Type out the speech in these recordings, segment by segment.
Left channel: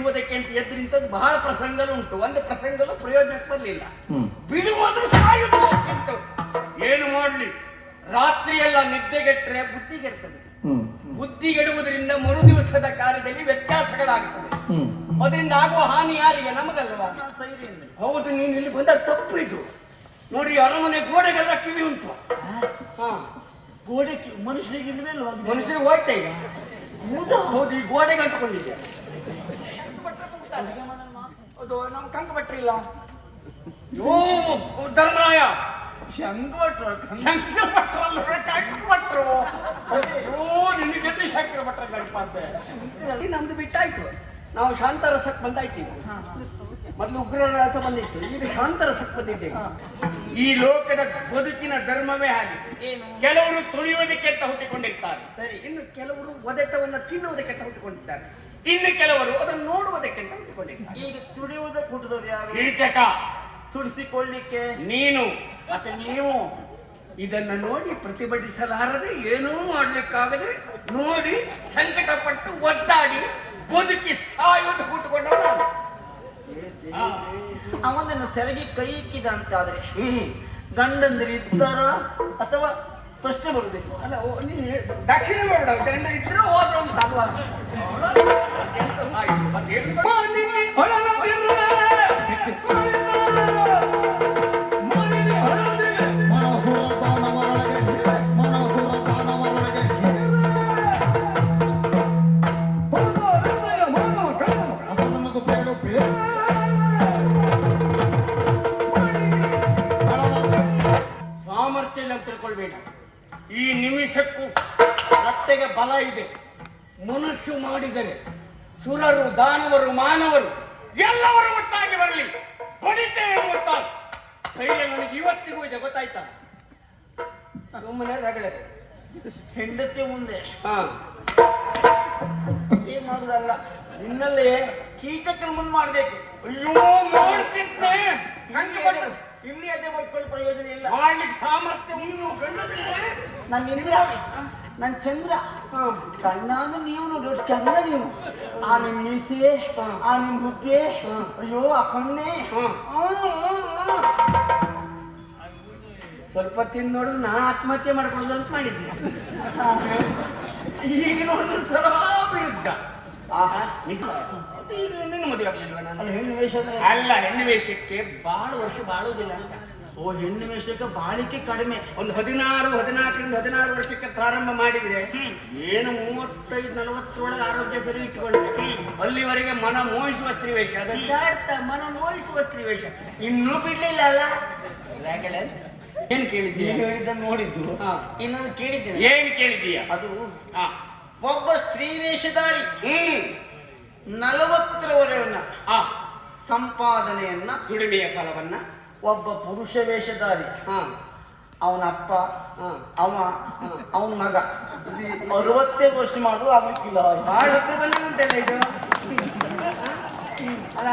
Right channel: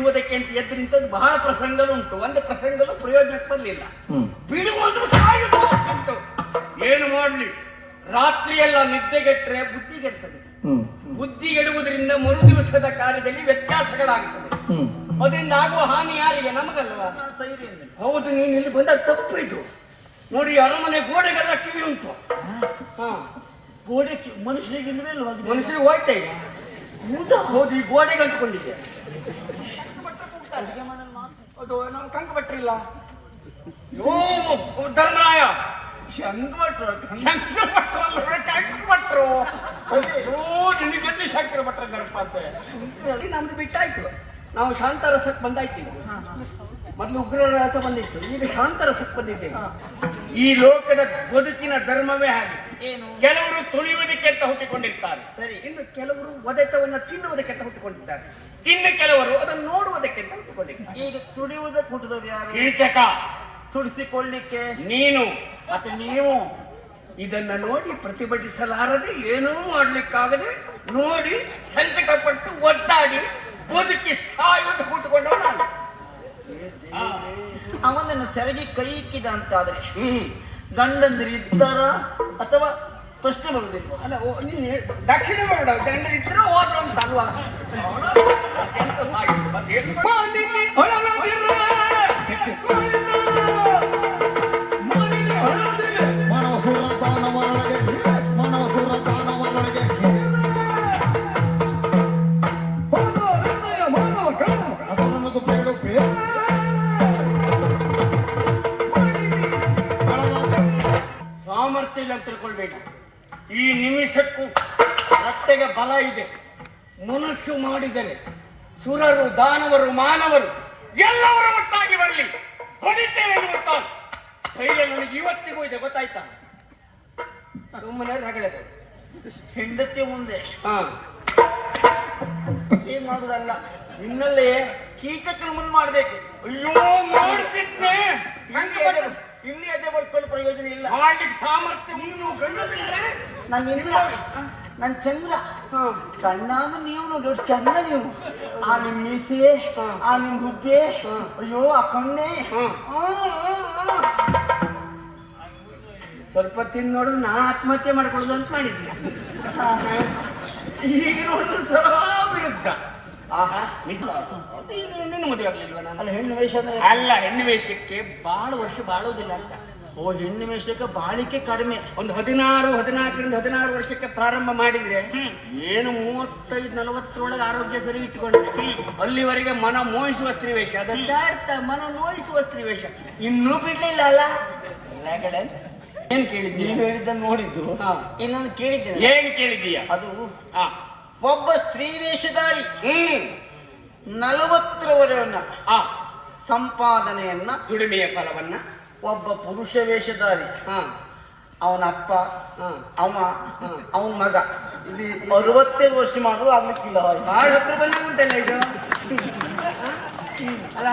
ಉಳಿಸುವುದಕ್ಕೆ ಅಂತ ಎದ್ದು ನಿಂತದ್ದು ಬಹಳ ಪ್ರಸಂಗಲುಂಟು. ಒಂದು ಪ್ರಸಂಗಲು ಪ್ರಯೋಜನಕ್ಕೆ ಬರಲಿಲ್ಲ. ಬಿಡುವುದು ಸಾಯುವುದಿಲ್ಲ ಸಿಟ್ಟು. ಏನು ಮಾಡಲಿ, ರಾತ್ರಿಯೆಲ್ಲ ನಿದ್ದೆಗೆಟ್ಟರೆ ಬುದ್ಧಿಗೆಡ್ತದೆ. ಬುದ್ಧಿಗೆಡುವುದರಿಂದ ಮರು ದಿವಸದ ಕಾರ್ಯದಲ್ಲಿ ವ್ಯತ್ಯಾಸಗಳಾಗುತ್ತದೆ. ಅದರಿಂದ ಆಗುವ ಹಾನಿ ಯಾರಿಗೆ? ನಮಗಲ್ವಾ? ಹೌದು, ನೀನು ಇಲ್ಲಿ ಬಂದ ತಪ್ಪು ಇದು. ನೋಡಿ, ಅರಮನೆ ಗೋಡೆಗೆಲ್ಲ ಕಿವಿ ಉಂಟು. ಗೋಡೆ ಮನುಷ್ಯರಿಗೆ ಮನುಷ್ಯರಿಗೆ ಹೋಯ್ತಾ ಈಗ. ಹೌದು, ಈ ಗೋಡೆಗೆ ಅಂಟ್ಕೊಂಡಿದೆ. ಅದು ನಾವು ಟಂಕ ಭಟ್ರಿಲ್ಲ. ಧರ್ಮರಾಯ ಶಂಕರ ಭಟ್ರು ನಿನಗೆಲ್ಲಿ ಶಂಕರ ಭಟ್ರ ನೆನಪಂತೆ. ನಮ್ದು ಬಿಟ್ಟಾಯ್ತು. ನಾವು ಶಾಂತರಸಕ್ಕೆ ಬಂದಾಯ್ತೀವಿ. ಮೊದಲು ಉಗ್ರ ರಸ ಬಂದಿತ್ತು, ಈಗ ಶಾಂತರಸಕ್ಕೆ ಬಂದಿದ್ದೇವೆ. ಈ ಲೋಕದ ಬದುಕಿನ ಧರ್ಮವೇ ಹಾಗೆ. ಕೆಲವರು ತುಳಿಯುವುದಕ್ಕೆ ಅಂತ ಹುಟ್ಟಿಕೊಂಡಿರ್ತಾರೆ, ಇನ್ನು ಕೆಲವರು ಒದೆತವನ್ನು ತಿನ್ನುವುದಕ್ಕೆ ಅಂತ ಹುಟ್ಟಿಕೊಂಡಿದ್ದಾರೆ, ಇನ್ನು ಕೆಲವರು ಅದನ್ನು ನೋಡುವುದಕ್ಕೆ ಅಂತ ಹುಟ್ಟಿಕೊಂಡಿರ್ತಾರೆ. ಈಗ ತುಳಿಯುವುದಕ್ಕೆ ಹುಟ್ಟಿದವರು ಕೀಚಕ, ತುಡಿಸಿಕೊಳ್ಳಿಕ್ಕೆ ನೀನು. ಮತ್ತೆ ನೀವು ಇದನ್ನ ನೋಡಿ ಪ್ರತಿಭಟಿಸಲಾರದೆ, ಏನೂ ಮಾಡ್ಲಿಕ್ಕಾಗದೆ ನೋಡಿ ಸಂಕಟಪಟ್ಟು ಒದ್ದಾಡಿ ಬದುಕಿ ಸಾಯುವುದು ಹುಟ್ಟುಕೊಂಡವನು ನಾನು. ಅವನನ್ನು ಸೆರಗಿ ಕೈ ಇಕ್ಕಿದ ಅಂತಾದ್ರೆ ಗಂಡಂದ್ರು ಇದ್ದಾರ ಅಥವಾ ಪ್ರಶ್ನೆ ಬರುದಿಲ್ಲ. ಅಲ್ಲ, ನೀನು ದಕ್ಷಿಣ ಮಾಡ ಗಂಡ ಇದ್ರೆ ಹೋದ್ರ ಅಂತ ಅಲ್ವಾ? ಈ ನಿಮಿಷಕ್ಕೂ ರಕ್ತೆಗೆ ಬಲ ಇದೆ. ಮನಸ್ಸು ಮಾಡಿದರೆ ಸುರರು, ದಾನವರು, ಮಾನವರು ಎಲ್ಲವರು ಒಟ್ಟಾಗಿ ಬರಲಿ, ಹೊಡಿತೇವೆ ಗೊತ್ತಾಗ. ಧೈರ್ಯ ನನಗೆ ಇವತ್ತಿಗೂ ಇದೆ, ಗೊತ್ತಾಯ್ತಾ? ಸುಮ್ಮನೆ ರಗಳೆ ಹೆಂಡತಿ ಮುಂದೆ ಏನ್ ಮಾಡುದಲ್ಲ, ಇನ್ನಲ್ಲೇ ಕೀಚಕರು ಮುಂದೆ ಮಾಡ್ಬೇಕು. ಅಯ್ಯೋ ಮಾಡ್ತಿದ್ದೆ, ಇಲ್ಲಿ ಅದೇ ಬಟ್ಕೊಳ್ಳಿ ಪ್ರಯೋಜನ ಇಲ್ಲ. ಮಾಡ್ಲಿಕ್ಕೆ ಸಾಮರ್ಥ್ಯ ನಾನು ಇಂದ್ರ, ನಾನು ಚಂದ್ರ. ಕಣ್ಣಾದ ನೀವು ನೋಡಿ ಚಂದ್ರ. ನೀವು ಆ ನಿಮ್ ಮೀಸೆ, ಆ ನಿಮ್ ಹುಬ್ಬೆ, ಅಯ್ಯೋ ಆ ಕಣ್ಣೆ. ಸ್ವಲ್ಪ ತಿಂದು ನೋಡು, ನಾ ಆತ್ಮಹತ್ಯೆ ಮಾಡ್ಕೊಳ್ಳೋದು ಅಂತ ಮಾಡಿದ್ದೆ. ಈಗ ನೋಡಿದ್ರೆ ಸ್ವಲ್ಪ ವಿರುದ್ಧ. ಇನ್ನೇನು ಮದುವೆ ಆಗಲಿಲ್ವ? ನಾನು ಹೆಣ್ಣು ವೇಷ ಅಲ್ಲ, ಹೆಣ್ಣು ವೇಷಕ್ಕೆ ಬಹಳ ವರ್ಷ ಬಾಳೋದಿಲ್ಲ ಅಂತ. ಓ, ಹೆಣ್ಣು ವೇಷಕ್ಕೆ ಬಾಳಿಕೆ ಕಡಿಮೆ. ಒಂದು 14 ವರ್ಷಕ್ಕೆ ಪ್ರಾರಂಭ ಮಾಡಿದ್ರೆ ಏನು 35-40 ಆರೋಗ್ಯ ಸರಿ ಇಟ್ಕೊಂಡು ಅಲ್ಲಿವರೆಗೆ ಮನ ಮೋಹಿಸುವ ಸ್ತ್ರೀ ವೇಷ, ಅದಂತ ಮನ ಮೋಹಿಸುವ ಸ್ತ್ರೀ ವೇಷ ಇನ್ನೂ ಬಿಡ್ಲಿಲ್ಲ ಅಲ್ಲ. ಏನ್ ಕೇಳಿದ್ದೀಯ? ನೀವು ಹೇಳಿದ್ದನ್ನು ನೋಡಿದ್ದು ಇನ್ನು ಕೇಳಿದ್ದೇನೆ. ಏನ್ ಕೇಳಿದ್ದೀಯ? ಅದು ಒಬ್ಬ ಸ್ತ್ರೀ ವೇಷಧಾರಿ 40 ವರೆಯನ್ನ ಸಂಪಾದನೆಯನ್ನ, ದುಡಿಮೆಯ ಫಲವನ್ನ, ಒಬ್ಬ ಪುರುಷ ವೇಷಧಾರಿ ಅವನ ಅಪ್ಪ, ಅವನ ಮಗ 65 ವರ್ಷ ಮಾಡಿದ್ರು ಅವನಿಲ್ಲ. ಬಹಳ ಹತ್ರ ಬಂದು ಉಂಟಲ್ಲ ಇದು. ಅಲ್ಲ,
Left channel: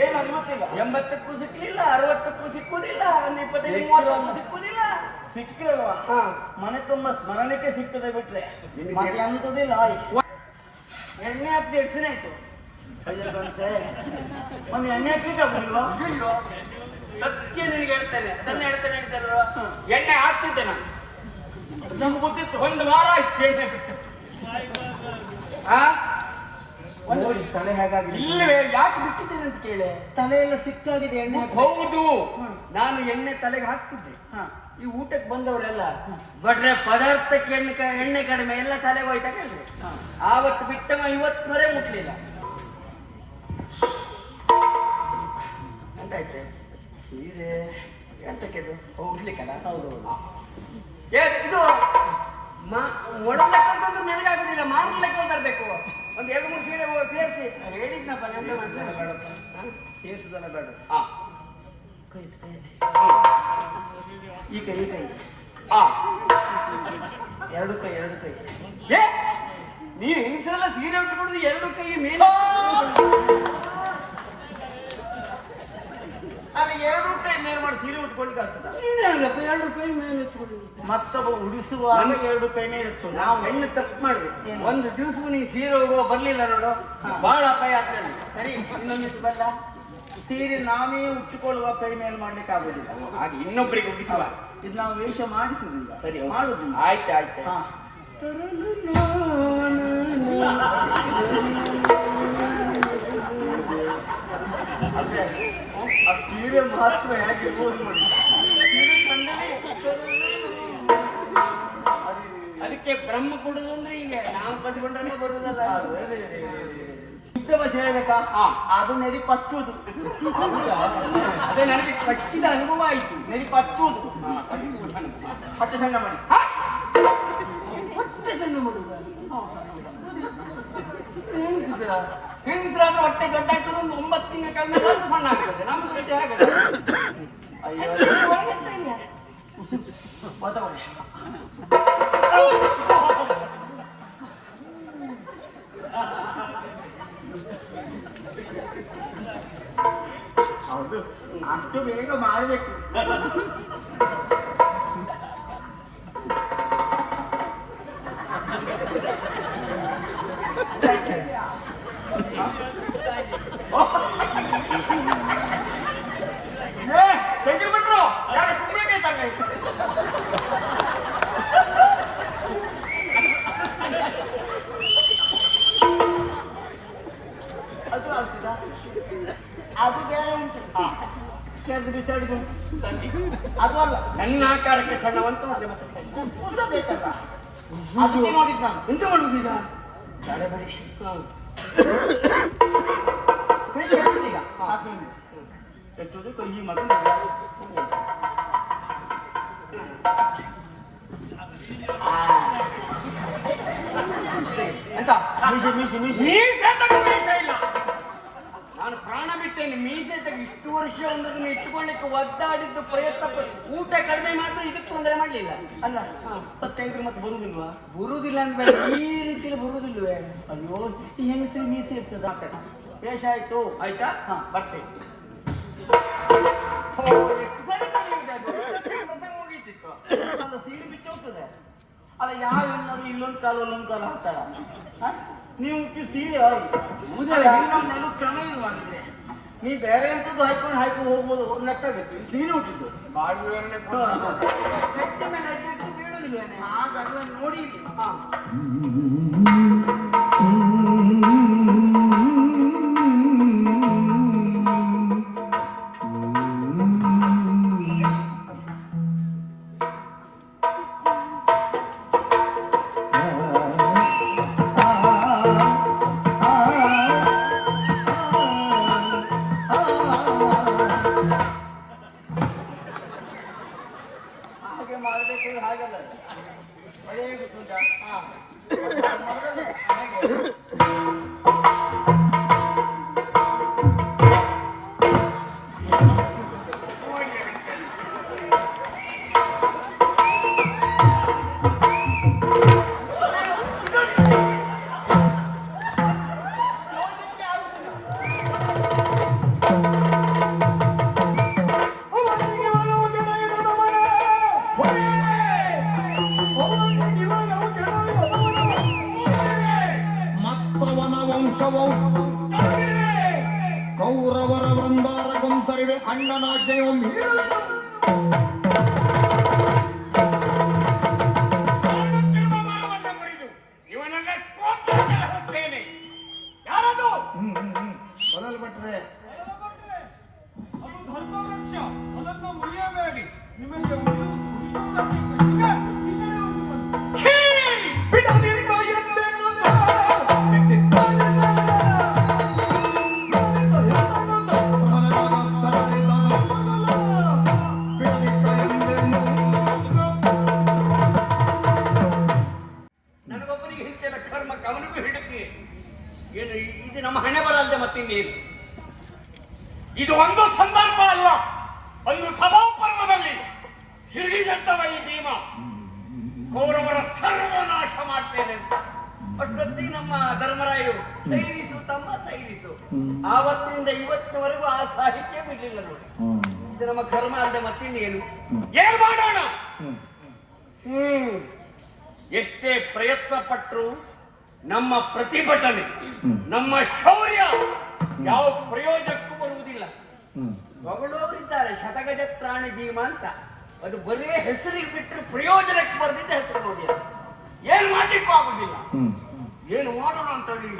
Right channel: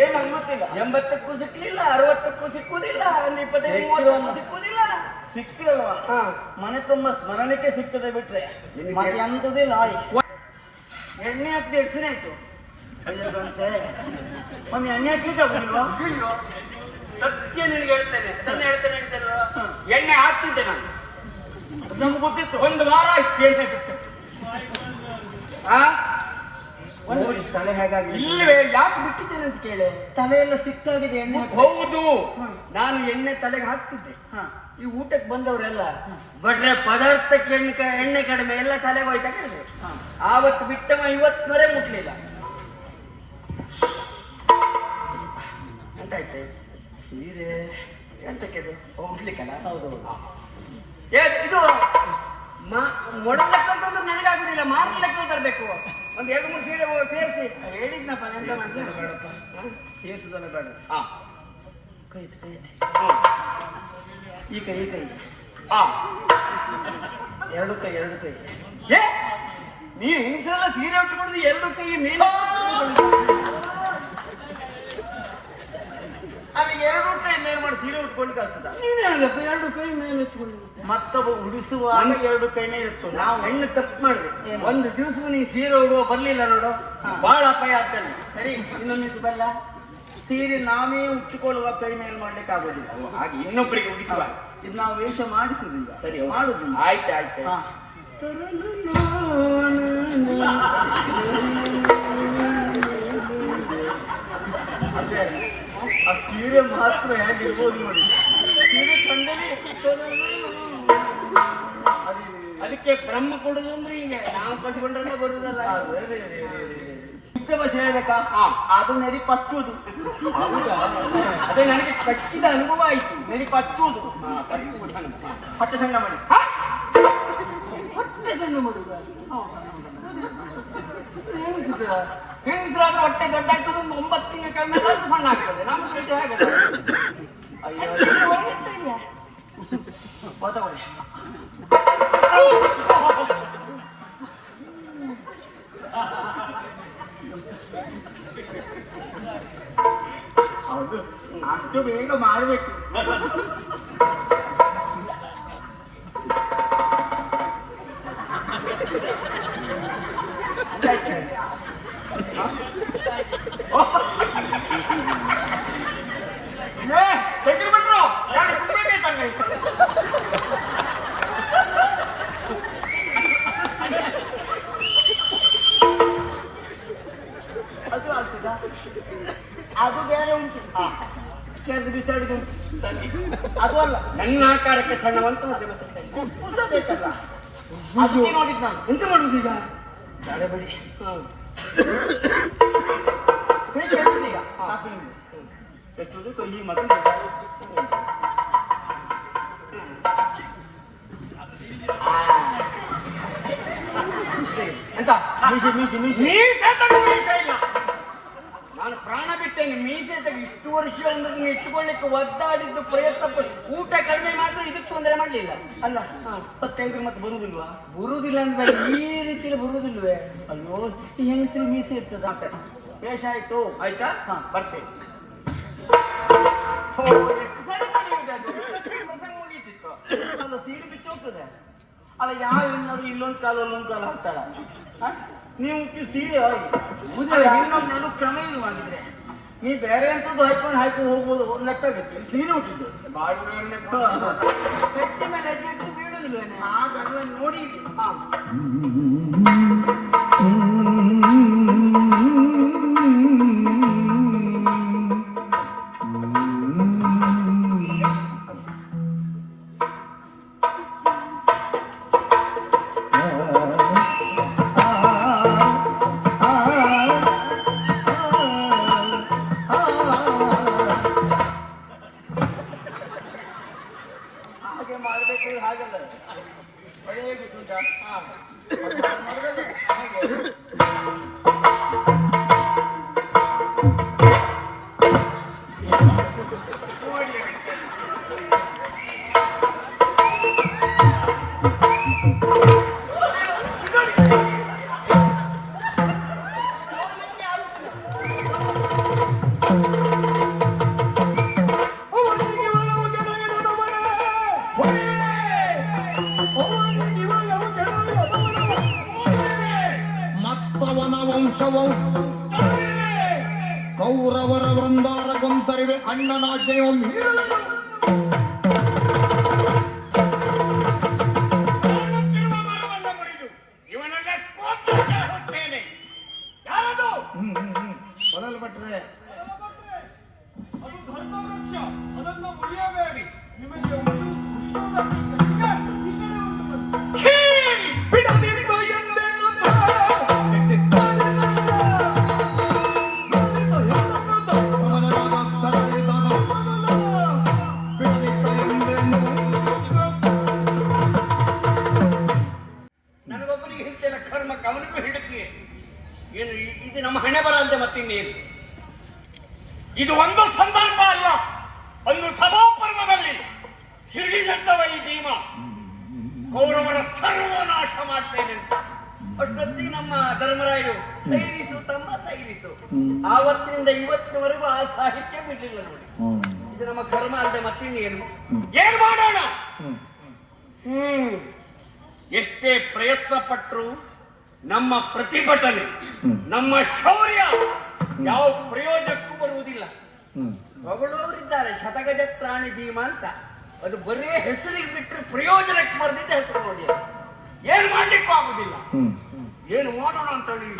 ಏನು ಅನ್ಮತ್ತಿಲ್ಲ. 80ಕ್ಕೂ ಸಿಕ್ಲಿಲ್ಲ, 60ಕ್ಕೂ ಸಿಕ್ಕುದಿಲ್ಲ, 25-30ಕ್ಕೂ ಸಿಕ್ಕುದಿಲ್ಲ. ಸಿಕ್ಕಿರಲ್ವಾ? ಮನೆ ತುಂಬಾ ಸ್ಮರಣಕ್ಕೆ ಸಿಗ್ತದೆ ಬಿಟ್ರೆ ಮತ್ತೆ ಅಂತದಿಲ್ಲ. ಎಣ್ಣೆ ಹಾಕ್ತಿ ಎಷ್ಟು ದಿನ ಆಯ್ತು? ಒಂದು ಎಣ್ಣೆ ಹಾಕ್ಲಿಕ್ಕೆ ಆಗುದಿಲ್ವಾ? ಸತ್ಯ ನಿನಗೆ ಹೇಳ್ತೇನೆ, ಅದನ್ನ ಹೇಳ್ತೇನೆ ಅಂತೇನೋ. ಎಣ್ಣೆ ಹಾಕ್ತಿದ್ದೆ ನಾನು, ನಮ್ಗೆ ಗೊತ್ತಿತ್ತು. ಒಂದು ವಾರ ಆಯ್ತು ಎಣ್ಣೆ ಬಿಟ್ಟು. ನೋಡಿ ತಲೆ ಹೇಗಾಗಿ ಇಲ್ಲವೇ, ಯಾಕೆ ಬಿಟ್ಟಿದ್ದೇನೆ ಅಂತ ಕೇಳಿ. ತಲೆಯೆಲ್ಲ ಸಿಕ್ಕಾಗಿದೆ ಎಣ್ಣೆ. ಹೌದು, ನಾನು ಎಣ್ಣೆ ತಲೆಗೆ ಹಾಕ್ತಿದ್ದೆ. ಈ ಊಟಕ್ಕೆ ಬಂದವರೆಲ್ಲ ಬಡ್ರೆ ಪದಾರ್ಥಕ್ಕೆ ಎಣ್ಣೆ ಕಡಿಮೆ, ಎಲ್ಲ ತಲೆಗೆ ಹೋಯ್ತಾ ಕೇಳಿದೆ. ಆವತ್ತು ಬಿಟ್ಟವ ಇವತ್ತುವರೆ ಮುಟ್ಲಿಲ್ಲ ಅಂತ ಆಯ್ತು. ಸೀರೆ ಎಂತಕ್ಕೆ ಹೋಗ್ಲಿಕ್ಕಲ್ಲ? ಹೌದು. ಇದು ಮೊಳಲೆಕ್ಕ ನನಗಾಗುದಿಲ್ಲ, ಮಾರಲೆಕ್ಕ ತರಬೇಕು. ಒಂದು 2-3 ಸೀರೆ ಸೇರಿಸಿ ಹೇಳಿದ್ನಪ್ಪ. ಸೇರಿಸುದಲ್ಲ ಬೇಡ. ಕೈ ಈ ಕೈ, ಈ ಕೈ, ಎರಡು ಕೈ. ನೀವು ಹೆಂಗಸರೆಲ್ಲ ಸೀರೆ ಉಟ್ಕೊಂಡು 2 ಕೈ ಮೇಲೆ ಎರಡು ಕೈ ಮೇಲೆ ಮಾಡಿ ಸೀರೆ ಉಟ್ಕೊಳ್ಳಿಕ್ಕೆ ಆಗ್ತದ? ನೀನ್ ಹೇಳಿದಪ್ಪ ಎರಡು ಕೈ ಮೇಲೆ ಎತ್ಕೊಂಡು ಮತ್ತೊಬ್ಬ ಉಡಿಸುವಾಗ ಎರಡು ಕೈ ಮೇಲೆ ಇಟ್ಕೊಂಡು ನಾವು ಸಣ್ಣ ತಪ್ಪು ಮಾಡಿದ್ವಿ. ಒಂದು ದಿವಸ ನೀ ಸೀರೆ ಉಡುವ ಬರ್ಲಿಲ್ಲ ನೋಡು, ಬಹಳ ಅಪಾಯ ಆಗ್ತದೆ. ಸರಿ, ಇನ್ನೊಂದಿಷ್ಟು ಬಲ್ಲ ಸೀರೆ ನಾವೇ ಉಟ್ಕೊಳ್ಳುವ ಕೈ ಮೇಲೆ ಮಾಡ್ಲಿಕ್ಕೆ ಆಗೋದಿಲ್ಲ. ಹಾಗೆ ಇನ್ನೊಬ್ಬರಿಗೆ ಉಡಿಸುವ. ಇದು ನಾವು ವೇಷ ಮಾಡಿಸುದಿಲ್ಲ. ಸರಿ, ಮಾಡುದು. ಆಯ್ತು ಆಯ್ತು. ಆ ಸೀರೆ ಮಾತ್ರ ಹೇಗಿರ್ಬೋದು ನೋಡಿ. ಸೀರೆ ಕಂಡರೆ ಅದಕ್ಕೆ ಬ್ರಹ್ಮ ಕೊಡುದು ಅಂದ್ರೆ ಹೀಗೆ ನಾವು ಪಸ್ಕೊಂಡ್ರೆ ಬರುದಲ್ಲ. ಶುದ್ಧ ಭಾಷೆ ಹೇಳ್ಬೇಕಾ? ಅದು ನೆರಿ ಪಚ್ಚುವುದು. ಅದೇ ನನಗೆ ಪಚ್ಚಿದ ಅನುಭವ ಆಯ್ತು. ನೆರಿ ಪಚ್ಚುವುದು. ಹೊಟ್ಟೆ ಸಣ್ಣ ಮಾಡಿ. ಹೊಟ್ಟೆ ಸಣ್ಣ ಮಾಡುದು ಹೆಂಗಸರಾದ್ರೆ ಹೊಟ್ಟೆ ದೊಡ್ಡ ಆಗ್ತದೆ. ಒಂದು 9 ತಿಂಗಳ ಕಾಲ ಸಣ್ಣ ಆಗ್ತದೆ. ನಮ್ದು ಇದು ಹೇಗೆ ಅಷ್ಟು ಬೇಗ ಮಾಡಬೇಕು. ಶಂಕರ್ ಭಟ್ರು ಯಾರು ಅದು ಆಗ್ತದಾ? ಅದು ಬೇರೆ ಉಂಟು. ಕೆರೆದು ಬಿಸಾಡಿದು ಅದು ಅಲ್ಲ. ನನ್ನ ಆಕಾರಕ್ಕೆ ಸಣ್ಣವಂತ ಉದ್ದ ಬೇಕಲ್ಲ. ಅದಕ್ಕೆ ನೋಡಿದ್ ನಾನು. ಎಂತ ಮಾಡುದೀಗ? ಬಿಡಿ. ಕೆಟ್ಟುದು ಕೈ ಮಗ ಅಂತ ಮೀಸೆ ಮೀಸೆ ಮೀಸೆ ಮೀಸೆ ಇಲ್ಲ. ನಾನು ಪ್ರಾಣ ಬಿಟ್ಟೇನೆ. ಮೀಸೆ ತಗ ಇಷ್ಟು ವರ್ಷ ಒಂದನ್ನು ಇಟ್ಟುಕೊಳ್ಳಿಕ್ಕೆ ಒದ್ದಾಡಿದ್ದು ಪ್ರಯತ್ನ ಊಟ ಕಡಿಮೆ ಮಾಡಿದ್ರು ಇದಕ್ಕೆ ತೊಂದರೆ ಮಾಡಲಿಲ್ಲ. ಅಲ್ಲ 25 ಮತ್ತೆ ಬರುದಿಲ್ವಾ? ಬರುದಿಲ್ಲ ಅಂದ್ರೆ ಈ ರೀತಿಯಲ್ಲಿ ಬರುದಿಲ್ವೇ? ಅಯ್ಯೋ, ಈ ಹೆಂಗಸರು ಮೀಸೆ ಇರ್ತದ. ವೇಷ ಆಯ್ತು. ಆಯ್ತಾ? ಬರ್ತೇನೆ. ಸೀರೆ ಬಿಚ್ಚ ಹೋಗ್ತದೆ. ಅಲ್ಲ, ಯಾವ ಹೆಣ್ಣಾದ್ರು ಇಲ್ಲೊಂದು ಕಾಲ ಅಲ್ಲೊಂದು ಕಾಲ ಹಾಕ್ತಾಳ. ನೀವು ಸೀರೆ ಇನ್ನೊಂದು ಕ್ರಮ ಇಲ್ಲ ಮಾಡಿದ್ರೆ ನೀ ಬೇರೆ ಅಂತದ್ದು ಹಾಕೊಂಡು ಹೋಗ್ಬೋದು. ಲೆಕ್ಕ ಬೇಕು. ಸೀರೆ ಹುಟ್ಟಿದ್ದು ನೋಡಿ. ಮಾಡಬೇಕು ಹಾಗಲ್ಲ. ಅದೇ ಗೊತ್ತುಂಟಾ? ಕೌರವರ ವೃಂದಾರ ಗೊಂತರಿವೆ ಅಣ್ಣನಾಜ್ಞೆಯ ಮೊದಲು ಬಿಟ್ರೆ ಅದನ್ನು ಉಳಿಯಬೇಡಿ. ನಿಮಗೆ ಉಳಿಸುವುದಕ್ಕೆ ಬಿಡದಿರುವ ಎಂದೆನ್ನುತ್ತಾ ನನಗೊಬ್ಬರಿಗೆ ಹಿಡಿತಿಲ್ಲ ಕರ್ಮ, ಅವನಿಗೂ ಹಿಡಿತಿ. ಏನು ಇದು ನಮ್ಮ ಹಣೆ ಬರಲ್ದೆ ಮತ್ತಿನ್ನೇನು? ಇದು ಒಂದು ಸಂದರ್ಭ ಅಲ್ಲ, ಒಂದು ಸಭಾಪರ್ವದಲ್ಲಿ ಸಿಡಿದತ್ತವ ಈ ಭೀಮ ಕೌರವರ ಸರ್ವನಾಶ ಮಾಡ್ತೇನೆ ಅಂತ. ಅಷ್ಟೊತ್ತಿಗೆ ನಮ್ಮ ಧರ್ಮರಾಯರು ಸೈರಿಸು ತಮ್ಮ ಸೈರಿಸು. ಆವತ್ತಿನಿಂದ ಇವತ್ತಿನವರೆಗೂ ಆ ಸಾಹಿತ್ಯ ಬಿಡಲಿಲ್ಲ ನೋಡಿ. ಇದು ನಮ್ಮ ಕರ್ಮ ಅಲ್ಲದೆ ಮತ್ತಿನ್ನೇನು ಏನ್ ಮಾಡೋಣ? ಎಷ್ಟೇ ಪ್ರಯತ್ನ ಪಟ್ಟರು ನಮ್ಮ ಪ್ರತಿಭಟನೆ, ನಮ್ಮ ಶೌರ್ಯ ಯಾವ ಪ್ರಯೋಜನಕ್ಕೂ ಬರುವುದಿಲ್ಲ. ಮಗಳವರಿದ್ದಾರೆ ಶತಗಜತ್ರಾಣಿ ಭೀಮ ಅಂತ, ಅದು ಬರೇ ಹೆಸರಿಗೆ ಬಿಟ್ಟರೆ ಪ್ರಯೋಜನಕ್ಕೆ ಬರೆದಿದ್ದ ಹೆಸರು ನೋಡಿ, ಏನ್ ಮಾಡ್ಲಿಕ್ಕೂ ಆಗುದಿಲ್ಲ. ಏನು ಮಾಡೋಣ ಅಂತ ಹೇಳಿ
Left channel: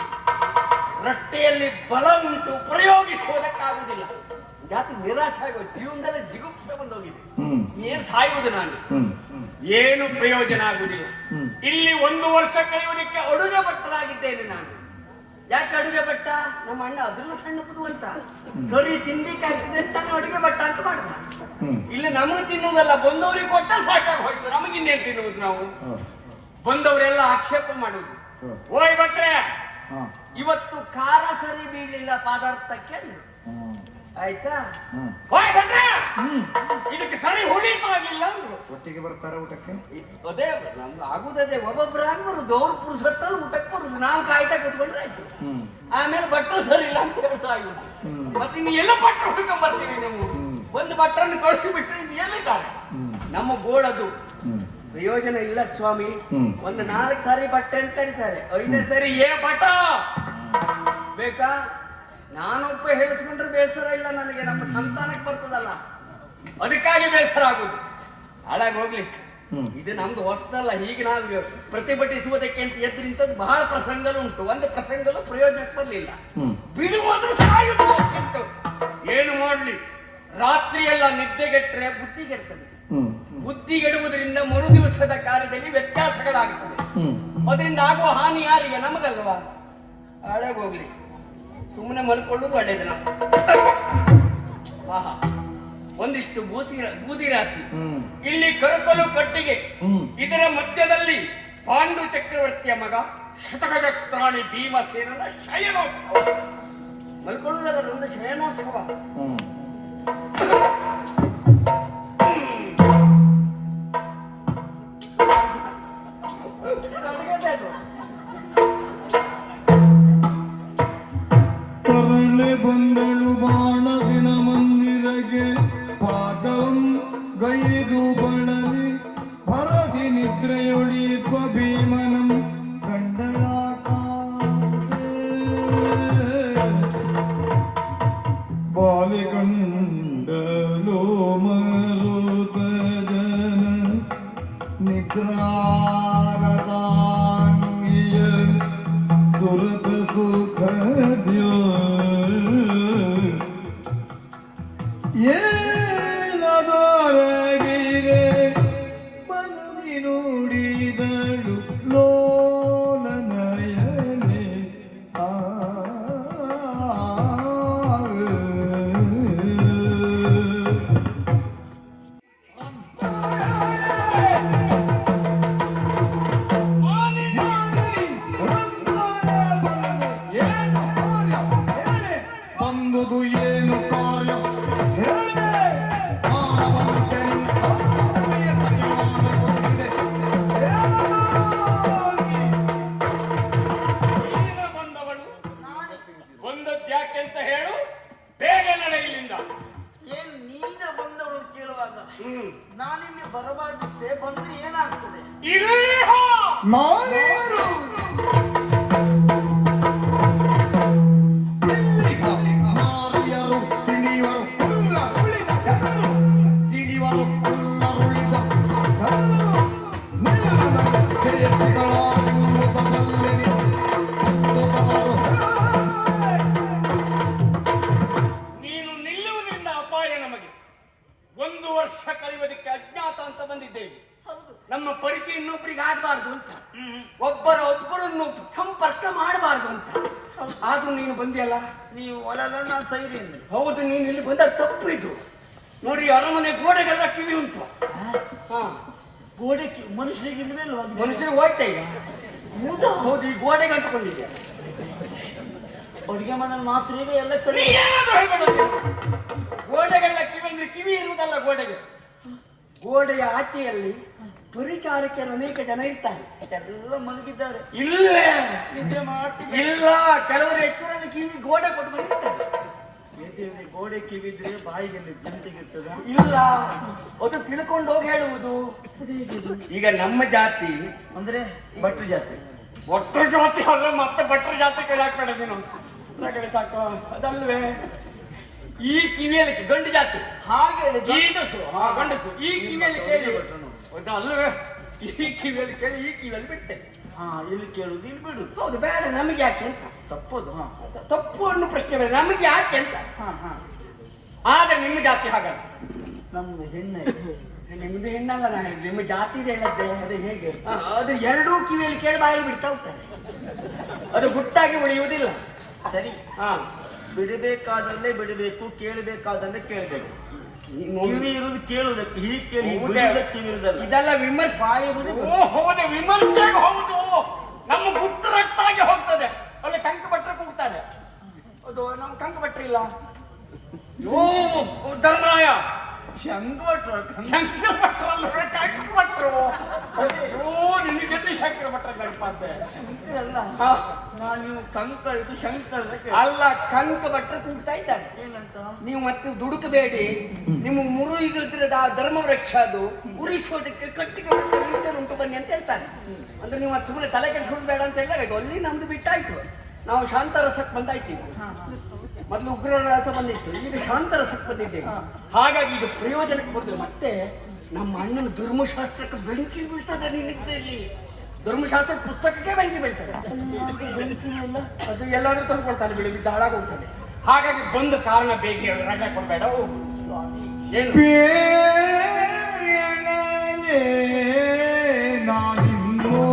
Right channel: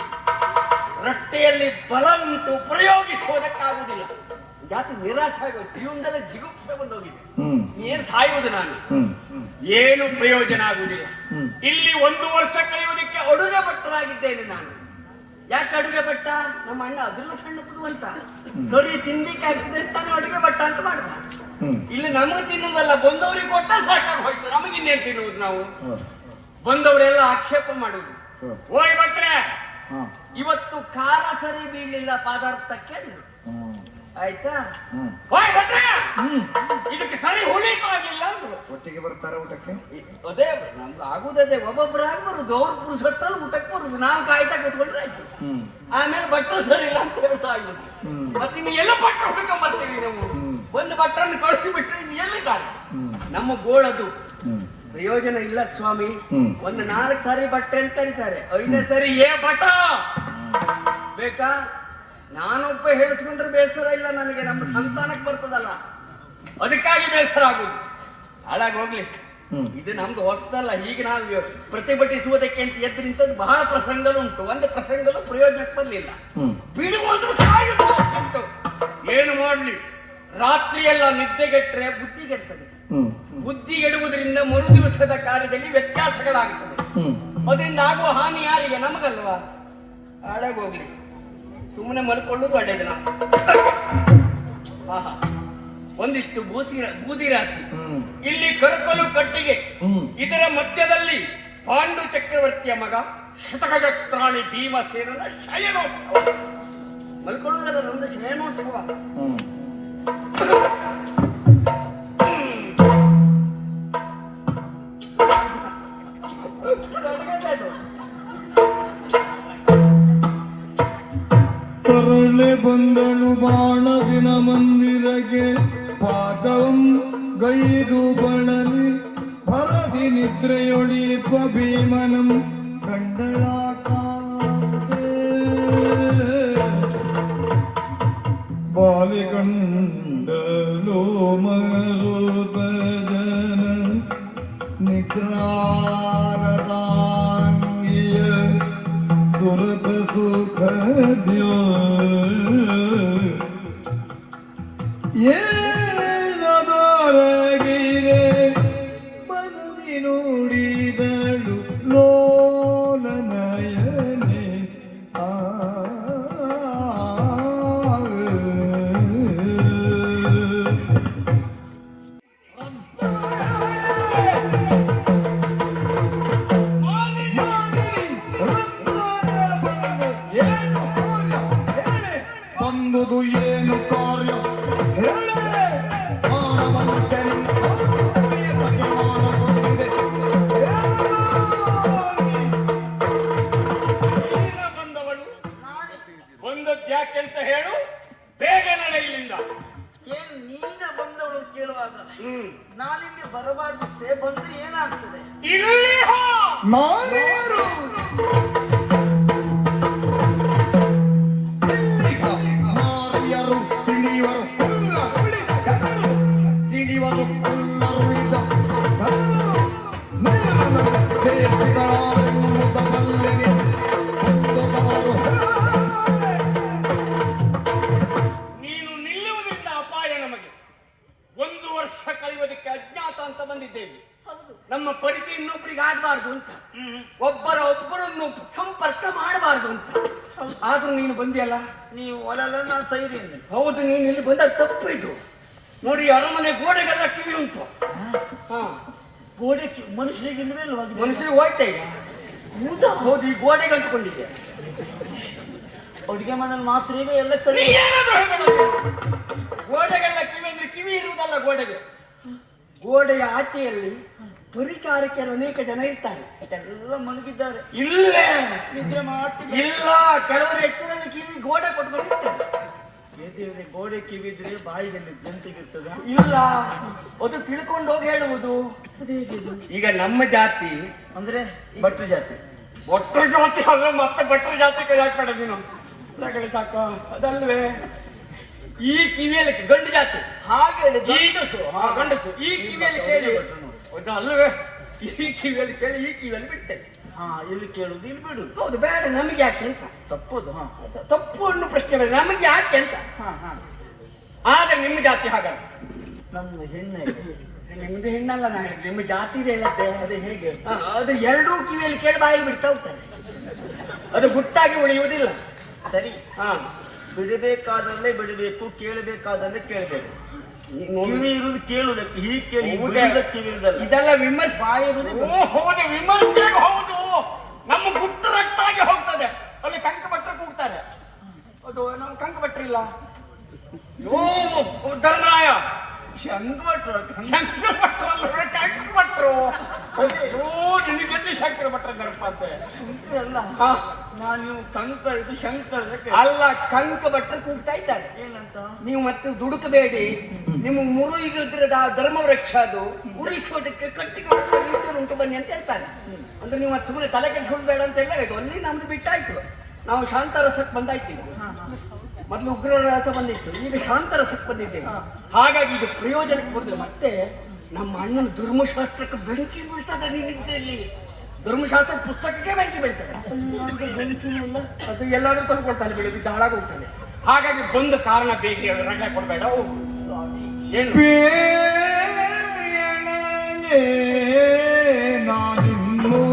ರಟ್ಟೆಯಲ್ಲಿ ಬಲ ಉಂಟು, ಪ್ರಯೋಗಿಸುವುದಕ್ಕಾಗುದಿಲ್ಲ. ಜಾತಿ ನಿರಾಶೆ ಆಗೋದು, ಜೀವನದಲ್ಲಿ ಜಿಗುಪ್ಸೆ ಬಂದೋಗಿದೆ. ಏನ್ ಸಾಯುವುದು ನಾನು, ಏನು ಪ್ರಯೋಜನ ಆಗುವುದಿಲ್ಲ. ಇಲ್ಲಿ 1 ವರ್ಷ ಕಳೆಯುವುದಕ್ಕೆ ಅಡುಗೆ ಭಟ್ಟರಾಗಿದ್ದೇನೆ ನಾನು. ಯಾಕೆ ಅಡುಗೆ ಭಟ್ಟ? ನಮ್ಮ ಅಣ್ಣ ಅದನ್ನು ಸಣ್ಣ ಅಂತ ಸರಿ ತಿನ್ಲಿಕ್ಕೆ ಆಗ್ತದೆ ಅಂತಾನೆ ಅಡುಗೆ ಭಟ್ಟ ಅಂತ ಮಾಡ್ದ. ಇಲ್ಲಿ ನಮ್ಗೆ ತಿನ್ನುವುದಲ್ಲ, ಬಂದವರಿಗೆ ಕೊಟ್ಟ ಸಾಕಾಗಿ ಹೋಯ್ತು. ನಮಗಿನ್ನೇನು ತಿನ್ನುವುದು ನಾವು? ಬಂದವರೆಲ್ಲ ಆಕ್ಷೇಪ ಮಾಡುವುದು. ಓಯ್ ಭಟ್ರೆ, ಇವತ್ತು ಖಾರ ಸರಿ ಬೀಳಲಿಲ್ಲ ಪದಾರ್ಥಕ್ಕೆ ಅಂದ್ರು. ಆಯ್ತಾ? ಓಯ್ ಭಟ್ರೆ, ಇದಕ್ಕೆ ಸರಿ ಹುಳಿಪಾಗಿಲ್ಲ ಅಂದ್ರು. ಒಟ್ಟಿಗೆ ಬರ್ತಾರೆ ಊಟಕ್ಕೆ? ಅದೇ ನಮ್ದು ಆಗುದದೇ, ಒಬ್ಬೊಬ್ಬರು ಆಗ್ಬಾರುದು, ಅವ್ರು ಪುರುಸತ್ತ ಊಟಕ್ಕೆ ಬರುದು, ನಾವು ಕಾಯ್ತಾ ಕಟ್ಕೊಂಡ್ರೆ ಆಯ್ತು. ಆಮೇಲೆ ಭಟ್ರು ಸರಿ ಇಲ್ಲ ಅಂತ ಕೆಲಸ ಆಗುದು. ಮತ್ತೆ ನೀವು ಎಲ್ಲ ಭಟ್ರು ಹುಡ್ಕೊಂಡ್ ಬರ್ತೀವಿ ನಾವು. ಒಂದು ಭಟ್ರನ್ನು ಕಳಿಸಿ ಬಿಟ್ರೆ ಇನ್ನು ಎಲ್ಲಿದ್ದಾರೆ? ನಮ್ಮ ಗೋಳದು ಪ್ರಯೋಜನ ಇಲ್ಲ ಸ್ವಾಮಿ. ಒಂದು 4 ಸಾರಿ ಬಟ್ಟೆ ಅಂತ ಕರೀತಾರೆ, 5ನೇ ಸರಿ ಏ ಬಟ್ಟ ಬೇಕಾ? ನಾನೊಬ್ಬ ಹೇಳಿಸ್ಕೊಂಡ್ರೆ ಬೇಸರ ಇಲ್ಲ ನನಗೆ, ನಮ್ಮ ಸಂತಾನಕ್ಕೆ ಬರ್ತದಲ್ಲ, ಅದಕ್ಕಾಗಿ ಬೇಸರ ಆಗುದು. ಹಾಳಾಗಿ ಹೋಗ್ಲಿ, ಇದು ನಮ್ದು ಹೊಸದಲ್ಲ. ಹೀಗೆ ನಾವು ಪ್ರತಿಭಟಿಸುವುದಕ್ಕೆ ಅಂತ ಎದ್ದು ನಿಂತದ್ದು ಬಹಳ ಪ್ರಸಂಗಲುಂಟು. ಒಂದು ಪ್ರಸಂಗಲು ಪ್ರಯೋಜನಕ್ಕೆ ಬರಲಿಲ್ಲ. ಬಿಡುವುದು ಸಾಯುವುದು ಉಂಟು. ಏನು ಮಾಡ್ಲಿ, ರಾತ್ರಿಯೆಲ್ಲ ನಿದ್ದೆಗೆಟ್ರೆ ಬುದ್ಧಿಗೆಡ್ತದೆ. ಬುದ್ಧಿಗೆಡುವುದರಿಂದ ಮರು ದಿವಸದ ಕಾರ್ಯದಲ್ಲಿ ವ್ಯತ್ಯಾಸಗಳಾಗುತ್ತದೆ. ಅದರಿಂದ ಆಗುವ ಹಾನಿ ಯಾರಿಗೆ? ನಮಗಲ್ವಾ? ಹಾಳಾಗೋಗ್ಲಿ, ಸುಮ್ಮನೆ ಮಲ್ಕೊಳ್ಳೋದು ಒಳ್ಳೇದು. ಆಹಾ, ಒಂದಿಷ್ಟು ಬೂದಿ ರಾಶಿ, ಇಲ್ಲಿ ಕರಕಲು ಕಟ್ಟಿಗೆ, ಇದರ ಮಧ್ಯದಲ್ಲಿ ಪಾಂಡು ಚಕ್ರವರ್ತಿಯ ಮಗ ಶತಗಜತ್ರಾಣಿ ಭೀಮಸೇನನ ಶಯನೋತ್ಸವ. ಮಲ್ಕೊಳ್ಳುವುದಲ್ಲ, ನಮ್ದು ಶಯನೋತ್ಸವ. ತರಲೆ ಬಂದಳು ಬಾಣದಿನ ಮಂದಿರಗೆ, ಪಾದಂ ಗೈದು ಬಣಲಿ ಭರದಿ ನಿದ್ರೆಯೊಳಿಪ ಭೀಮನು ಕಂಡಳ ಬಾಲಿ ಕಂಡಲೋ ಮರುತ ಜನ ನಿಗ್ರಾರದಾಂಗಿಯ ಸುರತ ಸುಖದ್ಯೋ ಏನದೊರಗಿರೆ ಮನದಿ ನುಡಿದಳು ಲೋಲನಯನೆ. ಬಂದುದು ಏನು ಕಾರ್ಯ? ಬಂದವಳು ಬಂದದ್ಯಾಕೆಂತ ಹೇಳು, ಬೇಗ ನಡೆಯಲಿಲ್ಲ. ಏನು ನೀನ ಬಂದವಳು ಕೇಳುವಾಗ ನಾನಿಗೆ ಬರಬಾರ್ದಿತ್ತೆ, ಬಂದ್ರೆ ಏನಾಗ್ತದೆ? ಇಲ್ಲಿ ನಾರ್ಯಾರು? ನಾರ್ಯರು ತಿಳಿಯವರು ಕುಲ್ಲ ಉಳಿದ ಜನರು, ತಿಳಿಯವರು ಕುಲ್ಲ ಉಳಿದ ಜನರು, ನಿಲ್ಲವರು ದೇಶಗಳಾರೆಂಬುದ ಬಲ್ಲಿದೆ ಉದ್ದದವರು. ನೀನು ನಿಲ್ಲುವುದರಿಂದ ಅಪಾಯ ನಮಗೆ. 1 ವರ್ಷ ಕಳೆಯುವುದಕ್ಕೆ ಅಜ್ಞಾತ ಅಂತ ಬಂದಿದ್ದೇವೆ. ನಮ್ಮ ಪರಿಚಯ ಇನ್ನೊಬ್ಬರಿಗೆ ಆಗಬಾರ್ದು ಅಂತ, ಒಬ್ಬರನ್ನು ಸಂಪರ್ಕ ಮಾಡಬಾರ್ದು ಅಂತ. ಆದ್ರೂ ನೀನು ಬಂದಿಯಲ್ಲ. ನೀವು ಒಳಗಣ್ಣ ಸೈರಿ ಅಂದ್ರೆ ಹೌದು, ನೀನು ಇಲ್ಲಿ ಬಂದ ತಪ್ಪು ಇದು. ನೋಡಿ, ಅರಮನೆ ಗೋಡೆಗೆಲ್ಲ ಕಿವಿ ಉಂಟು. ಹಾ, ಗೋಡೆ ಮನುಷ್ಯರಿಗೆ ಇಲ್ವೇ ಇಲ್ವಾ? ಮನುಷ್ಯರು ಹೋಯ್ತಾ ಈಗ? ಹೌದು, ಈ ಗೋಡೆಗೆ ಅಂಟ್ಕೊಂಡಿದ್ದೆ. ಅಡುಗೆ ಮನೇಲಿ ಮಾತ್ರ ಇವೆ, ಎಲ್ಲ ಕಡೆ ಗೋಡೆಗೆಲ್ಲ ಕಿವಿ ಅಂದ್ರೆ ಕಿವಿ ಇರುವುದಲ್ಲ ಗೋಡೆಗೆ. ಗೋಡೆಯ ಆಚೆಯಲ್ಲಿ ಪರಿಚಾರಕರು ಅನೇಕ ಜನ ಇರ್ತಾರೆ. ಎಲ್ಲ ಮಲಗಿದ್ದಾರೆ. ಇಲ್ಲೇ ನಿದ್ರೆ ಮಾಡ್ತಿದ್ದಾರೆ. ಇಲ್ಲ, ಕೆಲವರು ಎಚ್ಚರಲ್ಲಿ ಕಿವಿ ಗೋಡೆ ಕೊಟ್ಕೊಂಡಿರ್ತಾರೆ. ದೇವ್ರೆ, ಗೋಡೆ ಕಿವಿದ್ರೆ ಬಾಯಿಗೆ ಜಂತಿಗಿರ್ತದೆ. ಇಲ್ಲ, ಅದು ತಿಳ್ಕೊಂಡು ಹೋಗಿ ಹೇಳುವುದು. ಈಗ ನಮ್ಮ ಜಾತಿ ಅಂದ್ರೆ ಭಟ್ರ ಜಾತಿ. ಒಟ್ಟು ಜಾತಿ ಅಲ್ಲ, ಮತ್ತೆ ಭಟ್ರ ಜಾತಿ ಕೈ ಹಾಕೊಂಡಿದ್ವಿ ನಮ್ಮ ಸಾಕ. ಅದಲ್ವೇ ಈ ಕಿವಿಯಲ್ಲಿ ಗಂಡು ಜಾತಿ, ಹಾಗೆ ಈ ಗಂಡಸು ಈ ಕಿವಿಯಲ್ಲಿ ಕೇಳಿ, ಅಲ್ಲವೇ ಈ ಕಿವಿಯಲ್ಲಿ ಕೇಳಿ ಈ ಕಿವಿಯಲ್ಲಿ ಬಿಟ್ಟೆ. ಹಾ, ಇಲ್ಲಿ ಕೇಳುದು ಇಲ್ಲಿ ಬಿಡುದು. ಹೌದು, ಬೇಡ ನಮಗೆ ಯಾಕೆ ಅಂತ. ತಪ್ಪದು. ಹಾ, ತಪ್ಪು ಅನ್ನೋ ಪ್ರಶ್ನೆ ಬೇಡ, ನಮಗೆ ಯಾಕೆ ಅಂತ. ಹಾ, ಹಾ. ಆದ್ರೆ ನಿಮ್ಮ ಜಾತಿ ಹಾಗಲ್ಲ. ನನ್ನ ಹೆಣ್ಣೆ. ನಿಮ್ದು ಹೆಣ್ಣಲ್ಲ, ನಾನು ಹೇಳಿದ್ದು ನಿಮ್ಮ ಜಾತಿ ಇದೆ ಹೇಳದ್ದೆ. ಅದೇ ಹೇಗೆ? ಅದು ಎರಡೂ ಕಿವಿಯಲ್ಲಿ ಕೇಳಿ ಬಾಯಿ ಬಿಡ್ತಾ ಹೋಗ್ತಾರೆ, ಅದು ಗುಟ್ಟಾಗಿ ಉಳಿಯುವುದಿಲ್ಲ. ಸರಿ, ಹಾ, ಬಿಡಬೇಕಾದಲ್ಲೇ ಬಿಡಬೇಕು, ಕೇಳಬೇಕಾದಲ್ಲೇ ಕೇಳಬೇಕು. ನೀನು ಕಿವಿ ಇರುವುದು ಕೇಳುವುದಕ್ಕೆ, ಹೀಗೆ ಕೇಳಿ ಹೌದೇ? ಕಿವಿ ಇರುದಲ್ಲ. ಇದೆಲ್ಲ ವಿಮರ್ಶೆ. ಬಾಯಿ ಇರುವುದೇ ಹೌದು, ವಿಮರ್ಶೆಗೆ ಹೌದು. ನಮ್ಮ ಗುಟ್ಟು ರಟ್ಟಾಗಿ ಹೋಗ್ತದೆ. ಅಲ್ಲಿ ಕಂಕ ಭಟ್ರು ಕೂಗ್ತಾರೆ, ಅದು ನಮ್ಮ ಕಂಕ ಭಟ್ರು ಇಲ್ಲ. ಓ ಉದ್ದರಾಯ ಶಂಕರ ಶಂಕರ ಭಟ್ರಲ್ಲ, ಕಂಕ ಭಟ್ರು. ಓ ನಿನಗೆಲ್ಲಿ ಶಂಕರ ಭಟ್ರ ನೆನಪಂತೆ. ಅಲ್ಲ, ನಾನು ನೀವು ಕಂಕ ಇದು ಶಂಕರ ಅಲ್ಲ, ಕಂಕ ಭಟ್ರು ಕೂಗ್ತಾ ಇದ್ದಾರೆ. ಏನಂತ? ನೀವು ಮತ್ತೆ ದುಡುಕಬೇಡಿ, ನಿಮ್ಮ ಮುರುಗಿದ್ರದ ಆ ಧರ್ಮ ವೃಕ್ಷ ಅದು ಉಳಿಸುವುದಕ್ಕೆ ಕಟ್ಟಿಗೆ ಉಂಟು ಬನ್ನಿ ಅಂತ ಹೇಳ್ತಾರೆ. ಅಂದ್ರೆ ನೀವು ಮತ್ತೆ ಸುಮ್ಮನೆ ತಲೆ ಕೆಡಿಸೋದು ಬೇಡ ಅಂತ ಹೇಳಿದಾಗ ಅಲ್ಲಿ ನಮ್ದು ಬಿಟ್ಟಾಯ್ತು. ನಾವು ಶಾಂತರಸಕ್ಕೆ ಬಂದಾಯ್ತು. ಮೊದಲು ಉಗ್ರ ರಸ ಬಂದಿತ್ತು, ಈಗ ಶಾಂತರಸಕ್ಕೆ ಬಂದಿದ್ದೇವೆ. ಹಾಗಾಗಿ ಇದು ಪ್ರಯೋಜನಕ್ಕೆ ಬರುದಿಲ್ಲ. ಮತ್ತೆ ನಮ್ಮ ಅಣ್ಣನ ಧರ್ಮಶಾಸ್ತ್ರಕ್ಕೆ ಬೆಂಕಿ ಬೀಳ್ತದೆ. ನಿನ್ನಿದ್ರಲ್ಲಿ ಧರ್ಮಶಾಸ್ತ್ರ ಪುಸ್ತಕಕ್ಕೆ ಬೆಂಕಿ ಬೀಳ್ತದೆ. ಅದು ಎಲ್ಲರೂ ತಂದುಕೊಳ್ತಾನೆ, ಬಿಡು, ಬಿದ್ದು ಹಾಳಾಗಿ ಹೋಗ್ತಾನೆ. ಹಾಗಾಗಿ ಬಂದ ಕಾರಣ ಬೇಗ ಹೇಳು, ರಜೆ ಕೊಡಬೇಡ, ಹೋಗು. ಏನು ಬೇರೆಯೇ ನಾನಿನ್ನೂ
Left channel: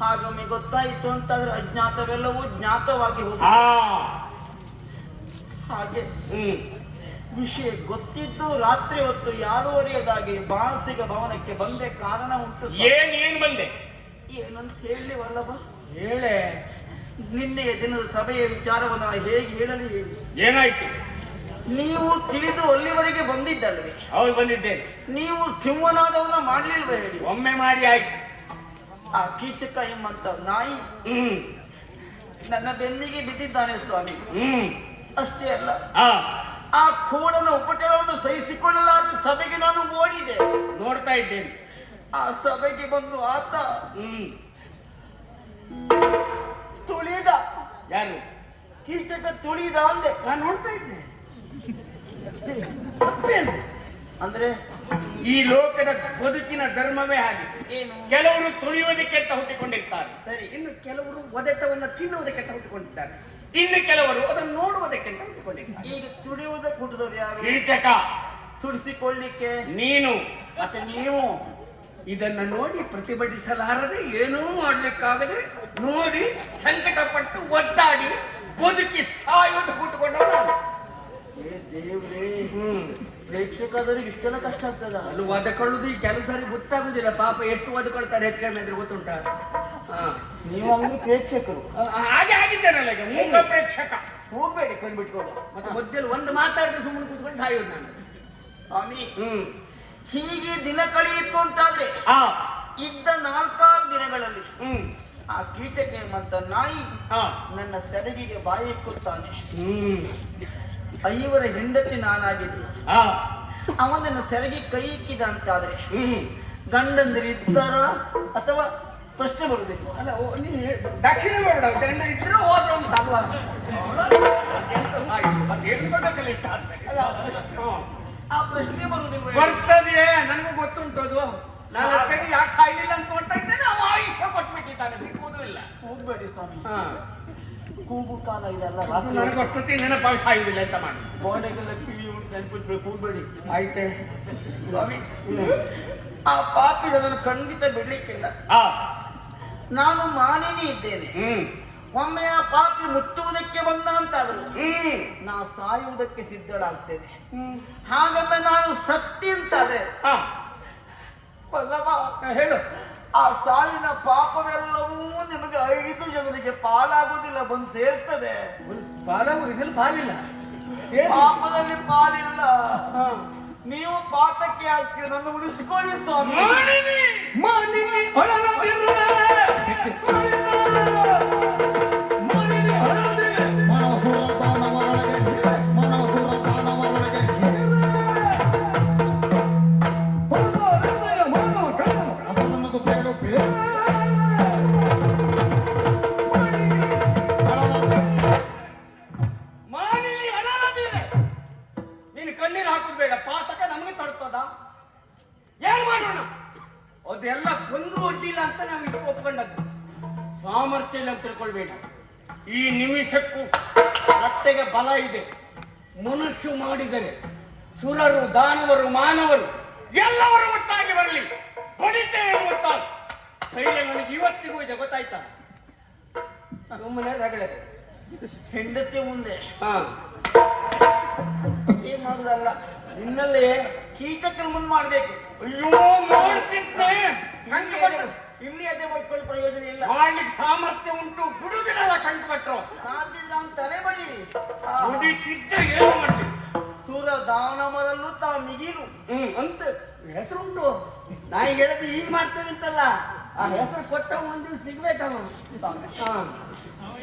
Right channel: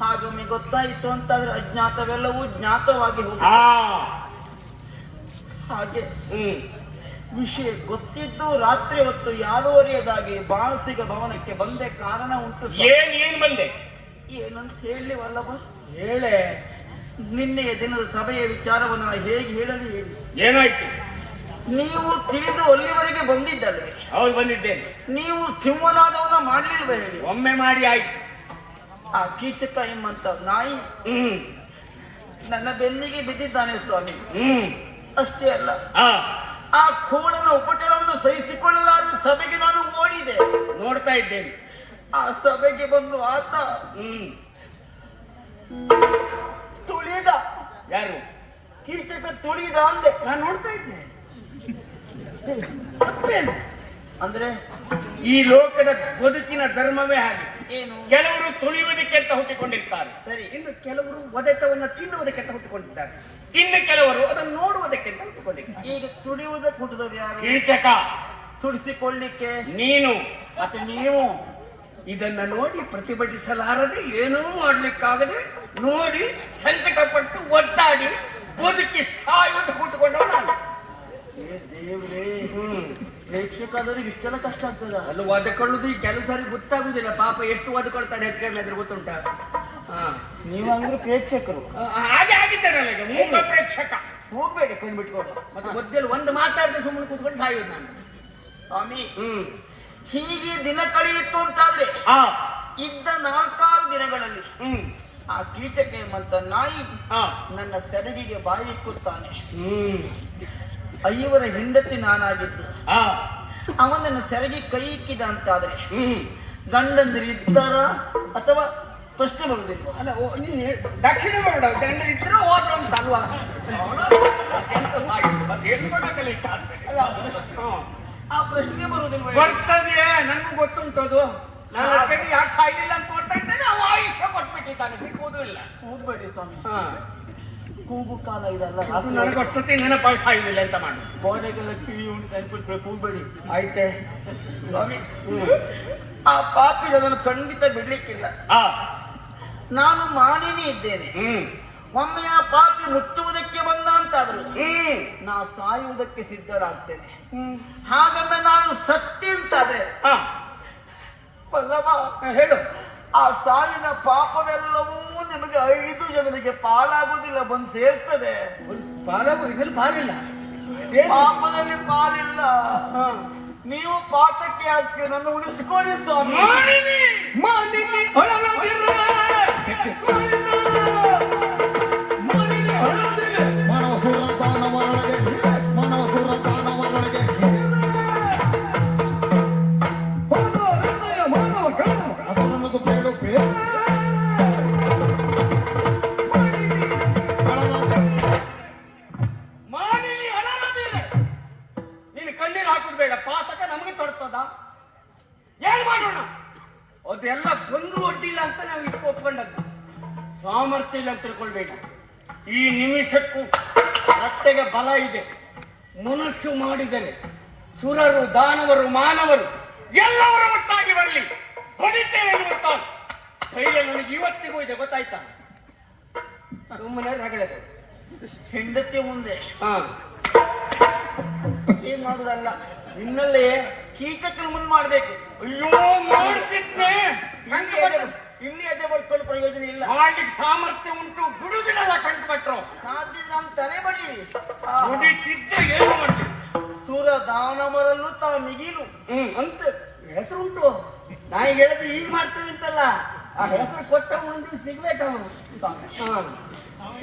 ಹಾಗೊಮ್ಮೆ ಗೊತ್ತಾಯಿತು ಅಂತಾದ್ರೆ ಅಜ್ಞಾತವೆಲ್ಲವೂ ಜ್ಞಾತವಾಗಿ ಹೋಗಿದೆ. ಹಾಗೆ ವಿಷಯ ಗೊತ್ತಿದ್ದು ರಾತ್ರಿ ಹೊತ್ತು ಯಾರೂ ಅರಿಯದಾಗಿ ಬಾಣಸಿಗ ಭವನಕ್ಕೆ ಬಂದೆ ಕಾರಣ ಉಂಟು. ಏನ್ ಬಂದೆ? ಏನಂತ ಹೇಳಿ ವಲ್ಲಭ? ಹೇಳೆ. ನಿನ್ನೆಯ ದಿನದ ಸಭೆಯ ವಿಚಾರವನ್ನು ನಾನು ಹೇಗೆ ಹೇಳಲಿ ಹೇಳಿ? ಏನಾಯ್ತು? ನೀವು ತಿಳಿದು ಅಲ್ಲಿವರೆಗೆ ಬಂದಿದ್ದಲ್ವೇ? ಹೌದು, ಬಂದಿದ್ದೇನೆ. ನೀವು ಸಿಂಹನಾದವನ್ನ ಮಾಡ್ಲಿಲ್ವ ಹೇಳಿ? ಒಮ್ಮೆ ಮಾಡಿ ಆಯ್ತು. ಆ ಕೀಚಕ ಎಂಬಂತ ನಾಯಿ ನನ್ನ ಬೆನ್ನಿಗೆ ಬಿದ್ದಿದ್ದಾನೆ ಸ್ವಾಮಿ. ಅಷ್ಟೇ ಅಲ್ಲ, ಆ ಕೋಡನ ಉಪಟಳವನ್ನು ಸಹಿಸಿಕೊಳ್ಳಲಾದ ಸಭೆಗೆ ನಾನು ಓಡಿದೆ. ನೋಡ್ತಾ ಇದ್ದೇನೆ. ಆ ಸಭೆಗೆ ಬಂದು ಆತ ತುಳಿದ. ಯಾರು? ಕೀಚಕ ತುಳಿದ ಅಂದೆ. ನಾನು ನೋಡ್ತಾ ಇದ್ದೆ. ತಪ್ಪೇನು? ಅಂದ್ರೆ ಈ ಲೋಕದ ಬದುಕಿನ ಧರ್ಮವೇ ಹಾಗೆ. ಏನು? ಕೆಲವರು ತುಳಿಯುವುದಕ್ಕೆ ಅಂತ ಹುಟ್ಟಿಕೊಂಡಿರ್ತಾರೆ, ಸರಿ. ಇನ್ನು ಕೆಲವರು ಒದೆತವನ್ನು ತಿನ್ನುವುದಕ್ಕೆ ಅಂತ ಹುಟ್ಟಿಕೊಂಡಿದ್ದಾರೆ, ಇನ್ನು ಕೆಲವರು ಅದನ್ನು ನೋಡುವುದಕ್ಕೆ ಅಂತ ಹುಟ್ಟಿಕೊಂಡಿರ್ತಾರೆ. ಈಗ ತುಳಿಯುವುದಕ್ಕೆ ಹುಟ್ಟಿದವರು ಯಾರು? ಕೀಚಕ. ತುಡಿಸಿಕೊಳ್ಳಿಕ್ಕೆ ನೀನು. ಮತ್ತೆ ನೀವು ಇದನ್ನ ನೋಡಿ ಪ್ರತಿಭಟಿಸಲಾರದೆ, ಏನೂ ಮಾಡ್ಲಿಕ್ಕಾಗದೆ ನೋಡಿ ಸಂಕಟಪಟ್ಟು ಒದ್ದಾಡಿ ಬದುಕಿ ಸಾಯುವುದು ಹುಟ್ಟುಕೊಂಡವ ನಾನು. ದೇವ್ರೇ, ಪ್ರೇಕ್ಷಕಾದವ್ರಿಗೆ ಇಷ್ಟೆಲ್ಲ ಕಷ್ಟ ಆಗ್ತದ? ಅಲ್ಲಿ ಒದಕೊಳ್ಳುದು ಈ ಕೆಲವು ಸಾರಿ ಗೊತ್ತಾಗುದಿಲ್ಲ. ಪಾಪ ಎಷ್ಟು ಒದಕೊಳ್ತಾರೆ ಹೆಚ್ಚು ಕಡಿಮೆ ಅಂದ್ರೆ ಗೊತ್ತುಂಟ. ನೀವು ಅಂದ್ರೆ ಪ್ರೇಕ್ಷಕರು. ಹಾಗೆ ಆಗಿದ್ದೇನಲ್ಲ, ಈಗ ಮೂಕ ಪ್ರೇಕ್ಷಕ. ಹೋಗ್ಬೇಡಿ ಕೊಂದು ಬಿಟ್ಕೊಂಡು. ಮತ್ತೆ ಗೊತ್ತಿಲ್ಲ, ಒಂದು ಮಾತಾಡಿದ್ರೆ ಸುಮ್ಮನೆ ಕೂತ್ಕೊಂಡು ಸಾಯೋದು ನಾನು. ಸ್ವಾಮಿ, ಹೀಗೆ ದಿನ ಕಳೆಯಿತು ಅಂತಾದ್ರೆ ಇದ್ದ 4-6 ದಿನಗಳಲ್ಲಿ ಆ ಕೀಚಕ ಎಂಬಂತ ನಾಯಿ ನನ್ನ ಸೆರಗಿಗೆ ಬಾಯಿ ಇಕ್ಕುತ್ತಾನೆ. 5 ಹೆಂಡತಿ ನಾನಾಗಿದ್ದು ಅವನನ್ನ ಸೆರಗಿ ಕೈ ಇಕ್ಕಿದ ಅಂತಾದ್ರೆ ಗಂಡಂದ್ರು ಇದ್ದಾರ ಅಥವಾ ಪ್ರಶ್ನೆ ಬರುವುದಿಲ್ಲ. ಅಲ್ಲ, ನೀನು ದಕ್ಷಿಣ ಮಾಡ ಇದ್ರೆ ಹೋದ್ರು ಅಂತ ಅಲ್ವಾ? ಆ ಪ್ರಶ್ನೆ ಬರುವುದಿಲ್ಲ. ಬರ್ತದೆ, ನನಗೂ ಗೊತ್ತುಂಟು ಅದು. ನಾನು ಅದಕ್ಕೆ ಯಾಕೆ ಸಾಯ್ಲಿಲ್ಲ ಅಂತ ನೋಡ್ತಾ ಇದ್ದೇನೆ. ಅವ ಆಯುಷ್ಯ ಕೊಟ್ಬಿಟ್ಟಿದ್ದಾನೆ, ಸಿಕ್ಕುವುದೂ ಇಲ್ಲ. ಹೋಗ್ಬೇಡಿ ಸ್ವಾಮಿ, ಹಾ, ಕೂಗು ಕಾಲ ಇದೆಲ್ಲ ನನಗೆ ಗೊತ್ತಿತ್ತು ನೆನಪಾಗಿ ಸಾಯುವುದಿಲ್ಲ ಅಂತ ಮಾಡಿ. ಗೋಡೆಗೆಲ್ಲ ಕಿವಿ ಉಂಟು ನೆನ್ಪಿಟ್ಬೇಕು, ಹೋಗ್ಬೇಡಿ ಆಯ್ತೆ. ಸ್ವಾಮಿ. ಆ ಪಾಪಿ ಅದನ್ನು ಖಂಡಿತ ಬಿಡ್ಲಿಕ್ಕಿಲ್ಲ. ಹಾ, ನಾನು ಮಾನಿನಿ ಇದ್ದೇನೆ. ಒಮ್ಮೆ ಆ ಪಾಪಿ ಮುಟ್ಟುವುದಕ್ಕೆ ಬಂದ ಅಂತಾದ್ರು ನಾ ಸಾಯುವುದಕ್ಕೆ ಸಿದ್ಧಳಾಗ್ತೇನೆ. ಹಾಗೊಮ್ಮೆ ನಾನು ಸತ್ತಿ ಅಂತಾದ್ರೆ ಹಾ, ಬಸವ, ಹೇಳು. ಆ ಸಾವಿನ ಪಾಪವೆಲ್ಲವೂ ನಿಮಗೆ 5 ಜನರಿಗೆ ಪಾಲಾಗುವುದಿಲ್ಲ, ಬಂದು ಸೇರ್ತದೆ. ಇದ್ರಲ್ಲಿ ಪಾಲಿಲ್ಲ. ಪಾಪದಲ್ಲಿ ಪಾಲಿಲ್ಲ. ಹಾ. ನೀವು ಪಾತಕ್ಕೆ ಆಗ್ತೀರಿ, ನನ್ನ ಉಳಿಸ್ಕೊಳ್ಳಿ ಸ್ವಾಮಿ. ಮಾನಿನಿ ಹೊಳಲದಿಲ್ಲ ಮಾನಿನಿ ಹೊಳಲದಿಲ್ಲ ಮಾನವಸುರ ದಾನವರೊಳಗೆ ಮಾನವಸುರ ದಾನವರೊಳಗೆ ಪಾಪ ಹೃದಯ ಮಾನವ ಕಣ ಅಸಲನ್ನದು ಬೇಡು ಬೇಡ ಮಾನಿನಿ ಹೊಳಲದಿಲ್ಲ. ನೀನು ಕಣ್ಣೀರು ಹಾಕೋದು ಬೇಡ, ಪಾತಕ ನಮಗೆ ತೊಡ್ತದ. ಏನ್ ಮಾಡೋಣ? ಅದೆಲ್ಲ ಒಂದು ಒಡ್ಡಿಲ್ಲ ಅಂತ ನಾವು ಇದು ಒಪ್ಕೊಂಡದ್ದು. ಸಾಮರ್ಥ್ಯ ಇಲ್ಲ ಅಂತ ತಿಳ್ಕೊಳ್ಬೇಡಿ. ಈ ನಿಮಿಷಕ್ಕೂ ಹೊಟ್ಟೆಗೆ ಬಲ ಇದೆ. ಮನುಷ್ಯ ಮಾಡಿದರೆ ಸುರರು, ದಾನವರು, ಮಾನವರು ಎಲ್ಲವರು ಒಟ್ಟಾಗಿ ಬರಲಿ, ಹೊಡಿತೇವೆ ಗೊತ್ತಾಗ. ಧೈರ್ಯ ನನಗೆ ಇವತ್ತಿಗೂ ಇದೆ, ಗೊತ್ತಾಯ್ತಾ? ಸುಮ್ಮನೆ ರಗಳೆ. ಹೆಂಡತಿ ಮುಂದೆ ಹಾ, ಏನ್ ಮಾಡುದಲ್ಲ, ನಿನ್ನಲ್ಲೇ ಕೀಚಕ್ಕೆ ಮುಂದೆ ಮಾಡ್ಬೇಕು. ಅಯ್ಯೋ ಮಾಡ್ತಿದ್ದೆ. ಇಲ್ಲಿ ಅದೇ ಬರ್ಕೊಳ್ಳಿ, ಪ್ರಯೋಜನ ಇಲ್ಲ. ಮಾಡ್ಲಿಕ್ಕೆ ಸಾಮರ್ಥ್ಯ ಉಂಟು, ಬಿಡುದಿಲ್ಲ ಕಂಡುಪಟ್ರು. ಸಾಧ್ಯದ್ರೆ ಅವನು ತಲೆ ಬಡೀರಿ. ಮುಡಿತಿದ್ದು ಏನು ಮಾಡ್ತೀವಿ? ಸುರ ದಾನವರಲ್ಲೂ ತಾ ಮಿಗಿಲು. ಅಂತ ಹೆಸರು ಉಂಟು. ನಾ ಈಗ ಹೇಳಿದ್ರೆ ಈಗ ಮಾಡ್ತೇನೆ ಅಂತಲ್ಲ, ಆ ಹೆಸರು ಕೊಟ್ಟ ಮುಂದೆ ಸಿಗ್ಬೇಕು ಅವನು.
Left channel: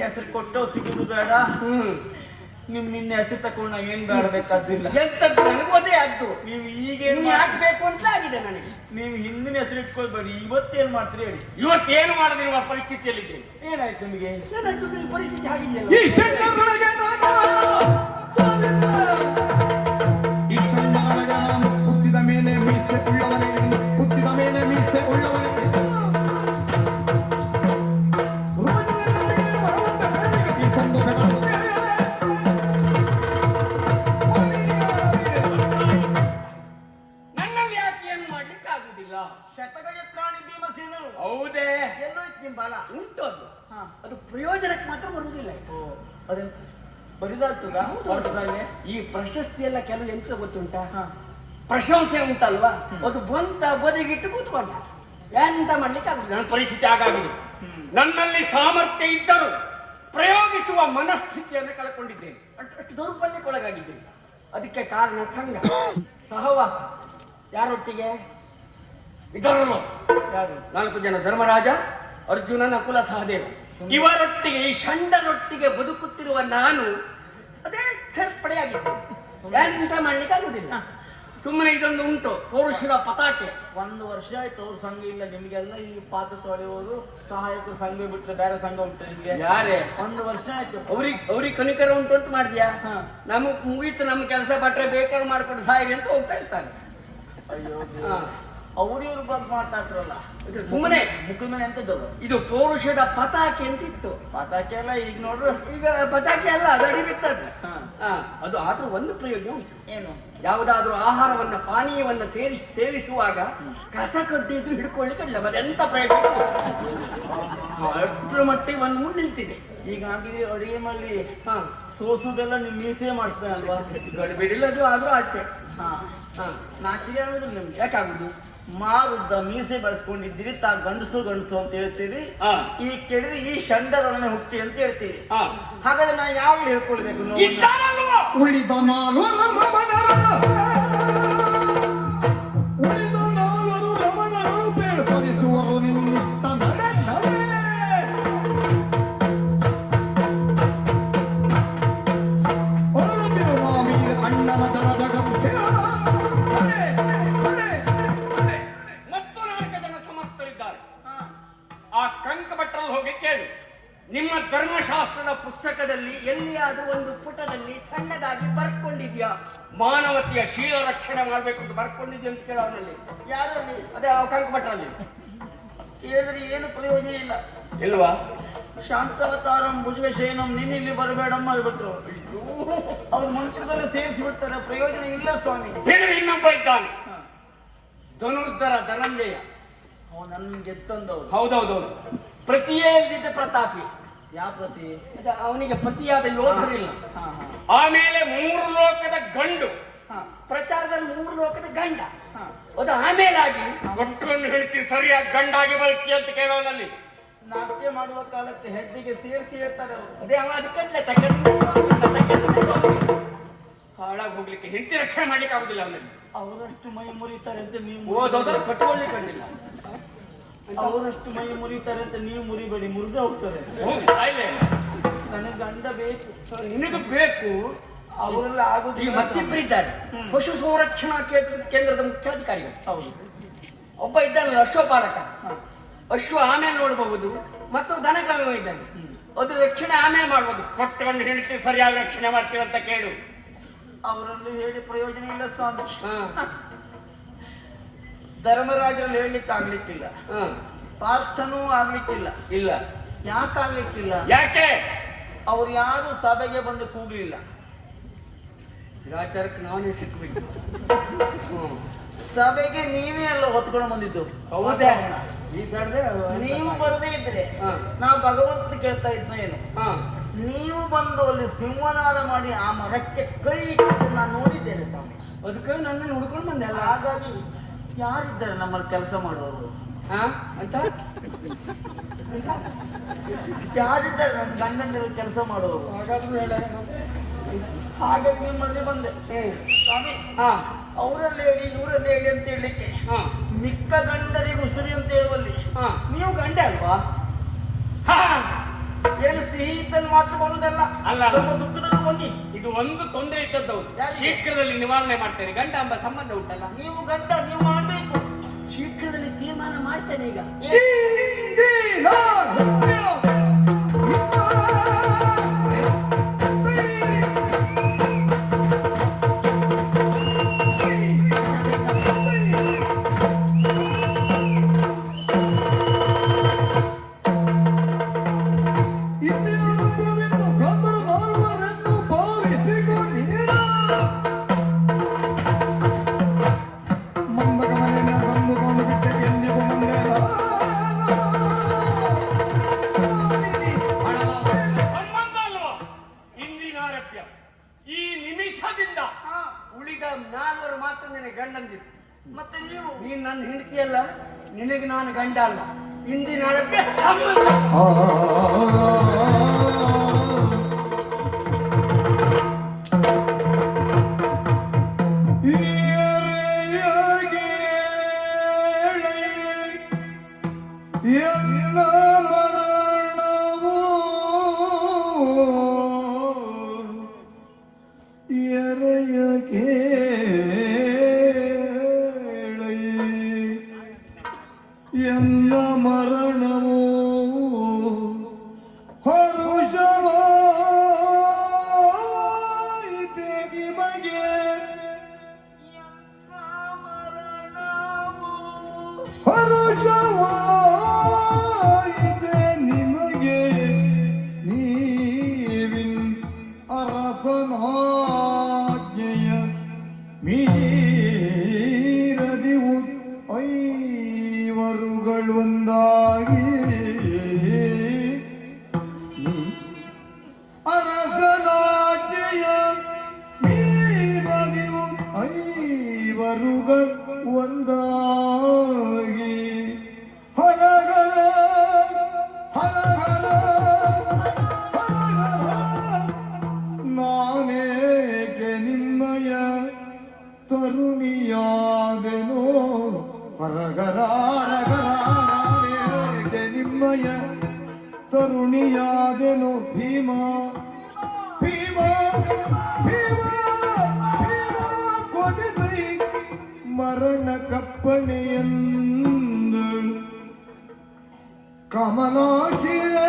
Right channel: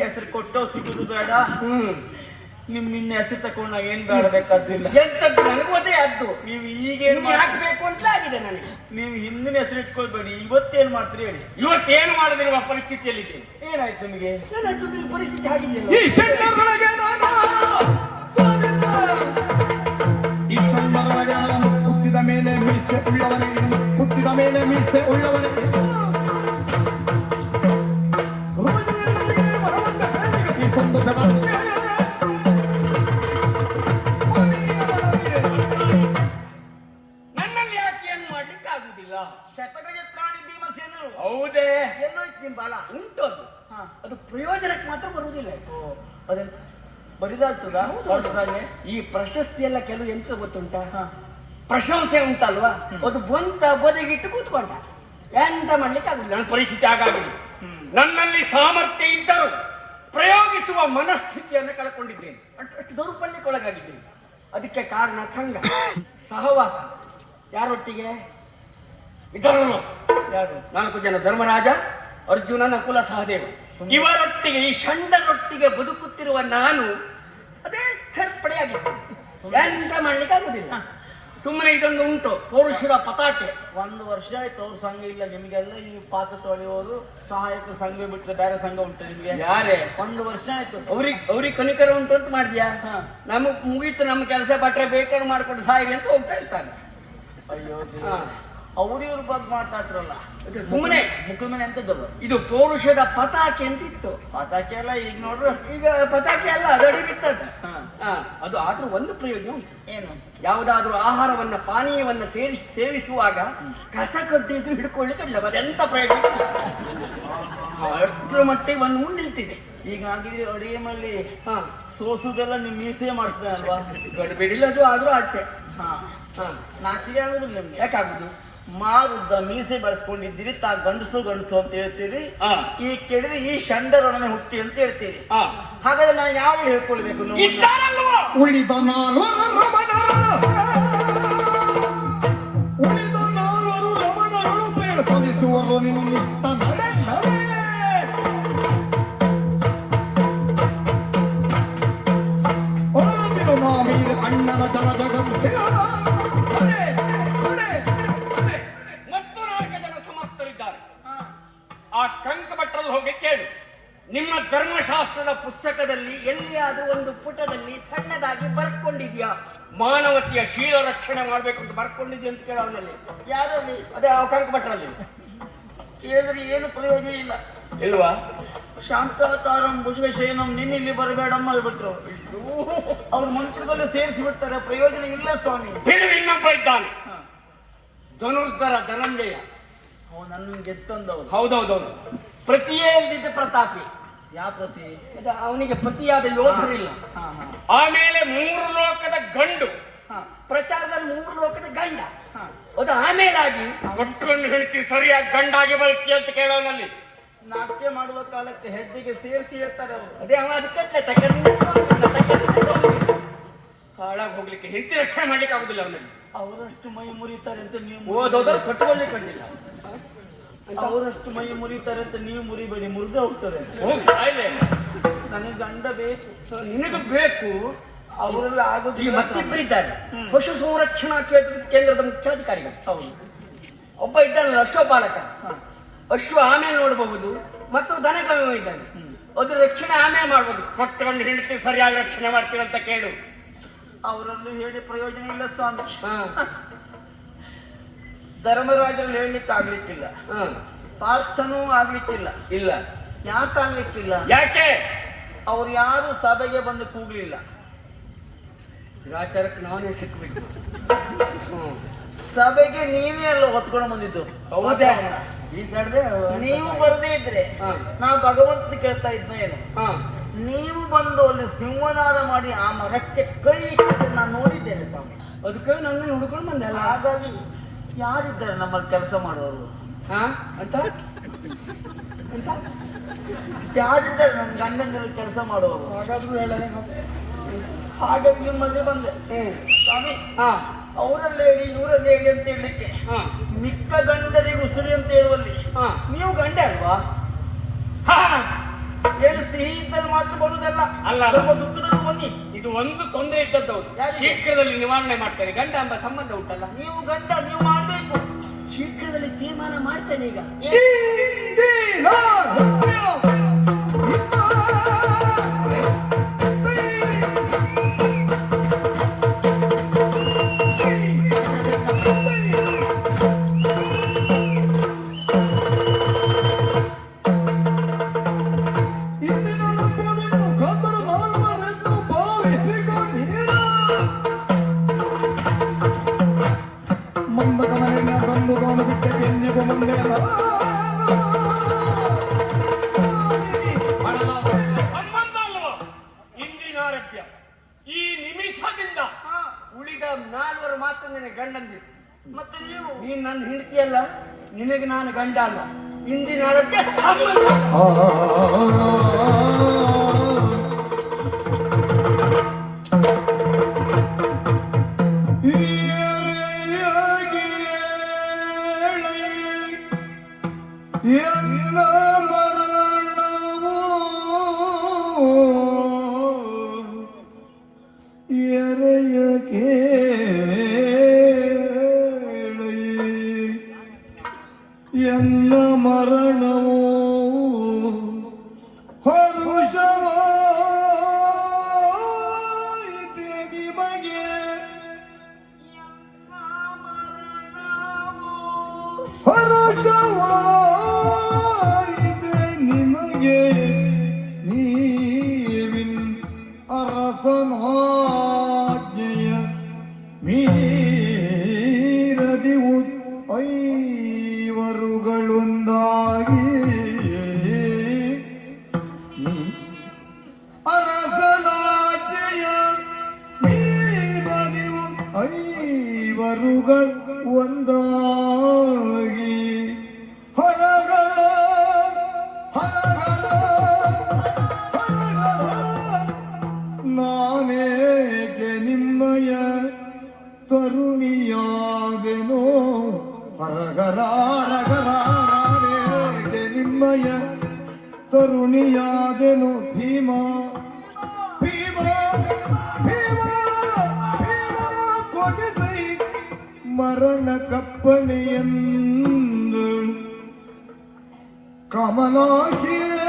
ಹೆಸರು ಕೊಟ್ಟವ್ ಸಿಗುದು ಬೇಡ. ನಿನ್ನ ಹೆಸರು ತಕೊಂಡು ನಾವ್ ಏನ್ ಬೇಡಬೇಕಾದಿಲ್ಲ. ಎಂತದ್ದು ನನಗೆ ಗೊತ್ತೇ ಆದ್ದು. ನೀವು ಈಗೇನ್ ಹಾಕ್ಬೇಕು ಅಂತ ಆಗಿದೆ ನನಗೆ. ನೀವು ಹಿಂದಿನ ಹೆಸರು ಇಟ್ಕೊಳ್ಬೇಡಿ, ಇವತ್ತೇನ್ ಮಾಡ್ತೀರಿ ಹೇಳಿ. ಇವತ್ತೇನು ಮಾಡದಿರುವ ಪರಿಸ್ಥಿತಿಯಲ್ಲಿದ್ದೇನೆ. ಏನಾಯ್ತು ನಿಮಗೆ? ಪರಿಸ್ಥಿತಿ ಆಗಿದೆಯಲ್ಲ. ಈ ಸಣ್ಣರೊಳಗೆ ನಾನು ಈ ಸಣ್ಣರೊಳಗೆ ನಾನು ಹುಟ್ಟಿದ ಮೇಲೆ ಮೀಸೆ ಉಳ್ಳವನಿಗೆ ಹುಟ್ಟಿದ ಮೇಲೆ ಮೀಸೆ ಉಳ್ಳವನಿಗೆ ಈ ಸಂದು ಬೆದರಿಕೆ ನನ್ನಲ್ಲಿ ಯಾಕೆ ಏನು ಮಾಡ್ಲಿಕ್ಕೆ ಆಗುದಿಲ್ಲ? ಶತಗಜತ್ರಾಣಿ ಭೀಮಸೇನರು ಹೌದೇ? ಎಲ್ಲೋಯ್ತು ನಿಮ್ ಬಾಲ? ಉಂಟು ಅದು. ಅದು ಪ್ರಯೋಜನಕ್ಕೆ ಮಾತ್ರ ಬರುವುದಿಲ್ಲ. ಅದೆಂತ ಬರಿದಾಗ್ತದಾ? ಹೊರತಲ್ಲೇ ಈ ಪ್ರಶಸ್ತಿ ಎಲ್ಲ ಕೆಲವು ಎಂತ ಗೊತ್ತುಂಟಾ? ಪ್ರಶಂಸೆ ಉಂಟಲ್ವಾ, ಅದು ಬಂತ ಬದಿಗಿಟ್ಟು ಕೂತ್ಕೊಂಡ. ಎಂತ ಮಾಡ್ಲಿಕ್ಕೆ ಆಗುದಿಲ್ಲ. ನನ್ನ ಪರಿಸ್ಥಿತಿ ಆಗಾಗಿದೆ. ನನ್ನಲ್ಲಿ ಸಾಮರ್ಥ್ಯ ಇದ್ದರೂ ಪ್ರಯೋಗಿಸುವ ಮನಸ್ಥಿತಿಯನ್ನು ಕಳ್ಕೊಂಡಿದ್ದೇನೆ. ಅಷ್ಟು ದೌರ್ಬಲ್ಯಕ್ಕೊಳಗಾಗಿದ್ದೇನೆ. ಅದಕ್ಕೆ ಕಾರಣ ಸಂಘ, ಸಹವಾಸ. ಯಾರೊಟ್ಟಿಗೆ ಇದ್ದವರು? ಯಾರು? 4 ಜನ: ಧರ್ಮರಾಜ, ಅರ್ಜುನ, ನಕುಲ, ಸಹದೇವ. ಇವರೊಟ್ಟಿಗೆ, ಈ ಷಂಡರೊಟ್ಟಿಗೆ ಬದುಕುತ್ತಿರುವ ನಾನು ಅದೇ ಸೇರ್ಪಡೆಯಾಗಿದ್ದೇನೆ. ಎಂತ ಮಾಡ್ಲಿಕ್ಕೆ ಆಗುದಿಲ್ಲ. ಸುಮ್ಮನೆ ಇದೊಂದು ಉಂಟು, ಪೌರುಷರ ಪತಾಕೆ. 1 ವರ್ಷ ಆಯ್ತು ಅವ್ರ ಸಂಘ ಇಲ್ಲ. ನಿಮ್ಗೆಲ್ಲ ಈ ಪಾತ್ರ ತೊಳೆಯುವವರು ಸಹಾಯಕರು ಸಂಘ ಬಿಟ್ಟರೆ ಬೇರೆ ಸಂಘ ಉಂಟು ನಿಮ್ಗೆ? ಯಾರೇ? 1 ವರ್ಷ ಆಯ್ತು. ಅವ್ರಿಗೆ ಕನಿಕರ ಉಂಟು ಅಂತ ಮಾಡಿದ್ಯಾ? ನಮಗ್ ಮುಗೀತು, ನಮ್ಮ ಕೆಲಸ ಬಟ್ರೆ ಬೇಕಾದ್ರೆ ಮಾಡ್ಕೊಂಡು ಸಾಯಿರಿ ಅಂತ ಹೋಗ್ತಾ ಇರ್ತಾರೆ. ಅಯ್ಯೋ, ಹಾ. ಅವ್ರಿವ್ರ ಬಗ್ಗೆ ಮಾತಾಡ್ರಲ್ಲ, ಅದು ಸುಮ್ಮನೆ. ಮುಖದ ಮೇಲೆ ಎಂತದ್ದು? ಇದು ಪೌರುಷದ ಪತಾಕೆ ಅಂತ ಇತ್ತು. ಪತಾಕೆ ಎಲ್ಲ ಈಗ ನೋಡ್ರು. ಈಗ ಪತಾಕೆ ಅಲ್ಲ, ಅದಡಿ ಬಿಟ್ಟದ್ದು. ಹಾ. ಅದು ಆದ್ರೂ ಒಂದು ಪ್ರಯೋಜನ ಉಂಟು. ಏನು? ಯಾವುದಾದ್ರೂ ಆಹಾರವನ್ನ, ಪಾನೀಯವನ್ನ ಸೇವಿಸುವಾಗ ಕಸ ಕಡ್ಡಿದ್ದು ಹಿಡ್ಕೊಳ್ಳಿಕ್ಕೆ ಇಲ್ಲ. ಅದೆಂತ ಪ್ರಯೋಜನ ಇಲ್ಲ. ಅಷ್ಟರ ಮಟ್ಟಿಗೆ ಒಂದು ನಿಲ್ತಿದೆ. ಹೀಗಾಗಿ ಅಡಿಗೆ ಮಾಡಿ ಹಾ, ಸೋಸುದೆಲ್ಲ ನಿಮ್ ಮೀಸೆ ಮಾಡ್ತಾನೆ ಅಲ್ವಾ? ಬಿಡಿಲ್ಲದು ಆದ್ರೂ ಅಷ್ಟೇ. ಹಾ, ಹಾ, ನಾಚಿಕೆ ಆಗುದಿಲ್ಲ ನಿಮ್ಗೆ? ಯಾಕಾಗುದು? ಮಾರುದ್ದ ಮೀಸೆ ಬೆಳೆಸ್ಕೊಂಡಿದ್ದೀರಿ, ತಾ ಗಂಡಸು ಗಂಡಸು ಅಂತ ಹೇಳ್ತೀರಿ. ಹಾ. ಈ ಕೇಳಿದ್ರೆ ಈ ಷಂಡರೊಡನೆ ಹುಟ್ಟಿ ಅಂತ ಹೇಳ್ತೀರಿ. ಹಾ. ಹಾಗಾದ್ರೆ ನಾನು ಯಾವ ಹೇಳ್ಕೊಳ್ಬೇಕು? ಇಷ್ಟಾರಲ್ವಾ? ಉಳಿದ ನಾಲ್ವರು ರಮಣರು ಬೇಡ ಸಲ್ಲಿಸುವರು ನಿನ್ನಿಷ್ಟ ನಡೆ ನಡೆ. ಹೊರದಿರುವ ವೀರ ಅಣ್ಣನ ಜನ ಜಗತ್ತಿನ ಮತ್ತು 4 ಜನ ಸಮರ್ಥರಿದ್ದಾರೆ. ಆ ಕಂಕಭಟ್ರಲ್ಲಿ ಹೋಗಿ ಕೇಳು. ನಿಮ್ಮ ಧರ್ಮಶಾಸ್ತ್ರದ ಪುಸ್ತಕದಲ್ಲಿ ಎಲ್ಲಿಯಾದರೂ ಒಂದು ಪುಟದಲ್ಲಿ ಸಣ್ಣದಾಗಿ ಬರ್ಕೊಂಡಿದೆಯಾ ರೀತಿಯ ಮಾನವತೆಯ ಶೀಲ ರಕ್ಷಣೆ ಮಾಡ್ಬೇಕು ಅಂತ ಬರ್ಕೊಂಡಿದ್ದೆ ಅಂತ ಕೇಳ ಅವನಲ್ಲಿ. ಯಾರಲ್ಲಿ ಅದೇ ಆ ಕನಕಭಟ್ರಲ್ಲಿ ಕೇಳಿದ್ರೆ ಏನು ಪ್ರಯೋಜನ ಇಲ್ಲ. ಇಲ್ವಾ? ಶಾಂತವತಾರಂ ಭುಜಗಶಯನಂ ನಿನ್ನ ಇಲ್ಲಿ ಬರಬೇಡಮ್ಮ ಹೇಳ್ಬಿಟ್ರು. ಅವ್ರ ಮಂತ್ರದಲ್ಲಿ ಸೇರಿಸಿ ಬಿಡ್ತಾರೆ, ಪ್ರಯೋಜನ ಇಲ್ಲ ಸ್ವಾಮಿ. ಇನ್ನೊಬ್ಬ ಇದ್ದಾನೆ ಧನುರ್ಧರ ಧನಂಜಯ. ನನ್ನ ಗೆತ್ತಂದವರು. ಹೌದೌದೌದು. ಪ್ರತಿಯೇ ಇಲ್ದಿದ್ದ ಪ್ರತಾಪಿ. ಯಾವ ಪ್ರತಿ? ಅವನಿಗೆ ಪತಿಯಾದ ಯೋಧರಿಲ್ಲ. ಹಾ ಹಾ ಆಮೇಲೆ 3 ಲೋಕದ ಗಂಡು, ಹಾ ಪ್ರಚಾರದಲ್ಲಿ 3 ಲೋಕದ ಗಂಡ. ಹಾ. ಅದು ಆಮೇಲಾಗಿ ಒಟ್ಟನ್ನು ಹೇಳ್ತಿ ಸರಿಯಾಗಿ ಗಂಡಾಗಿ ಬರ್ತಿ ಅಂತ ಕೇಳೋನಲ್ಲಿ. ನಾಟ್ಯ ಮಾಡುವ ಕಾಲಕ್ಕೆ ಹೆಜ್ಜೆಗೆ ಸೇರಿಸಿ ಇರ್ತಾರೆ ಅವರು. ಅದೇ ಅವ ಅದಕ್ಕೆ ಹಾಳಾಗಿ ಹೋಗ್ಲಿಕ್ಕೆ ಹೆಂಡತಿ ರಕ್ಷಣೆ ಮಾಡ್ಲಿಕ್ಕೆ ಆಗುದಿಲ್ಲ ಅವನಿಗೆ. ಅವರಷ್ಟು ಮೈ ಮುರಿತಾರೆ ಅಂತ ನೀವು ಓದೋದ್ರೆ ಕಟ್ಟುಕೊಳ್ಳಿಕ್ಕೆ ಆಗಿಲ್ಲ. ಅವರಷ್ಟು ಮೈ ಮುರಿತಾರೆ ಅಂತ ನೀವು ಮುರಿಬೇಡಿ, ಮುರಿದೇ ಹೋಗ್ತಾರೆ. ನನಗೆ ಗಂಡ ಬೇಕು. ನಿನಗೆ ಬೇಕು. ಅವರೆಲ್ಲ ಇಲ್ಲಿ ಆಗೋದಿಲ್ಲ. ಮತ್ತಿಬ್ಬರು ಇದ್ದಾರೆ. ಪಶು ಸಂರಕ್ಷಣಾ ಕೇಂದ್ರದ ಮುಖ್ಯಾಧಿಕಾರಿಗಳು. ಹೌದು. ಒಬ್ಬ ಇದ್ದಾನಲ್ಲ ಅಶ್ವಪಾಲಕ. ಅಶ್ವ ಆಮೇಲೆ ನೋಡಬಹುದು, ಮತ್ತು ದನಗಾಮ ಇದ್ದಾನೆ. ಅದ್ರ ರಕ್ಷಣೆ ಆಮೇಲೆ ಮಾಡ್ಬೋದು. ಕೊಟ್ಟಕೊಂಡು ಹೆಂಡತಿ ಸರಿಯಾಗಿ ರಕ್ಷಣೆ ಮಾಡ್ತೀವಿ ಅಂತ ಕೇಳು. ಅವರನ್ನು ಹೇಳಿ ಪ್ರಯೋಜನ ಇಲ್ಲ ಸ್ವಾಮಿ. ಹಾ ಧರ್ಮರಾಜರಲ್ಲಿ ಹೇಳಲಿಕ್ಕೆ ಆಗ್ಲಿಕ್ಕಿಲ್ಲ, ಹಾ ಪಾರ್ಥನೂ ಆಗ್ಲಿಕ್ಕಿಲ್ಲ. ಇಲ್ಲ. ಯಾಕೆ ಆಗ್ಲಿಕ್ಕಿಲ್ಲ? ಯಾಕೆ? ಅವ್ರು ಯಾರು ಸಭೆಗೆ ಬಂದು ಕೂಗ್ಲಿಲ್ಲ. ಆಚಾರಕ್ಕೆ ನಾನೇ ಸಿಕ್ಬಿಟ್ಟು. ಸಭೆಗೆ ನೀವೇ ಎಲ್ಲ ಹೊತ್ಕೊಂಡು ಬಂದಿದ್ದು. ಹೌದೇ? ಈ ಸಡ್ದೆ ನೀವು ಬರದೇ ಇದ್ರೆ ನಾವು ಭಗವಂತನ ಕೇಳ್ತಾ ಇದ್ನ ಏನು? ನೀವು ಬಂದು ಅಲ್ಲಿ ಸಿಂಹನಾದ ಮಾಡಿ ಆ ಮರಕ್ಕೆ ಕೈ ಇಟ್ಟು ನಾನು ನೋಡಿದ್ದೇನೆ ಸ್ವಾಮಿ. ಅದಕ್ಕೆ ನನ್ನನ್ನು ಹುಡ್ಕೊಂಡು ಬಂದೆ ಅಲ್ಲ. ಹಾಗಾಗಿ ಯಾರಿದ್ದಾರೆ ನಮ್ಮಲ್ಲಿ ಕೆಲಸ ಮಾಡುವವರು? ಅಂತ ಯಾರಿದ್ದಾರೆ ನಮ್ಮ ಗಂಡನಲ್ಲಿ ಕೆಲಸ ಮಾಡುವವರು? ಹಾಗಾಗಿ ನಿಮ್ಮಲ್ಲಿ ಬಂದೆ ಸ್ವಾಮಿ. ಅವರಲ್ಲಿ ಹೇಳಿ ಇವರಲ್ಲಿ ಹೇಳಿ ಅಂತ ಹೇಳಲಿಕ್ಕೆ ಮಿಕ್ಕ ಗಂಡರಿಗೆ ಉಸಿರಿ ಅಂತ ಹೇಳುವಲ್ಲಿ ನೀವು ಗಂಡ ಅಲ್ವಾ? ಏನು ಸ್ನೇಹಿತರು ಮಾತ್ರ ಬರುವುದಲ್ಲ, ಸ್ವಲ್ಪ ದುಡ್ಡು ಬನ್ನಿ. ಇದು ಒಂದು ತೊಂದರೆ ಇದ್ದದ್ದು ಶೀಘ್ರದಲ್ಲಿ ನಿವಾರಣೆ ಮಾಡ್ತೇನೆ. ಗಂಡ ಎಂಬ ಸಂಬಂಧ ಉಂಟಲ್ಲ, ನೀವು ಗಂಡ ನೀವು ಮಾಡ್ಬೇಕು. ಶೀಘ್ರದಲ್ಲಿ ತೀರ್ಮಾನ ಮಾಡ್ತೇನೆ. ಈಗ ಈ ನಿಮಿಷದಿಂದ ಉಳಿದ 4 ಮಾತ್ರ ನಿನಗೆ ಗಂಡಂದಿರು. ಮತ್ತೆ ನೀನು ನನ್ನ ಹೆಂಡತಿಯಲ್ಲ, ನಿನಗೆ ನಾನು ಗಂಡ ಅಲ್ಲ. ಇಂದಿನ ಸಂಬಂಧ ಎಲ್ಲ ಮರಣವು ಹರುಷವಾಯಿತೆಗಿ ಬಗೆ ಹರುಷವಾಯಿತೆ ನಿಮಗೆ ನೀವಿನ್ ಅರಸನಾಜ್ಞೆಯ ಮೀರದಿವು ಐವರುಗಳೊಂದಾಗಿ ಅರಸನಾಜ್ಞೆಯ ಮೀರದಿವು ಐವರುಗಳು ಒಂದಾಗಿ ಹರಗರ ಹರಗರ ನಾನೇಕೆ ನಿಮ್ಮಯ ತರುಣಿಯಾದೆನೋ ಹರಗರ ನಾನೇಕೆ ನಿಮ್ಮಯ ತರುಣಿಯಾದೆನೋ ಭೀಮ ಭೀಮ ಭೀಮ ಭೀಮ ಕೊನೆದೈ ಮರಣ ಕಪ್ಪಣೆಯೆಂದು ಕಮಲಾಕಿಯೇ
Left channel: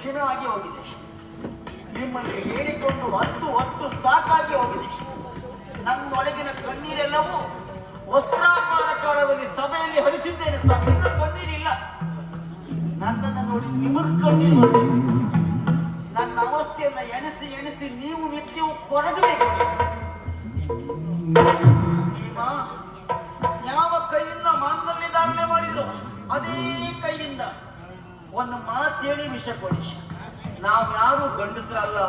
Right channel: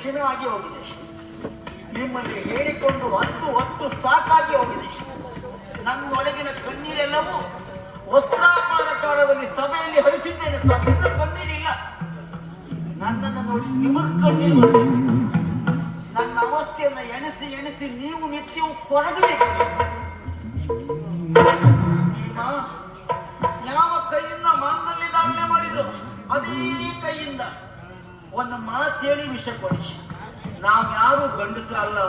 ಕ್ಷಮೆ ಆಗಿ ಹೋಗಿದೆ. ನಿಮ್ಮಲ್ಲಿ ಹೇಳಿಕೊಂಡು ಹೊತ್ತು ಸಾಕಾಗಿ ಹೋಗಿದೆ. ನನ್ನೊಳಗಿನ ಕಣ್ಣೀರೆಲ್ಲವೂ ವಸ್ತ್ರಾಕಾರದಲ್ಲಿ ಸಭೆಯಲ್ಲಿ ಹರಿಸಿದ್ದೇನೆ. ನಿನ್ನ ಕಣ್ಣೀರಿಲ್ಲ. ನನ್ನನ್ನು ನೋಡಿ ನಿಮ್ಮ ಕಣ್ಣೀರು. ನನ್ನ ಅವಸ್ಥೆಯನ್ನ ಎಣಿಸಿ ನೀವು ನಿತ್ಯವೂ ಕೊರಗಬೇಕು. ಈಗ ಯಾವ ಕೈಯಿಂದ ಮಾಂಗಲ್ಯದಾಗಲೇ ಮಾಡಿದ್ರು ಅದೇ ಕೈಯಿಂದ ಒಂದು ಮಾತೇಳಿ ವಿಷ ಕೊಡಿ. ನಾವ್ಯಾರು ಗಂಡಸರಲ್ಲ,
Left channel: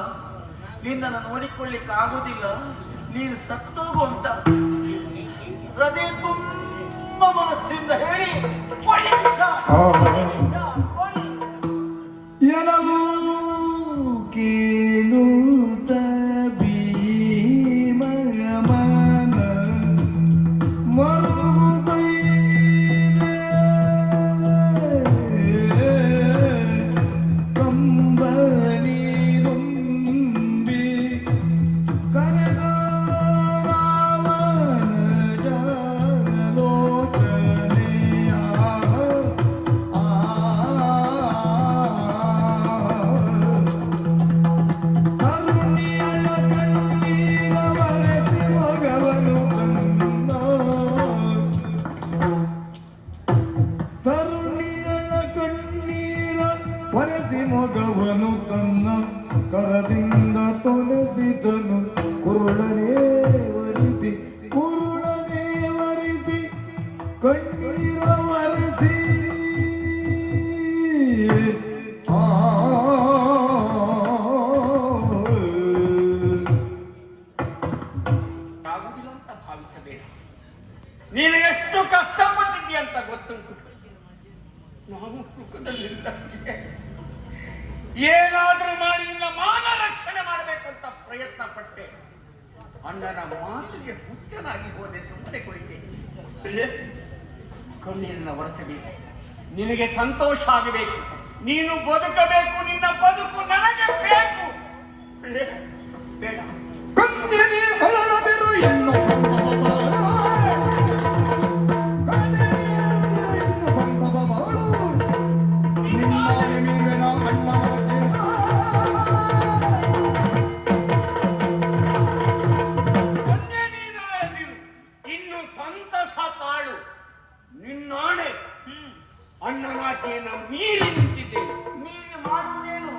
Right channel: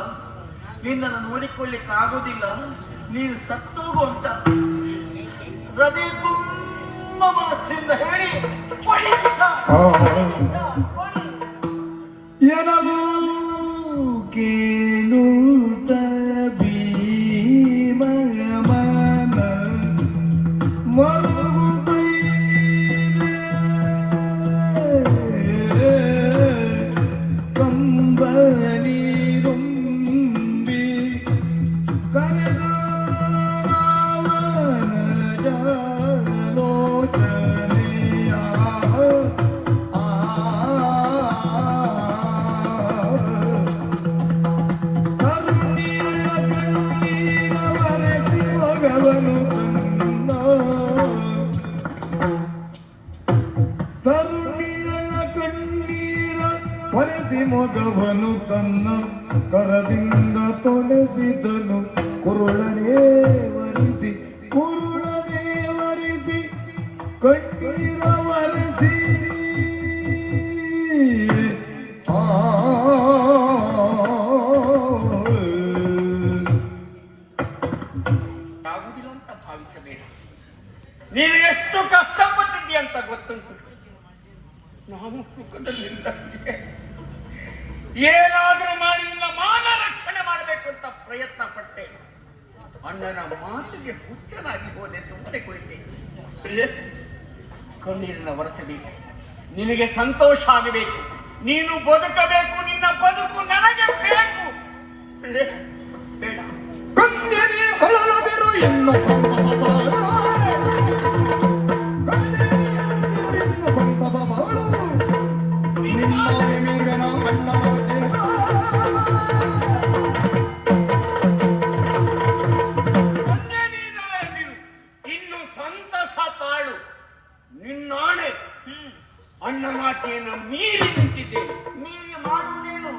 ನಿನ್ನನ್ನು ನೋಡಿಕೊಳ್ಳಿಕ್ಕಾಗೋದಿಲ್ಲ, ನೀನು ಸತ್ತೋಗು ಅಂತ ಹೃದಯ ತುಂಬ ಮನಸ್ಸಿಂದ ಹೇಳಿ ಕೊಡಿ ವಿಷ. ಕೊಡಿ. ಎನಗೂ ಕೇಳುತ್ತ ಭೀಮ ಮನ ಮೊಗವನು ತನ್ನ ಕರದಿಂದ ತೊಳೆದಿದನು. ಕುರುಳನೇ ವರಿಸಿ ಕಣ್ಣೀರ ವರಿಸಿ ಆಗುದಿಲ್ಲ ಅಂತ ಭಾವಿಸಬೇಡ. ನೀನು ಎಷ್ಟು ಕಷ್ಟಪಟ್ಟಿದ್ದೀಯ ಅಂತ ಗೊತ್ತುಂಟು. ನಾನು ಸುಖದಲ್ಲಿಲ್ಲ. ಏನಾದರೂ ಮಾಡಿ ನಿನ್ನ ಮಾನ ರಕ್ಷಣೆ ಮಾಡಬೇಕು ಅಂತ ಪ್ರಯತ್ನ ಪಟ್ಟೆ. ಅಣ್ಣನ ಮಾತಿಗೆ ಹುಚ್ಚನಾಗಿ ಹೋದೆ. ಸುಮ್ಮನೆ ಕುಳಿತೆ. ಕಣ್ಣೀರಿನ ಒರೆಸಬೇಕು. ನಿನಗೆ ಸಂತೋಷ ಆಗಬೇಕು. ನೀನು ಬದುಕಬೇಕು. ನಿನ್ನ ಬದುಕು ನನಗೆ ಬೇಕು. ಕಣ್ಣೀರಿ ಹೊರದಿರು ಎನ್ನ ಸಂತದ ಬಾಳು. ಇನ್ನು ಸಂತಸ ತಾಳು. ನಿನ್ನಾಣೆ ಅಣ್ಣ ಮಾತೆಯನ್ನು ಮೀರಿ ನಿಂತಿದ್ದೇನೆ. ನೀನು ಮಾಡುವುದೇನು?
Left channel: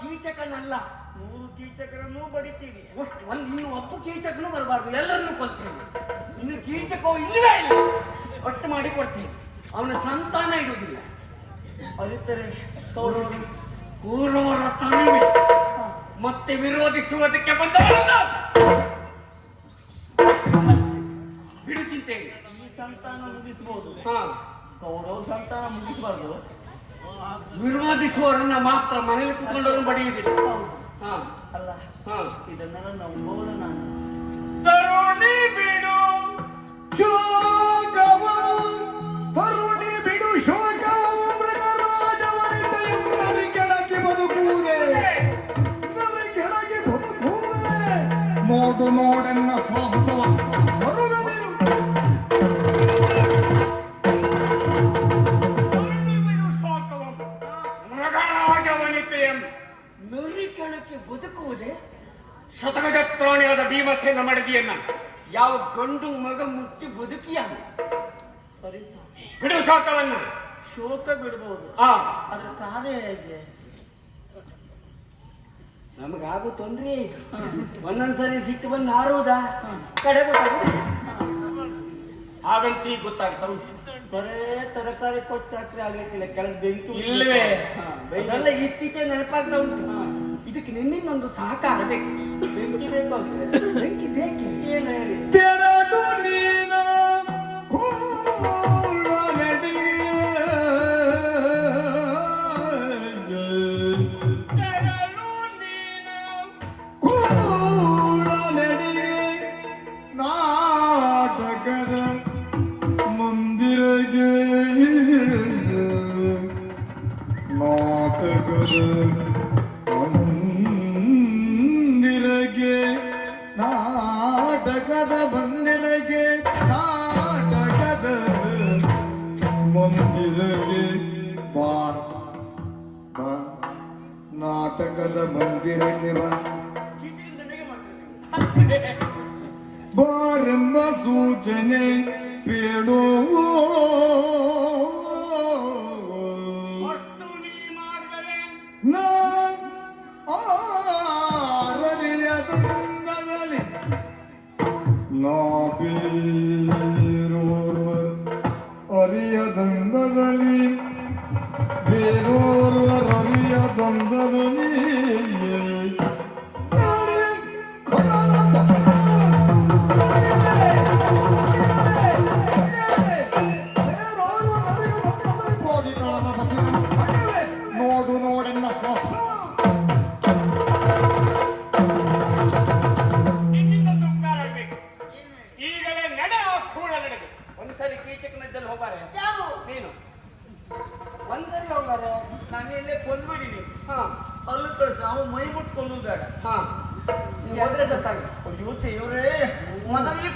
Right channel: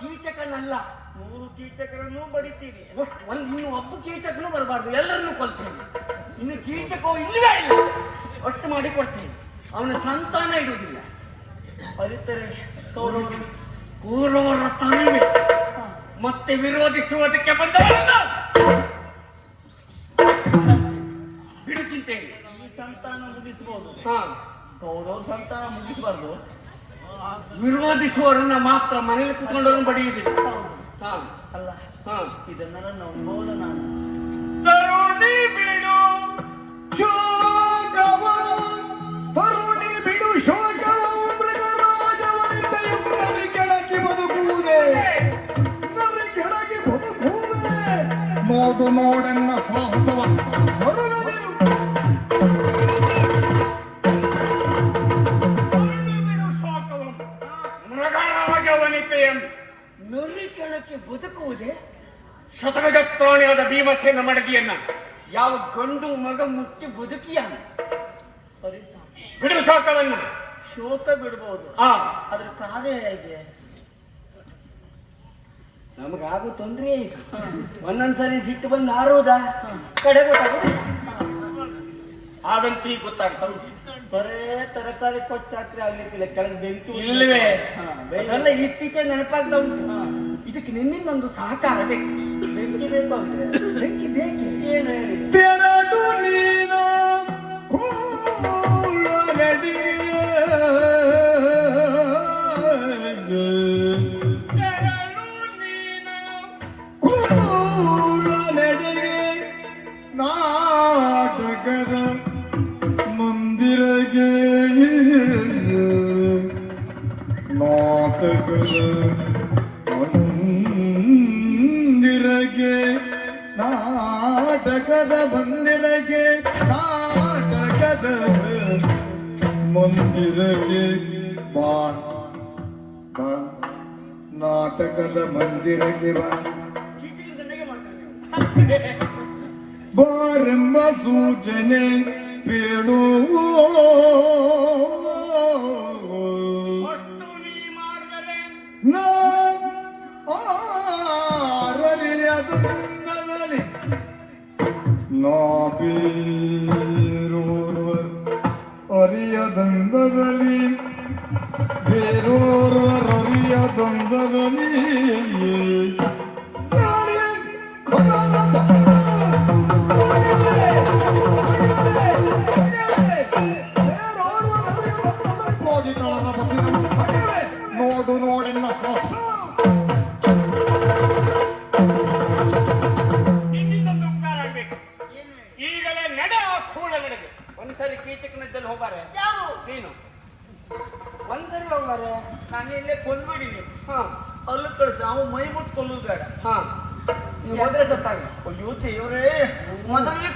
ಕೀಚಕನಲ್ಲ. 3 ಕೀಚಕರನ್ನು ಬಡಿತೀವಿ. ಇನ್ನು ಒಬ್ಬ ಕೀಚಕನು ಬರಬಾರ್ದು. ಎಲ್ಲರನ್ನೂ ಕೊಲ್ತೇನೆ. ಇನ್ನು ಕೀಚಕವು ಇಲ್ಲವೇ ಇಲ್ಲ. ಒಟ್ಟು ಮಾಡಿ ಕೊಡ್ತೀನಿ. ಅವನ ಸಂತಾನ ಇಡುವುದಿಲ್ಲ. ಅರಿತರೆ ಪೂರ್ವರ ತಾಳ್ಮೆ ಮತ್ತೆ ವಿರೋಧಿಸುವುದಕ್ಕೆ ಬಂದವರಲ್ಲ ಬಿಡುತ್ತಿದ್ದೇನೆ. ಈ ಸಂತಾನ ಮುಗಿಸಬಹುದು. ಹಾ, ಕೌರವ ಸಂತಾನ ಮುಗಿಸಬಾರ್ದು. ವಿರೋಧಿಸುವವರನ್ನ ಮಾತ್ರ ಮನೇಲಿ ಕುತ್ಕೊಂಡವ್ರನ್ನ ಬಡಿಯುವುದಿಲ್ಲ. ಹಾ, ಅಲ್ಲ, ಹಾ. ಇದನ್ನ ನೋಡೋಣ ನಾನು. ತರುಣಿ ಬಿಡು ತರುಣಿ ಬಿಡು ಶೋಕವು ಮೃಗರಾಜವನಿತೆಯು ನದಿ ಕೆಳಗೆ ಬದುಕುವುದೇ. ನದಿ ಕೆಳಗೆ ಬದುಕುವುದೇ. ಮೋದು ನೋಡನ್ನ ಸಾಹಸವ ಮರುಳದಿರು. ಮೃಗರಾಜವನಿತೆಯನ್ನು ನರಿಕೆಳಕ್ಕೆ ಬದುಕುವುದೇ. ಶತಗಜತ್ರಾಣಿಯಾದ ಭೀಮಸೇನ ಮಡದಿಯನ್ನ ಯಾವ ಗಂಡು ಮಗ ಮುಟ್ಟಿ ಬದುಕಿಯಾನ. ಸರಿ, ಬಿಡು ಶೋಕವನ್ನ. ಶೋಕ ಬಿಡಬಹುದು. ಅದ್ರ ಕಾರ್ಯ ಹೇಗೆ? ನಮಗಾಗೋ ತೊಂದ್ರೆ ಇದು. ಒಂದೊಂದ್ಸರಿ ಸಿಟ್ಟು ಬಂದು ಹಾರೋದ ಕಡೆ ಗೊತ್ತಾಗೋದಿಲ್ಲ. ಆಗಂತ ಗೊತ್ತಾಗ್ತಾರೆ. ಬರೇ ತರಕಾರಿ ಕೊಚ್ಚಾಕ್ರೆ ಆಗ್ಲಿಕ್ಕಿಲ್ಲ. ಕೆಳಗೆ ಬೆಂಕಿ ಇಲ್ಲವೇ ಅದೆಲ್ಲ ಇತ್ತೀಚೆ ನೆನಪಾಗ್ತಾ ಉಂಟು. ಇದಕ್ಕೆ ನಿನ್ನಿಂದೊಂದು ಸಹಕಾರ ಬೇಕು. ಬೆಂಕಿ ಬೇಕು ಅಂದ್ರೆ ಬೆಂಕಿ ಬೇಕೆ. ಏನು ಹೇಳಿ? ತೆರಡು ನೀನು ಕೂಲ ನದಿಗೆ ಬಾ ನಾಟಕದ ಮಂದಿರಕ್ಕೆ ಬಾ ಬಾರೆಂಬ ಸೂಚನೆ ಬೇಡುವ ಅಷ್ಟು ನೀ ಮಾಡಿದರೆ ಆರರಿಯದಂಗದಲ್ಲಿ ಬೇರೋರ್ವರ್ ಅರಿಯದಂಗದಲ್ಲಿ ಬೇರೋರ್ವರ್ ಅರಿಯದಂಗದಲ್ಲಿ ನೋಡು ನೋಡಿನ ನಿನ್ನಿಂದೊಂದು ಉಪಕಾರ ಆಗ್ಬೇಕು. ಈಗಲೇ ನಡೆ ಆ ಕೂಡ ನಡೆದು ಒಂದ್ಸರಿ ಕೀಚಕನದ್ದಲ್ಲಿ ಹೋಗಾರೆ ಯಾರು ನೀನು ಒಂದ್ಸರಿ ಹೋಗಾರೆ ನಾನು ಇಲ್ಲೇ ಕೊಂದ್ ಮಾಡಿನಿ ಹಾ ಅಲ್ಲಿ ಕಳಿಸಿ ಅವ ಮೈ ಮುಟ್ಕೊಂಡು ಬೇಡ ಹಾ ನೀವು ಹೋದ್ರೆ ಸತ್ತಾಗಿ ಅಯ್ಯೋ ದೇವ್ರೇ ಮೊದಲಿಗೆ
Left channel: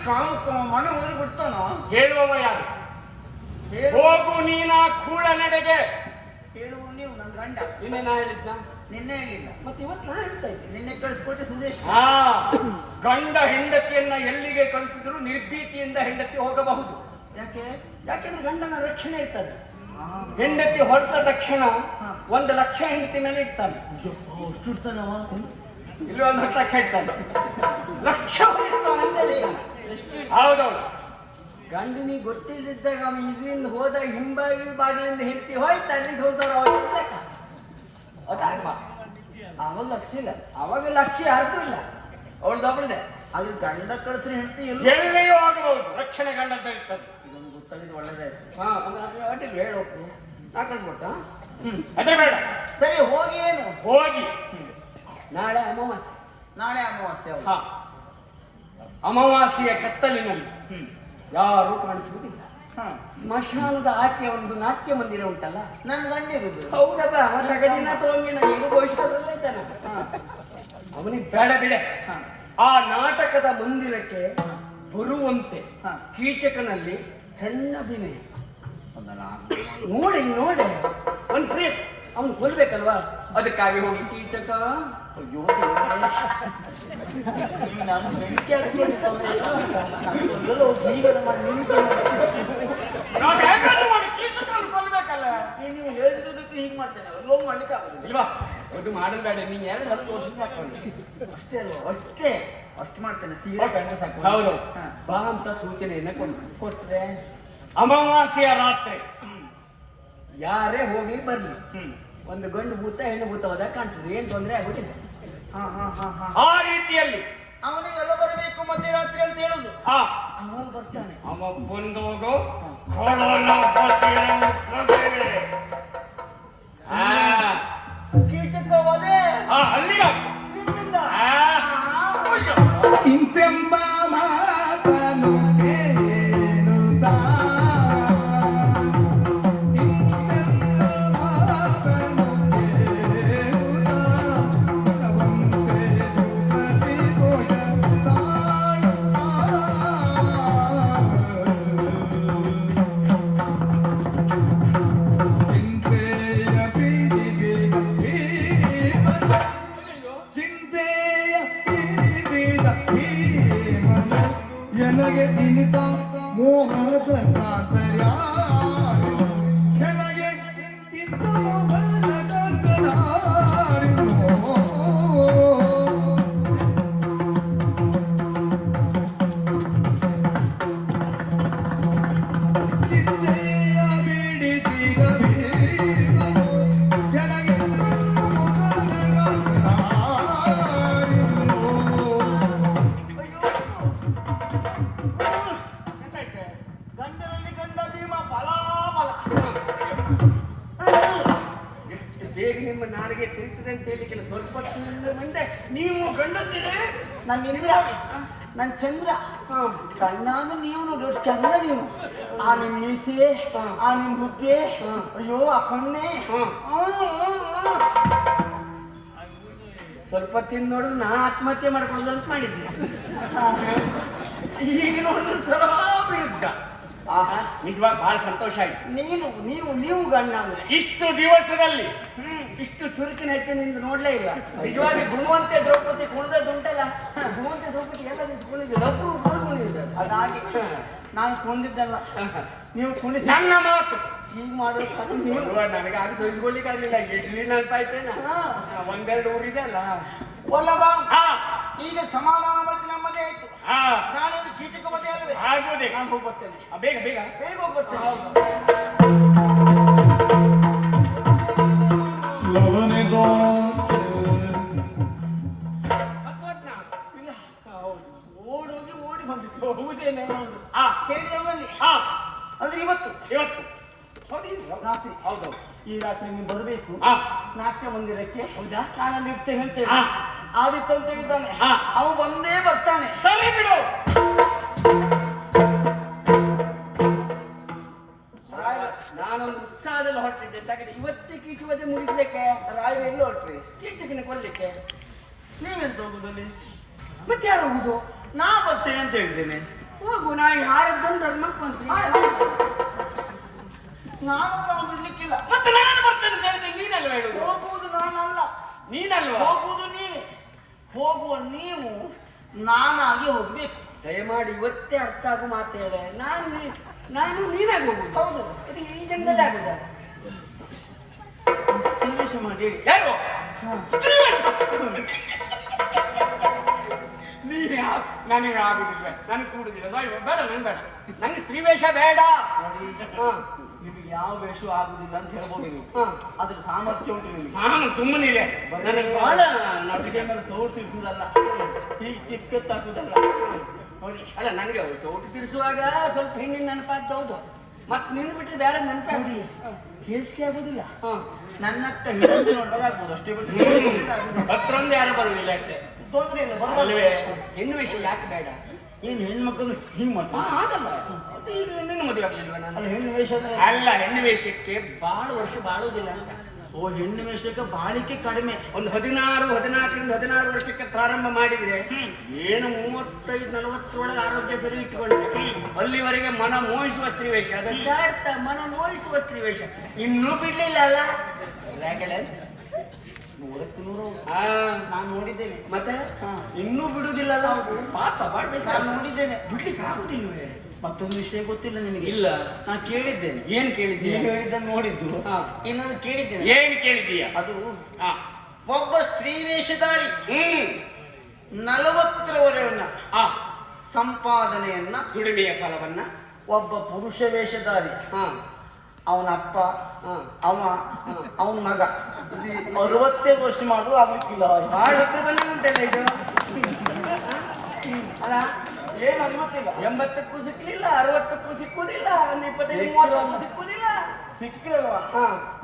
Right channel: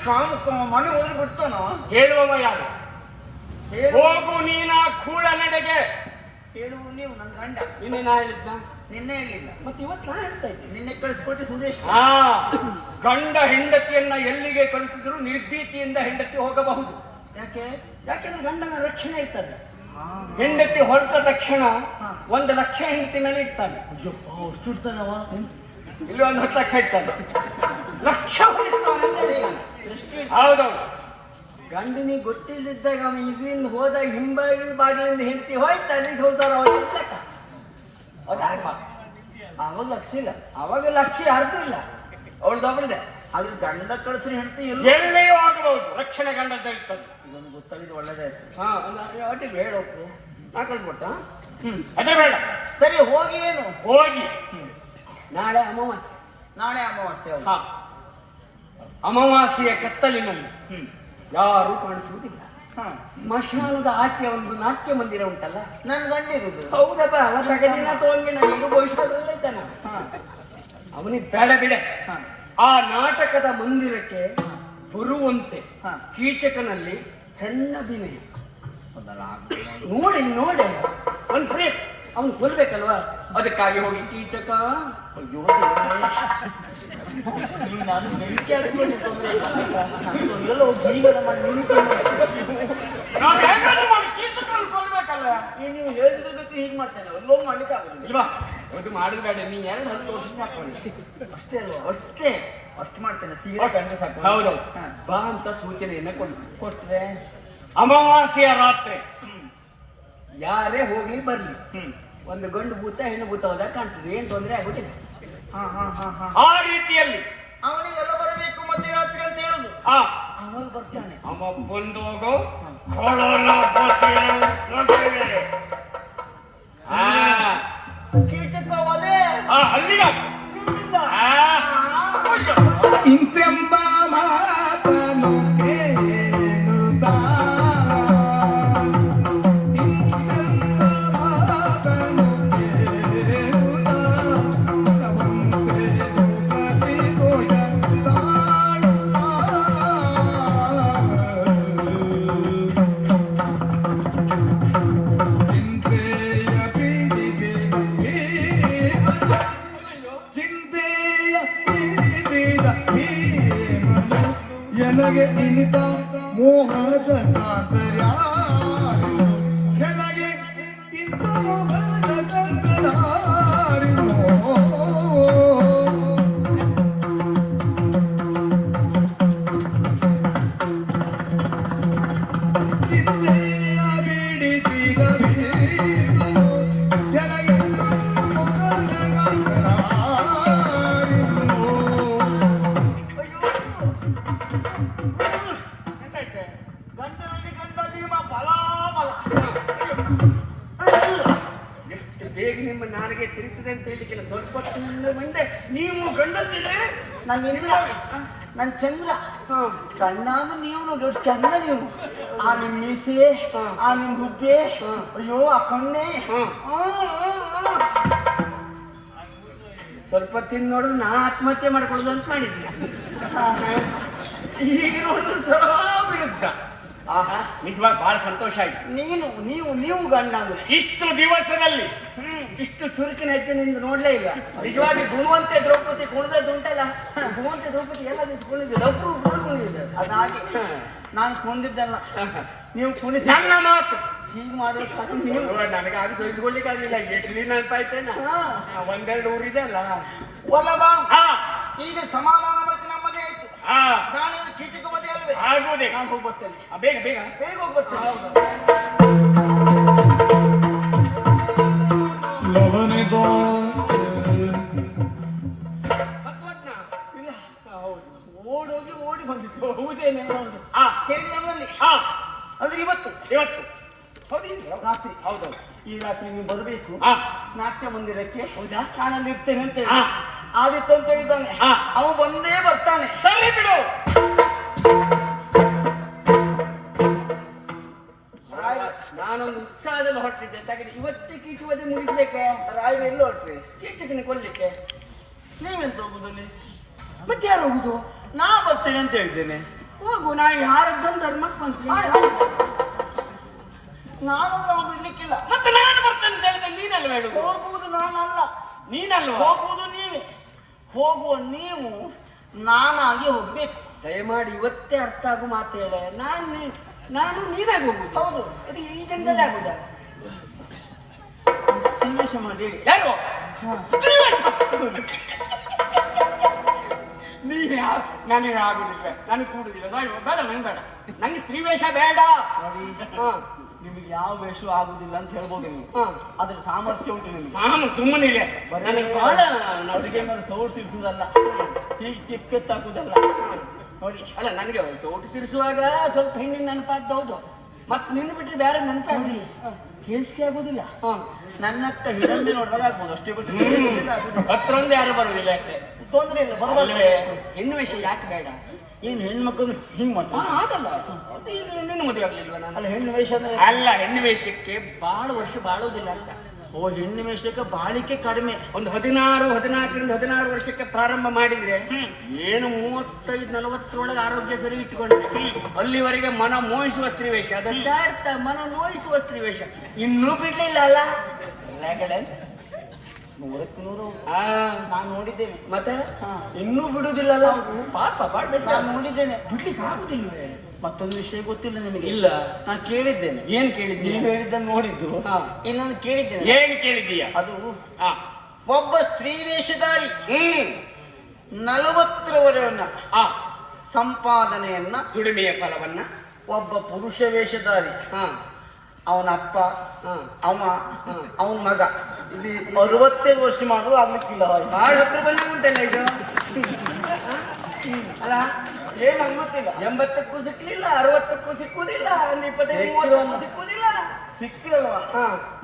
ಮನೆ ಹೋದ್ರೆ ಬಿಡ್ತಾನ ಹೇಳುವವ ಯಾರು ಹೋಗು ನೀನ ಕೂಡ ನಡೆಗೆ ಹೇಳು ನೀವು ನನ್ನ ಗಂಡ ನಿನ್ನೆ ನಾ ಹೇಳಿದ್ದ ನಿನ್ನೆ ಹೇಳಿಲ್ಲ ಮತ್ತೆ ಇವತ್ತು ನಾ ಹೇಳ್ತಾ ಇದ್ದೀನಿ ನಿನ್ನೆ ಕಳಿಸ್ಕೊಟ್ಟು ಸುದೇಶ್ ಹಾ ಗಂಡ ಹೆಂಡತಿಯನ್ನ ಎಲ್ಲಿಗೆ ಕಳಿಸಿದ್ರು ನಿರ್ಭೀತಿಯಿಂದ ಹೆಂಡತಿ ಹೋಗಬಹುದು ಯಾಕೆ ಯಾಕೆಂದ್ರೆ ಗಂಡನ ರಕ್ಷಣೆ ಇರ್ತದೆ ಹೆಂಡತಿ ಹೊರಟ ತಕ್ಷಣ 1,00,000 ಹೆಂಡತಿನಲ್ಲಿ ಇರ್ತಾನೆ ಅಷ್ಟು ಇಡ್ತಾನವ ಇಲ್ಲಿ 10,00,000 ಇರ್ತಾನೆ ಲಕ್ಷ ಹೊಡಿಸ್ತಾನೆ ಎಷ್ಟು ಹೌದೌದು ಗಂಡನಿಗೆ ಗೊತ್ತಿಲ್ಲದಿದ್ದಾಗ ಅವ ಇದರಿಂದ ಹೋದಾಗ ಬಾಗಿಲಿಂದ ಹೆಂಡತಿ ಹೋಯ್ತಾ ಅಲ್ಲಿ ಸಂಸಾರ ಹೋಯ್ತು ಲೆಕ್ಕ ಅದಾಗವಾ ಅವನು ಲಕ್ಷ ಇಲ್ಲ ಅವಾಗ ಲಕ್ಷ್ಯ ಯಾರ್ದು ಇಲ್ಲ ಅವಳದೊಬ್ಬಳದೆ ಅದ್ರ ಗಂಡ ಕಳಿಸ್ರಿ ಹೆಂಡತಿ ಎಲ್ಲ ಎಲ್ಲಿಯೂ ಆಗಬಹುದು ರಕ್ಷಣೆ ಗಂಡದ್ದಾಗಿರ್ತದೆ ಇದೊಂದು ಗೊತ್ತಾಗಿದ್ದು ಒಳ್ಳೇದಾಯ್ತು ಹಾ ಒಟ್ಟಿಗೆ ಹೇಳೋದು ನಾ ಕಳಿಸ್ಕೊಟ್ಟ ಅದೇ ಬೇಡ ಸರಿ ಹೋಗಿ ಏನು ಹೋಗಿ ನಾಳೆ ಅಮಾವಾಸ್ಯೆ ನಾಳೆ ಅಮಾವಾಸ್ಯೆ ಹೌದು. ಹಾ ಅಮಾವಾಸ್ಯೆಯ ಕತ್ತಲಿನಲ್ಲಿ ಯಾರೂ ಕಾಣಿಸುವುದಿಲ್ಲ ಹಾ ಸ್ಮಶಾನದ ಆಚೆ ಒಂದು ನಾಟ್ಯ ಮಂದಿರ ಉಂಟಲ್ಲ ನನ್ನ ಗಂಡ ಇರುದು ಹೌದಪ್ಪ ತಗದಿನ ತಗೊಂಡಿನ ಇಡು ಭವಿಷ್ಯದಲ್ಲ ಇದ್ದಾನೆ ಅವನಿಗೆ ಬೇಡ ಬಿಡೆ ಹಾ ಆ ನಾಟಕದ ಮಂದಿರಕ್ಕೆ ಬರುವಂತೆ ಹಾ. ಕೀಚಕನಲ್ಲಿ ಸಣ್ಣ ಅಭಿನಯ ನೋಡಿ ನೋಡಿ ಒಂದು ಫ್ರೀ ಅವನು ಕೊಲ್ಬೇಕಲ್ವಾ ಅದಕ್ಕಾಗಿ ಹೋಗಿ ಕೀಚಕ ಅಯ್ಯೋ ದೇವ್ರೇ. ಈಗ ನಾನು ಬೆಳಿಗ್ಗೆ ನೀವು ಹೇಳಿದ್ರೆ ಹೀಗೆ ಮಾಡ್ತೇನೆ ಲೋನ್ ಮಾಡ್ಲಿಕ್ಕೆ ಆಗುದಿಲ್ಲ ಇಲ್ವಾ ಅದು ಮಾಡಬೇಡ ನೀ 2 ವರ್ಷ ಸಾಕೊಂಡು ಅಷ್ಟೇ ಅಲ್ವಾ ಅಷ್ಟೇ ಅಷ್ಟು ಮಾಡ್ತೇನೆ ಸೀರೆ ಕಂಡು ಸಾಕು ಹೌದು ಹಾ. ಬಾ ಅಂತ ಸೂಚನೆಯನ್ನೇ ಕೊಡ್ಬೇಕು ಕೊಟ್ರೆ ಅಮಾವಾಸ್ಯೆಯ ರಾತ್ರಿ ಯಾರೇ ಹೋಗ್ಲಿ ಬರ್ಲಿ ಒಂದು ಗಂಡು ಭೂತ ಹೆಣ್ಣು ಭೂತ ಹೋದಾಗ ಕಾಣ್ತದೆ ಏನ್ ತೊಂದರೆ ಆಗುದಿಲ್ಲ ಹಾ ಹಾ ಹಾ ಹಾ ಆ ರೀತಿಯಲ್ಲಿ ಅವನಿಗೆ ಎಲ್ಲ ಬರಬೇಕು ಮಧ್ಯರಾತ್ರಿ ಅಂತ ಹೇಳುದು ಆ ಅವನು ಬರ್ತಾನೆ ಅವ ಬಂದೋಗು ಕೊಡೋಣ ಬಸೆಯನ್ನು ಕೊಡುವೆ. ಆ ಕೀಟಕ ವಧೆ ಆ ಅಲ್ಲಿಗ ನಿಮ್ಮಿಂದ ಆ ಅಯ್ಯೋ. ಇಂತೆಂಬ ಮಾತನು ಕೇಳುತ್ತ ಇಂತೆಂಬ ಮಾತನು ಕೇಳುತ್ತ ಅವಂತೆ ದುಃಖದಿ ದೋಷ ಚಿಂತೆಯ ಪೀಡಿಗೆ ಚಿಂತೆಯ ಪೀಡಿದ ನನಗೆ ಇಂಥ ಮೋಹದ ಕಾತರ ನನಗೆ ಇಂಥ ಮೋಹದ ಕಾತರ ಚಿಂತೆಯ ಪೀಡಿತಿಗ ನನಗೆ ಮೋಹದ ಗಂಡನಲ್ಲಿ ಗಂಡ ಭೀಮ ಬಲ ಬಲ ಎಷ್ಟು ಬೇಗ ನಿಮ್ಮ ನಾಲಿಗೆ ತಿರುಗ್ತದೆ ಅಂತ ಹೇಳಿಕ್ಕೆ ಸ್ವಲ್ಪ ಹೊತ್ತಿನಿಂದ ಮುಂದೆ ನೀವು ಗಂಡತ್ತಿದೆ ನಾನು ಇಂದ್ರ ನನ್ನ ಚಂದ್ರ ಕಣ್ಣಾದ ನೀವು ನೋಡಿ ಎಷ್ಟು ಚಂದ ನೀವು ಆ ನಿಮ್ ಮೀಸೆ ಆ ನಿಮ್ ಹುಬ್ಬೆ ಅಯ್ಯೋ ಆ ಕಣ್ಣೆ ಸ್ವಲ್ಪ ತಿಂದು ನೋಡಿದ್ರೆ ನಾ ಆತ್ಮಹತ್ಯೆ ಮಾಡ್ಕೊಳ್ಳೋದು ಅಂತ ಮಾಡಿದ್ದೆ ಈಗ ನೋಡಿದ್ರೆ ಸ್ವಲ್ಪ ವಿರುದ್ಧ ನಿಜವಾಗ ಬಹಳ ಸಂತೋಷ ಆಯ್ತು ನೀವು ಗಂಡ ಅಂದ್ರೆ ಇಷ್ಟು ದಿವಸದಲ್ಲಿ ಇಷ್ಟು ಚುರುಕಿನ ಹೆಚ್ಚಿನಿಂದ ನೋಡ್ಲೇ ಇಲ್ಲ. ನಿಜವಾಗಿ ಗುಣವಂತೆ ದ್ರೌಪದಿ ಕುಣಿದದ್ದುಂಟಲ್ಲ, ಗುಣವಂತೆ ದ್ರೌಪದಿ ಎಲ್ಲ ದಿವಸ ಕುಣಿದ್ರು, ಲಘು ಕುಣಿದ್ರು. ಅದಾಗಿ ನಾನು ಕೊಂಡಿದ್ದಲ್ಲ, ನೀವು ಕುಣಿಸಿ ನನ್ನ ಮಾತು ಹೀಗೆ ಮಾಡೋದು ನೀವು. ನನಗೆ ಆಗ ಸಹಿಸ್ಕೊಳ್ಳಿಕ್ಕಾಗಲಿಲ್ಲ. ಎಷ್ಟು ನೆನಪಾಯ್ತೇನ, ಒಂದೆರಡು ಊರಿದೆ ಅಲ್ಲ. ಒಲ್ಲವಾ ಹಾ ಈಗ ಸಮಾಧಾನ ಮತ್ತೆ ನಮ್ಮದೇ ಆಯ್ತು. ಹಾ ನಾನೇನು ಕೀಚಕ ಮದೆ ಅಲ್ಲವೇ? ಆಗ್ಬೋದೇ. ನಾನು ಹೋಗ್ಬರ್ತೇನೆ, ಬೇಗ ಬೇಗ ಬೇಗ ಹೋಗ್ಬರ್ತೇನೆ. ಲವನಿಗೋ ಇಲ್ಲ, ಓಡೋಗಿ ಓಡಿ ಬಂದಿತ್ತು. ಹೌದೇನೆ. ಹೇಳಿದವನಲ್ಲಿ ಅಂದ್ರೆ ಇವತ್ತು ಇವತ್ತು ಹೌದಿಲ್ಲ ರಾತ್ರಿ, ಹೌದು. ಈ ರಾತ್ರಿ ನೀವು ಬರಬೇಕು ಹಾ ನಾಟ್ಯ ಮಂದಿರಕ್ಕೆ. ಹೌದಾ? ನಾನು ಇರ್ತೇನೆ ಅಂತ ಹೇಳಿ ಹಾ. ಆದಿತ್ಯ ಅಂತ ಹೇಳಿದ್ದಾನೆ. ಹಾ. ಅವನು ಬಂದೇ ಬರ್ತಾನೆ. ಸರಿ ಬಿಡು. ನಾನೊಂದು ಉತ್ಸಾಹದಲ್ಲಿ ಹೊರಟಿದ್ದೆ ತೆಗೆದು ಇವತ್ತೇ ಕೀಚುವದೆ ಮುಗಿಸ್ಬೇಕೆ. ರಾಯರು ಎಲ್ಲಿ ಹೊರಟ್ರಿ? ಕೀಚಕನ ಕೊಡ್ಲಿಕ್ಕೆ. ನೀವೆಂತ ಹೋಗುದಲ್ಲಿ? ಮತ್ತೆ ಯಾರು ಹೋಗುದು? ನಾ ಬರ್ತೇನೆ ಅಂತ ಹೇಳಿದ್ದೇನೆ. ಹೋಗು, ನಾ ಯಾರದ್ದೊಂದು ಧರ್ಮ ಮಾಡ್ಕೊಂತೀನಿ. ನಾನು ಬಿಡ್ಲಿಕ್ಕಿಲ್ಲ. ಮತ್ತೆ ನಾನು ಬರ್ತೇನೆ ಅಂತ ಹೇಳಿದ್ರೆ ನೀನಲ್ವ ಹೇಳುದು? ಹೋಗುವುದು ನಾನಲ್ಲ, ನೀನಲ್ವಾ? ಹೋಗುವುದು ನೀವೇ. ಹೋಗುವ ನೀವು ನಾನಾಗಿ ಹೋಗ್ಬೇಕು. ದಯಮಾಡಿ ಇವತ್ತೇ ಅರ್ಥ ಆಗು ಮಾತು ಹೇಳೆ. ನಾನು ನೀನಾಗಿ ಹೋಗುದು. ಹೌದು. ಇದು ಈ ಜನದಲ್ಲಿ ಆಗುದ? ಸನ್ನಿವೇಶ ಮಾಡಿ ಹೇಳಿ. ಯಾರು? ನನಗೆ ಆಗುದಿಲ್ಲ, ನನಗೆ ಕೂಡುದಿಲ್ಲ. ಬೇಡ, ನನ್ಗೆ ಬೇಡ, ನಂಗೆ ಸ್ತ್ರೀ ವೇಷ ಬೇಡ. ನಿಮಗೆ ಯಾವ ವೇಷ ಆಗುದಿಲ್ಲ ಅಂತ ಹೇಳ್ಬೋದು ನೀವು. ಅದ್ರ ಸಾಮರ್ಥ್ಯ ಉಂಟು ನಿಮಗೆ. ನಾನು ಸುಮ್ಮನೆ ನನಗೆ ಬಹಳ ನಮಗೆ ಸೌಟ್ ತಿರ್ಸುದಲ್ಲ, ಹೀಗೆ ಚಿಕ್ಕತ್ತಾಕುದಲ್ಲ ನೋಡಿ. ಅಲ್ಲ, ನನಗೆ ಸೋಟು ತಿರ್ಸುವಾಗ ಸ್ವಲ್ಪ ಹೆಣ್ಣಿನ ನೆನಪಾಗ್ತಾ ಹೌದು. ಮತ್ತೆ ನಿನ್ ಬಿಟ್ಟರೆ ಬೇರೆ ನೆನಪ ಹೇಸಿಗೆ ಆಗುದಿಲ್ಲ. ಹಾ, ನನ್ನಕ್ಕ ಹಿಡಿದು ನೋಡಿದಾಗ ಆಗ್ಬೋದು ಅಷ್ಟೇ ಬಿಟ್ಟು ಹತ್ತರೊಂದು ಯಾರು ಬರುವುದಿಲ್ಲ ಅಷ್ಟೇ. ತೊಂದರೆ ಇಲ್ಲ. ಅಲ್ವೇ? ಹೆಣ್ಣು ವಿಷಯ ಯಾಕೆ ಬೇಡ? ಏನು ಹೆಣ್ಮಕ್ಳು ಹಿಂಗ್ ಮಾಡ್ತಾರೆ? ಹಾಗಲ್ಲ, ಮತ್ತೆ ಈಗ ಇನ್ನೇನು ಮದುವೆ ಆಗ್ಲಿಲ್ವ ನಾನು? ಅಲ್ಲ, ಹೆಣ್ಣು ವೇಷ ಅಂದ್ರೆ ಅಲ್ಲ, ಹೆಣ್ಣು ವೇಷಕ್ಕೆ ಬಹಳ ವರ್ಷ ಬಾಳೋದಿಲ್ಲ ಅಂತ. ಓ, ಹೆಣ್ಣು ವೇಷಕ್ಕೆ ಬಾಳಿಕೆ ಕಡಿಮೆ. ಒಂದು 14 ವರ್ಷಕ್ಕೆ ಪ್ರಾರಂಭ ಮಾಡಿದ್ರೆ ಏನು 35-40 ಆರೋಗ್ಯ ಸರಿ ಇಟ್ಕೊಂಡು ಅಲ್ಲಿವರೆಗೆ ಮನ ಮೋಹಿಸುವ ಸ್ತ್ರೀ ವೇಷ, ಅದನ್ನ ಮನ ಮೋಹಿಸುವ ಸ್ತ್ರೀ ವೇಷ ಇನ್ನೂ ಬಿಡ್ಲಿಲ್ಲ ಅಲ್ಲ. ನಾನು ನೋಡಿದ್ದೇನೆ. ಮತ್ತೆ ಇನ್ನೂ ಬಿಡುದಿಲ್ಲಲ್ಲ ಪಾಪ. ನಾನು ನೋಡಿದ್ದೇನೆ. ಬಿಡ್ಲಿಕ್ಕೆ ಆಗುದಿಲ್ವೇ? ಮತ್ತೊಂದು ವಿಷಯ ಗೊತ್ತಿಲ್ಲ ನಿಮಗೆ? ಇಲ್ಲ. ನಾನು ಕೇಳಿದ್ದೇನೆ. ಏನ್ ಕೇಳಿದ್ದೀಯ? ನೀವು ಹೇಳಿದ್ದನ್ನು ನೋಡಿದ್ದು. ಇನ್ನು ನಾನು ಕೇಳಿದ್ದೇನೆ. ಏನ್ ಕೇಳಿದ್ದೀಯ? ಅದು ಒಬ್ಬ ಸ್ತ್ರೀ ವೇಷಧಾರಿ 40ರವರೆಯನ್ನ ಸಂಪಾದನೆಯನ್ನ, ದುಡಿಮೆಯ ಕಾಲವನ್ನ ಒಬ್ಬ ಪುರುಷ ವೇಷಧಾರಿ ಅವನ ಅಪ್ಪ ಅವನ ಮಗ 65 ವರ್ಷ ಮಾಡಿದ್ರು ಆಗ್ಲಿಕ್ಕಿಲ್ಲ. ಬಹಳ ಹತ್ರ ಬಂದು ಉಂಟಲ್ಲ ಇದು. ಅಲ್ಲ, ಏನು ಅನ್ಮತ್ತಿಲ್ಲ. 80ಕ್ಕೂ ಸಿಕ್ಲಿಲ್ಲ, 60ಕ್ಕೂ ಸಿಕ್ಕುದಿಲ್ಲ, 25-30ಕ್ಕೂ ಸಿಕ್ಕುದಿಲ್ಲ. ಸಿಕ್ಕಿರಲ್ವಾ?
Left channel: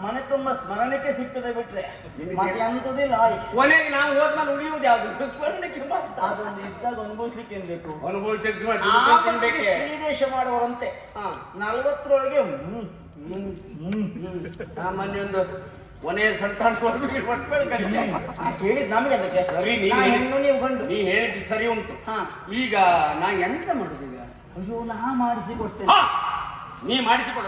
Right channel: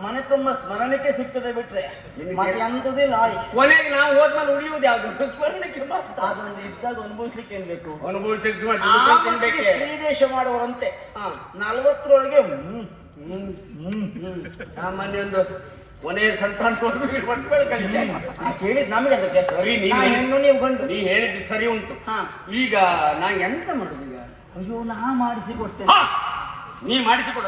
ಮನೆ ತುಂಬಾ ಸ್ಮರಣಕ್ಕೆ ಸಿಗ್ತದೆ ಬಿಟ್ರೆ ಮತ್ತೆ ಅಂತದಿಲ್ಲ. ಕೊನೆಗೆ ನಾವು ಹೋದ್ಮೇಲೆ ಉಳಿಯುವುದು ಯಾವ್ದು? ಸ್ಮರಣಕ್ಕೆ ಮಾತ್ರ. ಅದನ್ನು ಇದ್ದಾಗ ಅನುಭವಿಸ್ಲಿಕ್ಕೆ ಏನ್ ಬೇಕು? ಅನುಭವಿಸಿ ಸ್ತ್ರೀ ವೇಷ ಮಾಡುವಂತೆ 40ರೊಳಗೆ ಸಾಮಾನ್ಯ ಒಂದು ಕೊನೆಯ ಸಂತಾನ ಕೇಳಿದ್ ನಮಗೆ ಅದಕ್ಕೆ. ಸರಿ, ನೀವು ಗಂಡು, ನೀ ಹೇಳಿದ್ದು ಸರಿ ಉಂಟು. ಈಗ ನಾ ಎಂತ ಮಾಡುದು ಈಗ? ಅಯ್ಯೋ, ನಾ ಮಾಡಿಸಿ ಕೊಡ್ತೇನೆ. ನೀ ಮಾಡಿಸಿಕೊಡ.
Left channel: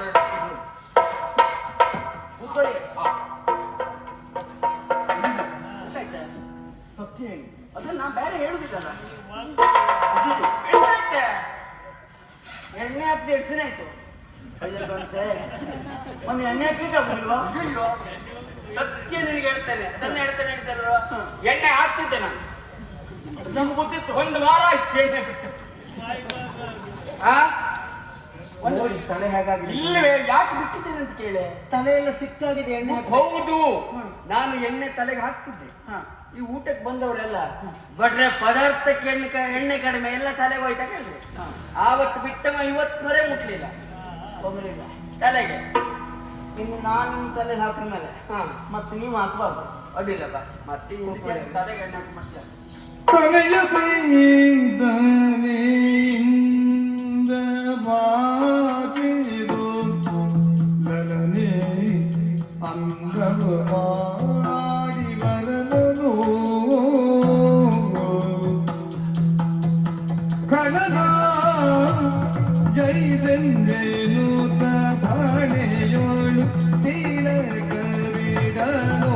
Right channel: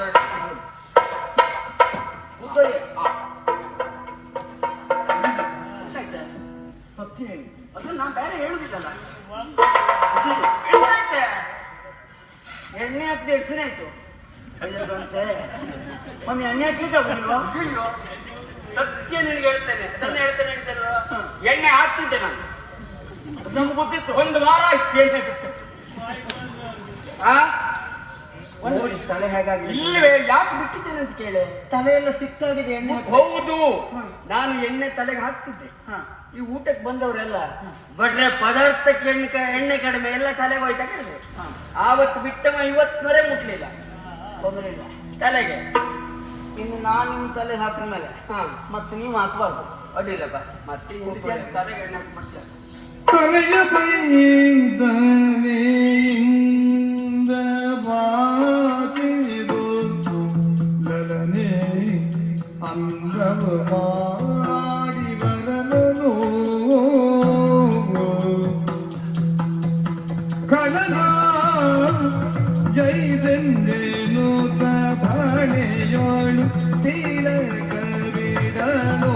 ಸತ್ಯ ಏನು? ಅದು ನಾ ಬೇರೆ ಹೇಳುದಿಲ್ಲ. ಎಣ್ಣೆ ಹಾಕ್ದೆ ಎಷ್ಟು ದಿನ ಆಯ್ತು? ಒಂದು ಎಣ್ಣೆ ಹಾಕ್ಲಿಕ್ಕೆ ಆಗುದಿಲ್ವಾ? ಸತ್ಯ ನಿನಗೆ ಹೇಳ್ತೇನೆ, ಅದನ್ನ ಹೇಳ್ತೇನೆ. ಎಣ್ಣೆ ಹಾಕ್ತಿದ್ದೆ ನಾನು, ನಮ್ಗೆ ಗೊತ್ತಿತ್ತು. 1 ವಾರ ಆಯ್ತು ಎಣ್ಣೆ ಬಿಟ್ಟು. ನೋಡಿ ತಲೆ ಹೇಗಾಗಿ. ಇಲ್ಲವೇ? ಯಾಕೆ ಬಿಟ್ಟಿದ್ದೇನೆ ಅಂತ ಕೇಳಿ. ತಲೆಯೆಲ್ಲ ಸಿಕ್ಕಾಗಿದೆ ಎಣ್ಣೆ. ಹೌದು, ನಾನು ಎಣ್ಣೆ ತಲೆಗೆ ಹಾಕ್ತಿದ್ದೆ. ಈ ಊಟಕ್ಕೆ ಬಂದವರೆಲ್ಲ ಬಡ್ರೆ ಪದಾರ್ಥಕ್ಕೆ ಎಣ್ಣೆ ಕಡಿಮೆ, ಎಲ್ಲ ತಲೆಗೆ ಹೋಯ್ತಾ ಕೇಳಿದ್ರು. ಆವತ್ತು ಬಿಟ್ಟವ ಇವತ್ತುವರೆ ಮುಟ್ಲಿಲ್ಲ ತೊಂದರೆ ಇಲ್ಲ ತಲೆಗೆ. ಇನ್ನು ನಾನು ನಿಮ್ಮ ತಲೆ ಹಾಕಿದ ಮೇಲೆ ಮತ್ತೆ ನೀವು ಹಾಕಬಾರ್ದು. ಅಡ್ಡಿಲ್ಲಪ್ಪ, ಮತ್ತೆ ತಲೆಗೆ ಎಣ್ಣೆ ಹಾಕ್ಬಿಡ್ತಾರೆ. ತಲೆಯ ಬೈದನೆಯಿಂದ ಬಾಗಿದು ಲಲನೆ ಅಂದವ ಆಡಿ ಬರಲನು ಕಡಲ ಜೈದೆಂದೇನು ಧಾಣೆಯೋಳು ತೀಳಕವೇ ನೀಡಲು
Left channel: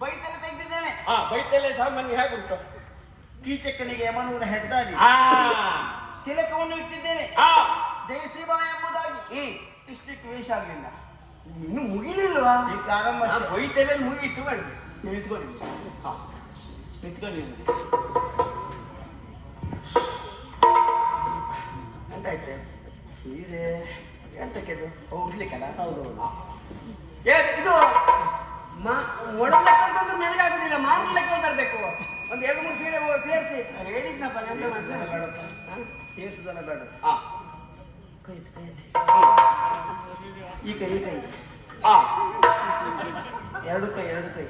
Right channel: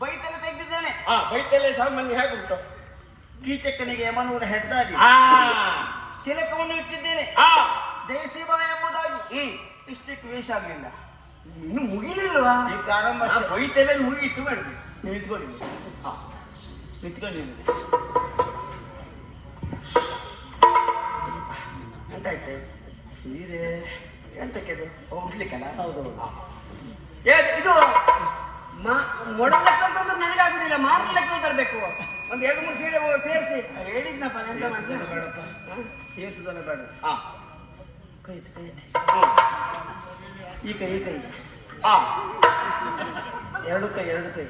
ಬೈತಲೆ ತೆಗೆದಿದ್ದೇನೆ. ಬೈತಲ್ಲೇ ಸಾಮಾನ್ಯ ಹೇಗುಂಟು? ಕೀಚಕನಿಗೆ ಯಮನೂರ ಹೆದ್ದಾರಿ ಆ, ತಿಲಕವನ್ನು ಇಟ್ಟಿದ್ದೇನೆ. ಆ, ಜಯಸಿಂಹ ಎಂಬುದಾಗಿ ಇಷ್ಟಕ್ಕೆ ವೇಷ ಆಗಲಿಲ್ಲ. ಇನ್ನು ಮುಗಿಲಿಲ್ವಾ? ಈ ಪ್ರಾರಂಭ ಅಷ್ಟೇ. ಬೈತಲ್ಲೇ ಮುಗಿತು ಮಾಡಿ ನಿಂತ್ಕೊಳ್ಳಿ. ನಿಂತ್ಕೊಳ್ಳಿ. ಎಂತಾಯ್ತು? ಸೀರೆ ಎಂತಕ್ಕೆ ಹೋಗ್ಲಿಕ್ಕಲ್ಲ? ಹೌದು. ಇದು ಮೊಡಲ ಲೆಕ್ಕ ತಂದ್ರೆ ನನಗಾಗುದಿಲ್ಲ, ಮಾರ ಲೆಕ್ಕ ತರಬೇಕು. ಒಂದ್ 2-3 ಸೀರೆ ಸೇರಿಸಿ ಹೇಳಿದ್ನಪ್ಪ. ಎಂತ ಮಾಡ್ತಾರೆ? ಸೇರಿಸುದನ್ನ ಬೇಡ. ಆ, ಕೈ ಕೈ ಹ್ಮ್. ಈ ಕೈ ಈ ಕೈ ಆ, ಎರಡು ಕೈ ಎರಡು ಕೈ.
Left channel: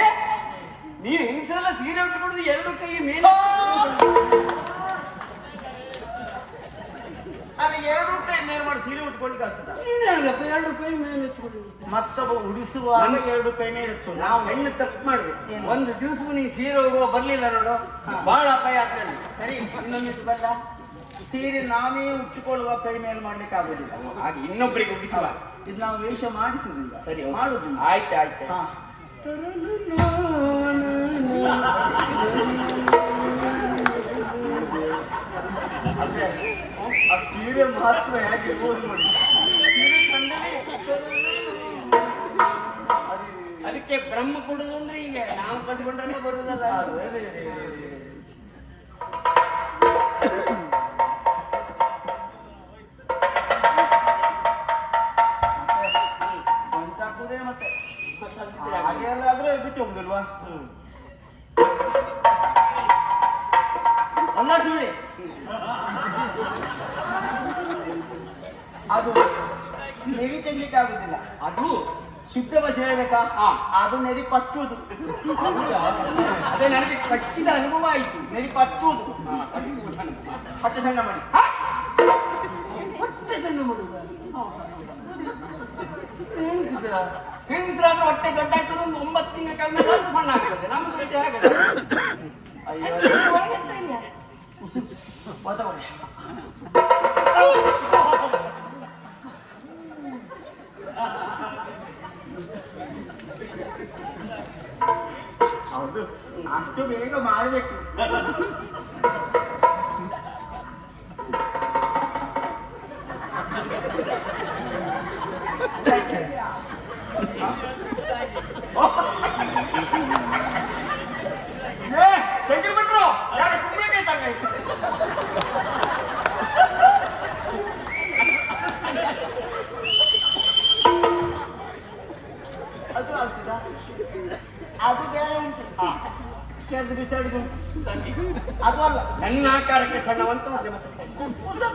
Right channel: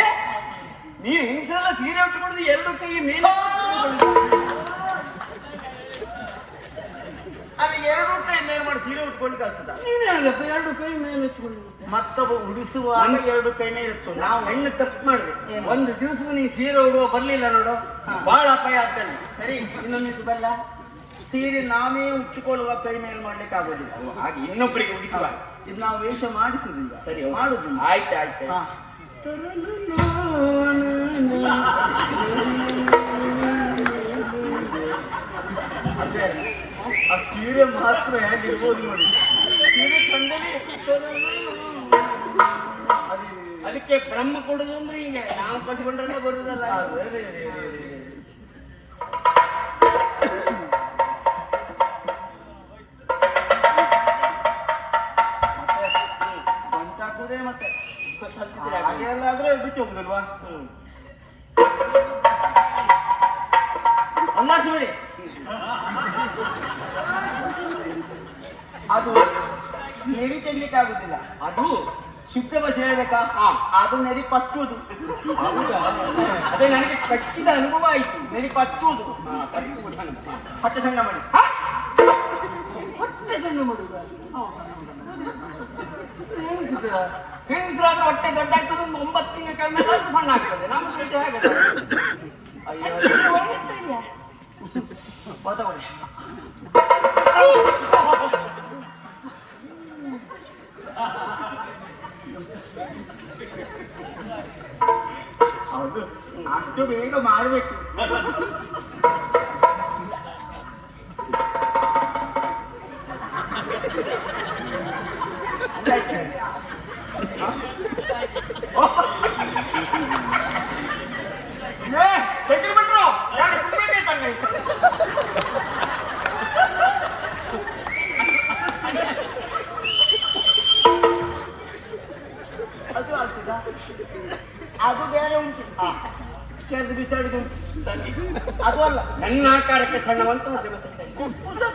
ಏ ನೀನು ಹಿಂಸೆಲ್ಲ ಸೀರೆ ಉಟ್ಕೊಂಡು 2 ಕೈ ಮೇಲೆ ಅಲ್ಲಿ ಎರಡು ಕೈ ಮೇಲ್ ಮಾಡಿ ಸೀರೆ ಉಟ್ಕೊಳ್ಲಿಕ್ಕೆ ಆಗ್ತದ? ನೀನು ಹೇಳಿದಪ್ಪ 2 ಕೈ ಮೇಲೆ ಎತ್ಕೊಂಡು. ಮತ್ತೊಬ್ಬ ಉಡಿಸುವಾಗ ಎರಡು ಕೈ ಮೇಲೆ ಇಟ್ಕೊಂಡು ನಾವು ಸಣ್ಣ ತಪ್ಪು ಮಾಡಿದ್ವಿ. ಒಂದು ದಿವಸ ನೀನು ಸೀರೆ ಉಡುವ ಬರ್ಲಿಲ್ಲ ನೋಡು, ಬಹಳ ಅಪಾಯ ಆಗ್ತದೆ. ಸರಿ. ಇನ್ನೊಂದಿಷ್ಟು ಬರಲ್ಲ? ಸೀರೆ ನಾವೇ ಉಚ್ಚಿಕೊಳ್ಳುವ ಕೈ ಮೇಲೆ ಮಾಡ್ಲಿಕ್ಕೆ ಆಗುದಿಲ್ಲ. ಹಾಗೆ ಇನ್ನೊಬ್ಬರಿಗೆ ಉಡಿಸುವ. ಇದು ನಾವು ವೇಷ ಮಾಡಿಸುದಿಲ್ಲ. ಸರಿ, ಮಾಡುದು. ಆಯ್ತು ಆಯ್ತು. ಹಾ. ಅದೇ ಆ ಸೀರೆ ಮಹತ್ವ ಹೇಗಿರ್ಬೋದು ನೋಡಿ. ಸೀರೆ ಕಂಡರೆ ಅದಕ್ಕೆ ಬ್ರಹ್ಮ ಕೊಡುದು ಅಂದ್ರೆ ಹೀಗೆ ನಾವು ಕಸ್ಕೊಂಡ್ರೆ ಬರುದಲ್ಲ. ಗಂಟಾಕುದೇ ಮತ್ತೆ ಹಾಗೆಲ್ಲ ಆದ್ರೆ ಬಿಟ್ಟು ಹೋಗುದಿಲ್ವಾ? ಅಲ್ಲಾಸಿ ಬಿಡಿ. ಅದು ನೆರಿ ತೆಗ್ಲಿಕ್ಕೆ ಆಗುದಿಲ್ಲ. ಅದು ಶುದ್ಧ ಭಾಷೆ ಹೇಳ್ಬೇಕಾ? ಹಾ. ಅದು ನೆರಿ ಪಚ್ಚುವುದು. ಅದೇ ನನಗೆ ಕಚ್ಚಿದ ಅನುಭವ ಆಯ್ತು. ನೆರಿ ಪಚ್ಚುವುದು. ಹೊಟ್ಟೆ ಸಣ್ಣ ಮಾಡಿ. ಹೊಟ್ಟೆ ಸಣ್ಣ ಮಾಡುವ ಹೆಂಗಸರಾದ್ರೆ ಹೊಟ್ಟೆ ದೊಡ್ಡ ಆಗ್ತದೆ. 9 ತಿಂಗಳ ಕಾಲ ಮೇಲೆ ಅದು ಸಣ್ಣ ಆಗ್ತದೆ. ನಮ್ದು ಇದು ಹೇಗೆ? ಎಂತ ಇಲ್ಲ. ಬರ್ತಕೊಳ್ಳಿ. ಹೌದು, ಅಷ್ಟು ಬೇಗ ಮಾಡಬೇಕು. ಶಂಕರ್ ಭಟ್ರು ಯಾರು ಕುಂಬ್ಳಕಾಯಿ ಅದು ಆಗ್ತದಾ? ಅದು ಬೇರೆ ಉಂಟು. ಕೆದ್ದು ಬಿಸಾಡಿದು ಉಂಟು. ಅದು ಅಲ್ಲ, ನನ್ನ ಆಕಾರಕ್ಕೆ ಸಣ್ಣವಂತ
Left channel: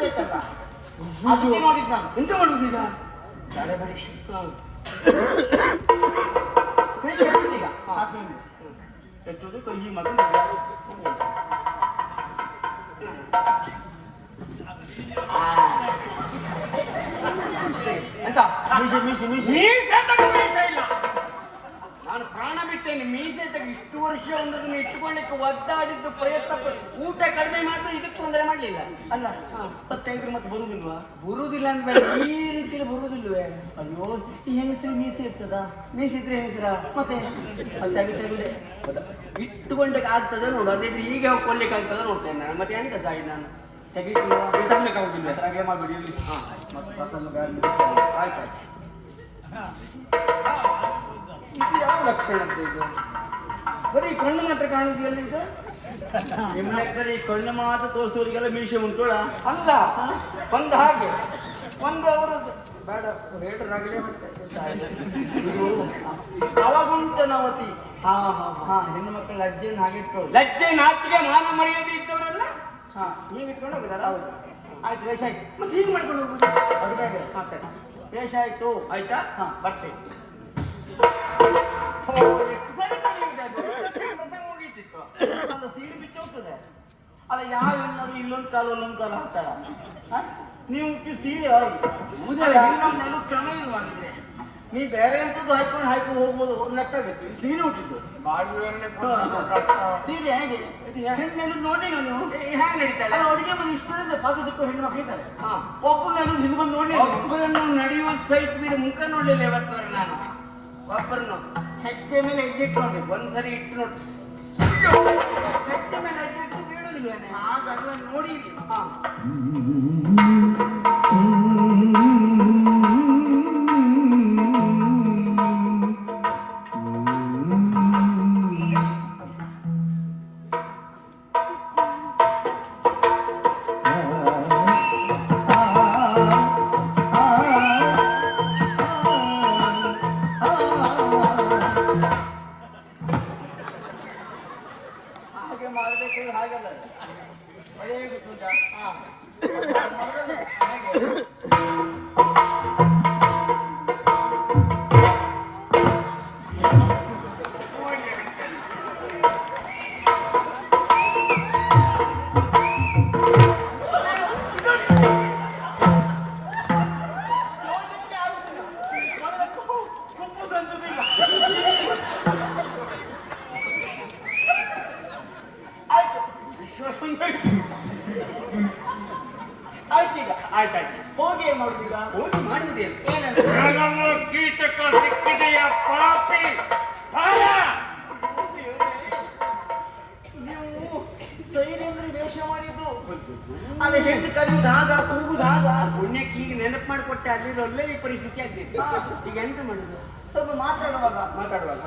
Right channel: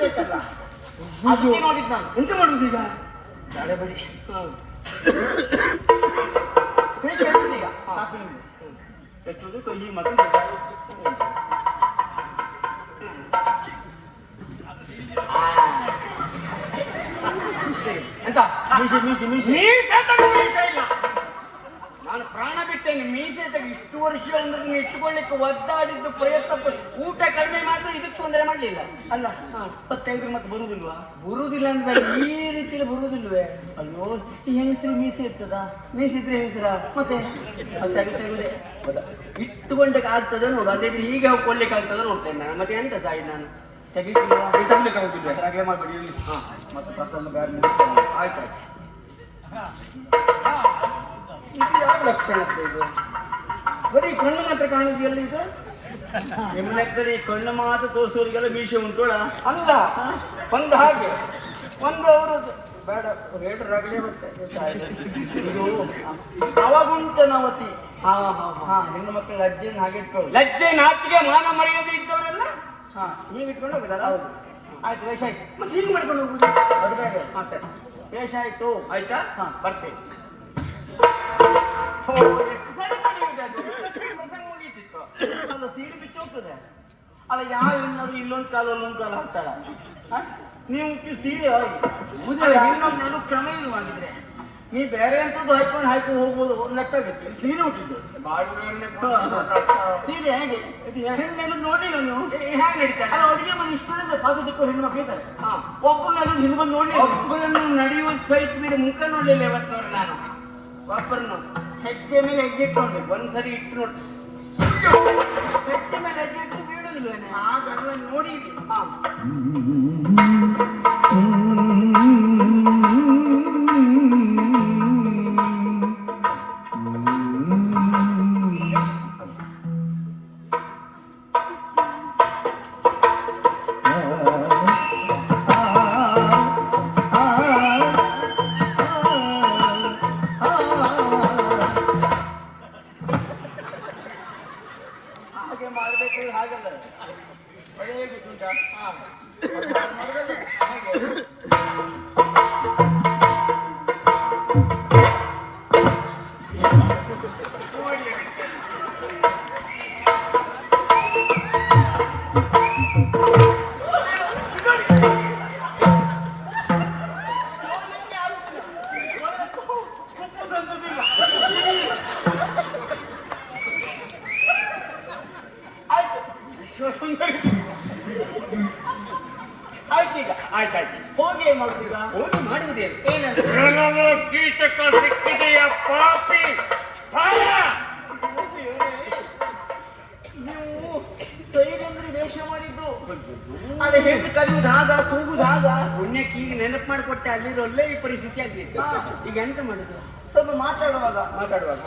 ಬೇಕಲ್ಲ. ಅದಕ್ಕೆ ನೋಡಿದ್ ನಾನು. ಎಂತ ಮಾಡುದು ಈಗ? ತಡೆ ಬಿಡಿ. ಹ್ಮ್. ಕೈ ಕೆತ್ತಿದೆ ಈಗ. ಸಾಕು ನಿಮ್ಗೆ. ಕೆಟ್ಟುದು ಕೈ ಮತ್ತು ಎಂತ ಮೀಸೆ ಮೀಸೆ ಮೀಸೆ ಮೀಸೆ ತೆಗೆ, ಮೀಸೆ ಇಲ್ಲ. ನಾನು ಪ್ರಾಣ ಬಿಟ್ಟೇನೆ. ಮೀಸೆ ತೆಗೆ ಇಷ್ಟು ವರ್ಷ ಒಂದನ್ನು ಇಟ್ಟುಕೊಳ್ಳಿಕ್ಕೆ ಒದ್ದಾಡಿದ್ದು ಪ್ರಯತ್ನ ಊಟ ಕಡಿಮೆ ಮಾಡಿದ್ರು ಇದಕ್ಕೆ ತೊಂದರೆ ಮಾಡಲಿಲ್ಲ. ಅಲ್ಲ. 25 ಮತ್ತೆ ಬರುದಿಲ್ವಾ? ಬರುವುದಿಲ್ಲ ಅಂದ್ರೆ ಈ ರೀತಿಯಲ್ಲಿ ಬರುವುದಿಲ್ವೇ? ಅಯ್ಯೋ, ಈ ಹೆಂಗಸ್ರಿಗೆ ಮೀಸೆ ಇರ್ತದ? ಮೀಸಿದ್ರೆ ಹೆಂಗಸರ ಮತ್ತೆ ತೆಗಿದೆ ಇಟ್ಟುಕೊಂಡಕ್ಕೆ ಆಗ್ತದೆ ನೋಡು. ಅದೇ ಹೀಗೆ ಹೋಗಿ ಕೊಡ್ಲಿಕ್ಕೆ ಆಗ್ತದೆ ನೋಡ್ತೇನೆ ನಾನು. ಮತ್ತೆ ಎಂತ ಸಾಯಿ ನಾನು ತೆಗಿತೀವಿ. ತಗೊಳ್ಳಿಕ್ಕಾಗುದಿಲ್ಲ. ಹಾಗೆ ಮಾಡ್ಬಿಡಿ. ಹಾ, ಮತ್ತೆ ಪ್ರಸನ್ನ ಬ್ಯಾಗ್ ಆಯ್ತು. ಇದು ಯಾವ ಲಕ್ಷಣ ಇದು? ಬರೀ ಕಣ್ಣು ಮಾತ್ರ ಕಾಣುದಿಲ್ಲ ಇದು. ನಿಮ್ಮ ಲೆಕ್ಕದಲ್ಲಿ ಕಣ್ಣು ಮಾತ್ರ ತೋರಿಸೋರಿಗೆಲ್ಲ ಮೀಸೆ ಉಂಟೋಳ? ಅಲ್ಲ, ಒಂದು ಹಾಗೆ ಒಂದು ಅವರು ಬೇಡ ಬೇಡರಾಗಲೇ ಬರ್ತದೆ. ಇದು ಅವಾಗುಂಟನವತಿ. ಹಾ ಹಾ ಹಾ. ಹೆಣ್ಣು ಮಕ್ಕಳ ಲಜ್ಜೆಯನ್ನು ಹಾಗೆ ಇಟ್ಕೊಳ್ಳಿ. ಲಜ್ಜೆ ನಾಚಿಕೆ ಮಾನ ಮರ್ಯಾದೆ ಇದ್ದವರೆಲ್ಲ ಹಾ, ನೀವು ಇಟ್ಕೊಂಡು ಹೋಗುದಲ್ಲ? ಹೌದು. ಆಯ್ತು, ವೇಷ ಆಯ್ತು. ಮತ್ತೆ ಹೀಗೆ ಮಾಡ್ಕೊಂಡು ಹೋಗುದು? ಅದು ಬೇರೆ. ಹಾ ಸರಿ, ವೇಷ ಆಯ್ತು. ಆಯ್ತಾ? ಹಾ. ಬರ್ತೇನೆ. ಎಷ್ಟು ಸರಿ ನಡೆಯುವುದು ಅದು? ಪ್ರಸಂಗ ಮುಗೀತಿತ್ತು. ಅಲ್ಲ, ಸೀರೆ ಬಿಚ್ಚಿ ಹೋಗ್ತದೆ. ಅಲ್ಲ, ಯಾವ ಹೆಣ್ಣಾದ್ರೂ ಇಲ್ಲೊಂದು ಕಾಲು ಅಲ್ಲೊಂದು ಕಾಲು ಹಾಕ್ತಾಳ? ನೀವು ಸೀರೆ ಇನ್ನೊಂದು ಕ್ರಮ ಇಲ್ವಾಗಿದ್ರೆ ನೀ ಬೇರೆ ಎಂತದ್ದು ಹಾಕೊಂಡು ಹೋಗ್ಬೋದು ಒಂದು ಲೆಕ್ಕ ಬೇಕು ಸೀರೆ ಹುಟ್ಟಿದ್ದು ಸೀರೆ ಹೇಗೆ ಹೆಣ್ಣೆಲ್ಲ ನೋಡಿಲ್ಲ ನೀವು ಹ್ಯಾಂಗ ನಡೀತಾಳೆ ಅಡುಗೆ ಮನೆ ಇಷ್ಟೊಂದಿದೆ ಪಾದದಕ್ಕೂ ಹೆಣ್ಣು ಮಕ್ಳು ಇದ್ದಾರೆ ಒಬ್ಬರಲ್ಲಿ ಹಿಂದೆ ಬಂದು ನೋಡಿ ಒಬ್ಬರನ್ನು ನಡೆಯುವ ಸಹಿತ ಬಿಡು ಮುಖ ನೋಡ್ಲಿಲ್ಲ ಇವತ್ತವ್ರು ನಾನು ಒಬ್ಬರನ್ನು ಹೆಜ್ಜೆ ಮೇಲೆ ಹೆಜ್ಜೆ ಇಟ್ಕೊಂಡೆ ಒಂದ್ಸರಿ ಇಟ್ಟು ನೋಡಿ ಹೆಜ್ಜೆ ಮೇಲೆ ಹೆಜ್ಜೆ ಇಟ್ಟು ಬೀಳುದಿಲ್ಲ ಆಗ ಅದನ್ನ ನೋಡಿ ಹಾ ಹಾಗೆ ಮಾಡಬೇಕು ಹಾಗಲ್ಲ ಅದೇ ಗೊತ್ತುಂಟಾ ಆಯ್ತೀಗ ಆಯ್ತಾಯ್ತು ಹೋಗಿ ಏನ್ ಮಾಡ್ತೀರಾ ಹೋಗಿ ಮಾಡುವುದೇನು ಏನಂತ ಕೆಲವು ಕೀಟಕ ಸಿಕ್ಕಿದೆಯ ಪಾಪಿ ಫಲ. ನೀವು ಸೈರಂದ್ರೆ ವೇಷ ಮಾಡಿದ್ದು ಅದೇ ಹೆಂಡತಿ ಕಲಿಯುವುದು ಆಗ ಕೂಗುದು ಆಗ ಪುಣ್ಯಕ್ಕೆ ಈಗ ನೆನಪು ಮಾಡಿಕೊಟ್ಟೆ ಅಲ್ಲಿ ಒಳ್ಳೆ ಈ ಪರಿಸ್ಥಿತಿ ಆಗ್ತೈತಿ ಈಗ ಎಂತ ಮಾಡುದು ಸ್ವಲ್ಪ ಮಾತಾಡುವಾಗ ಮಾತಾಡುವಾಗ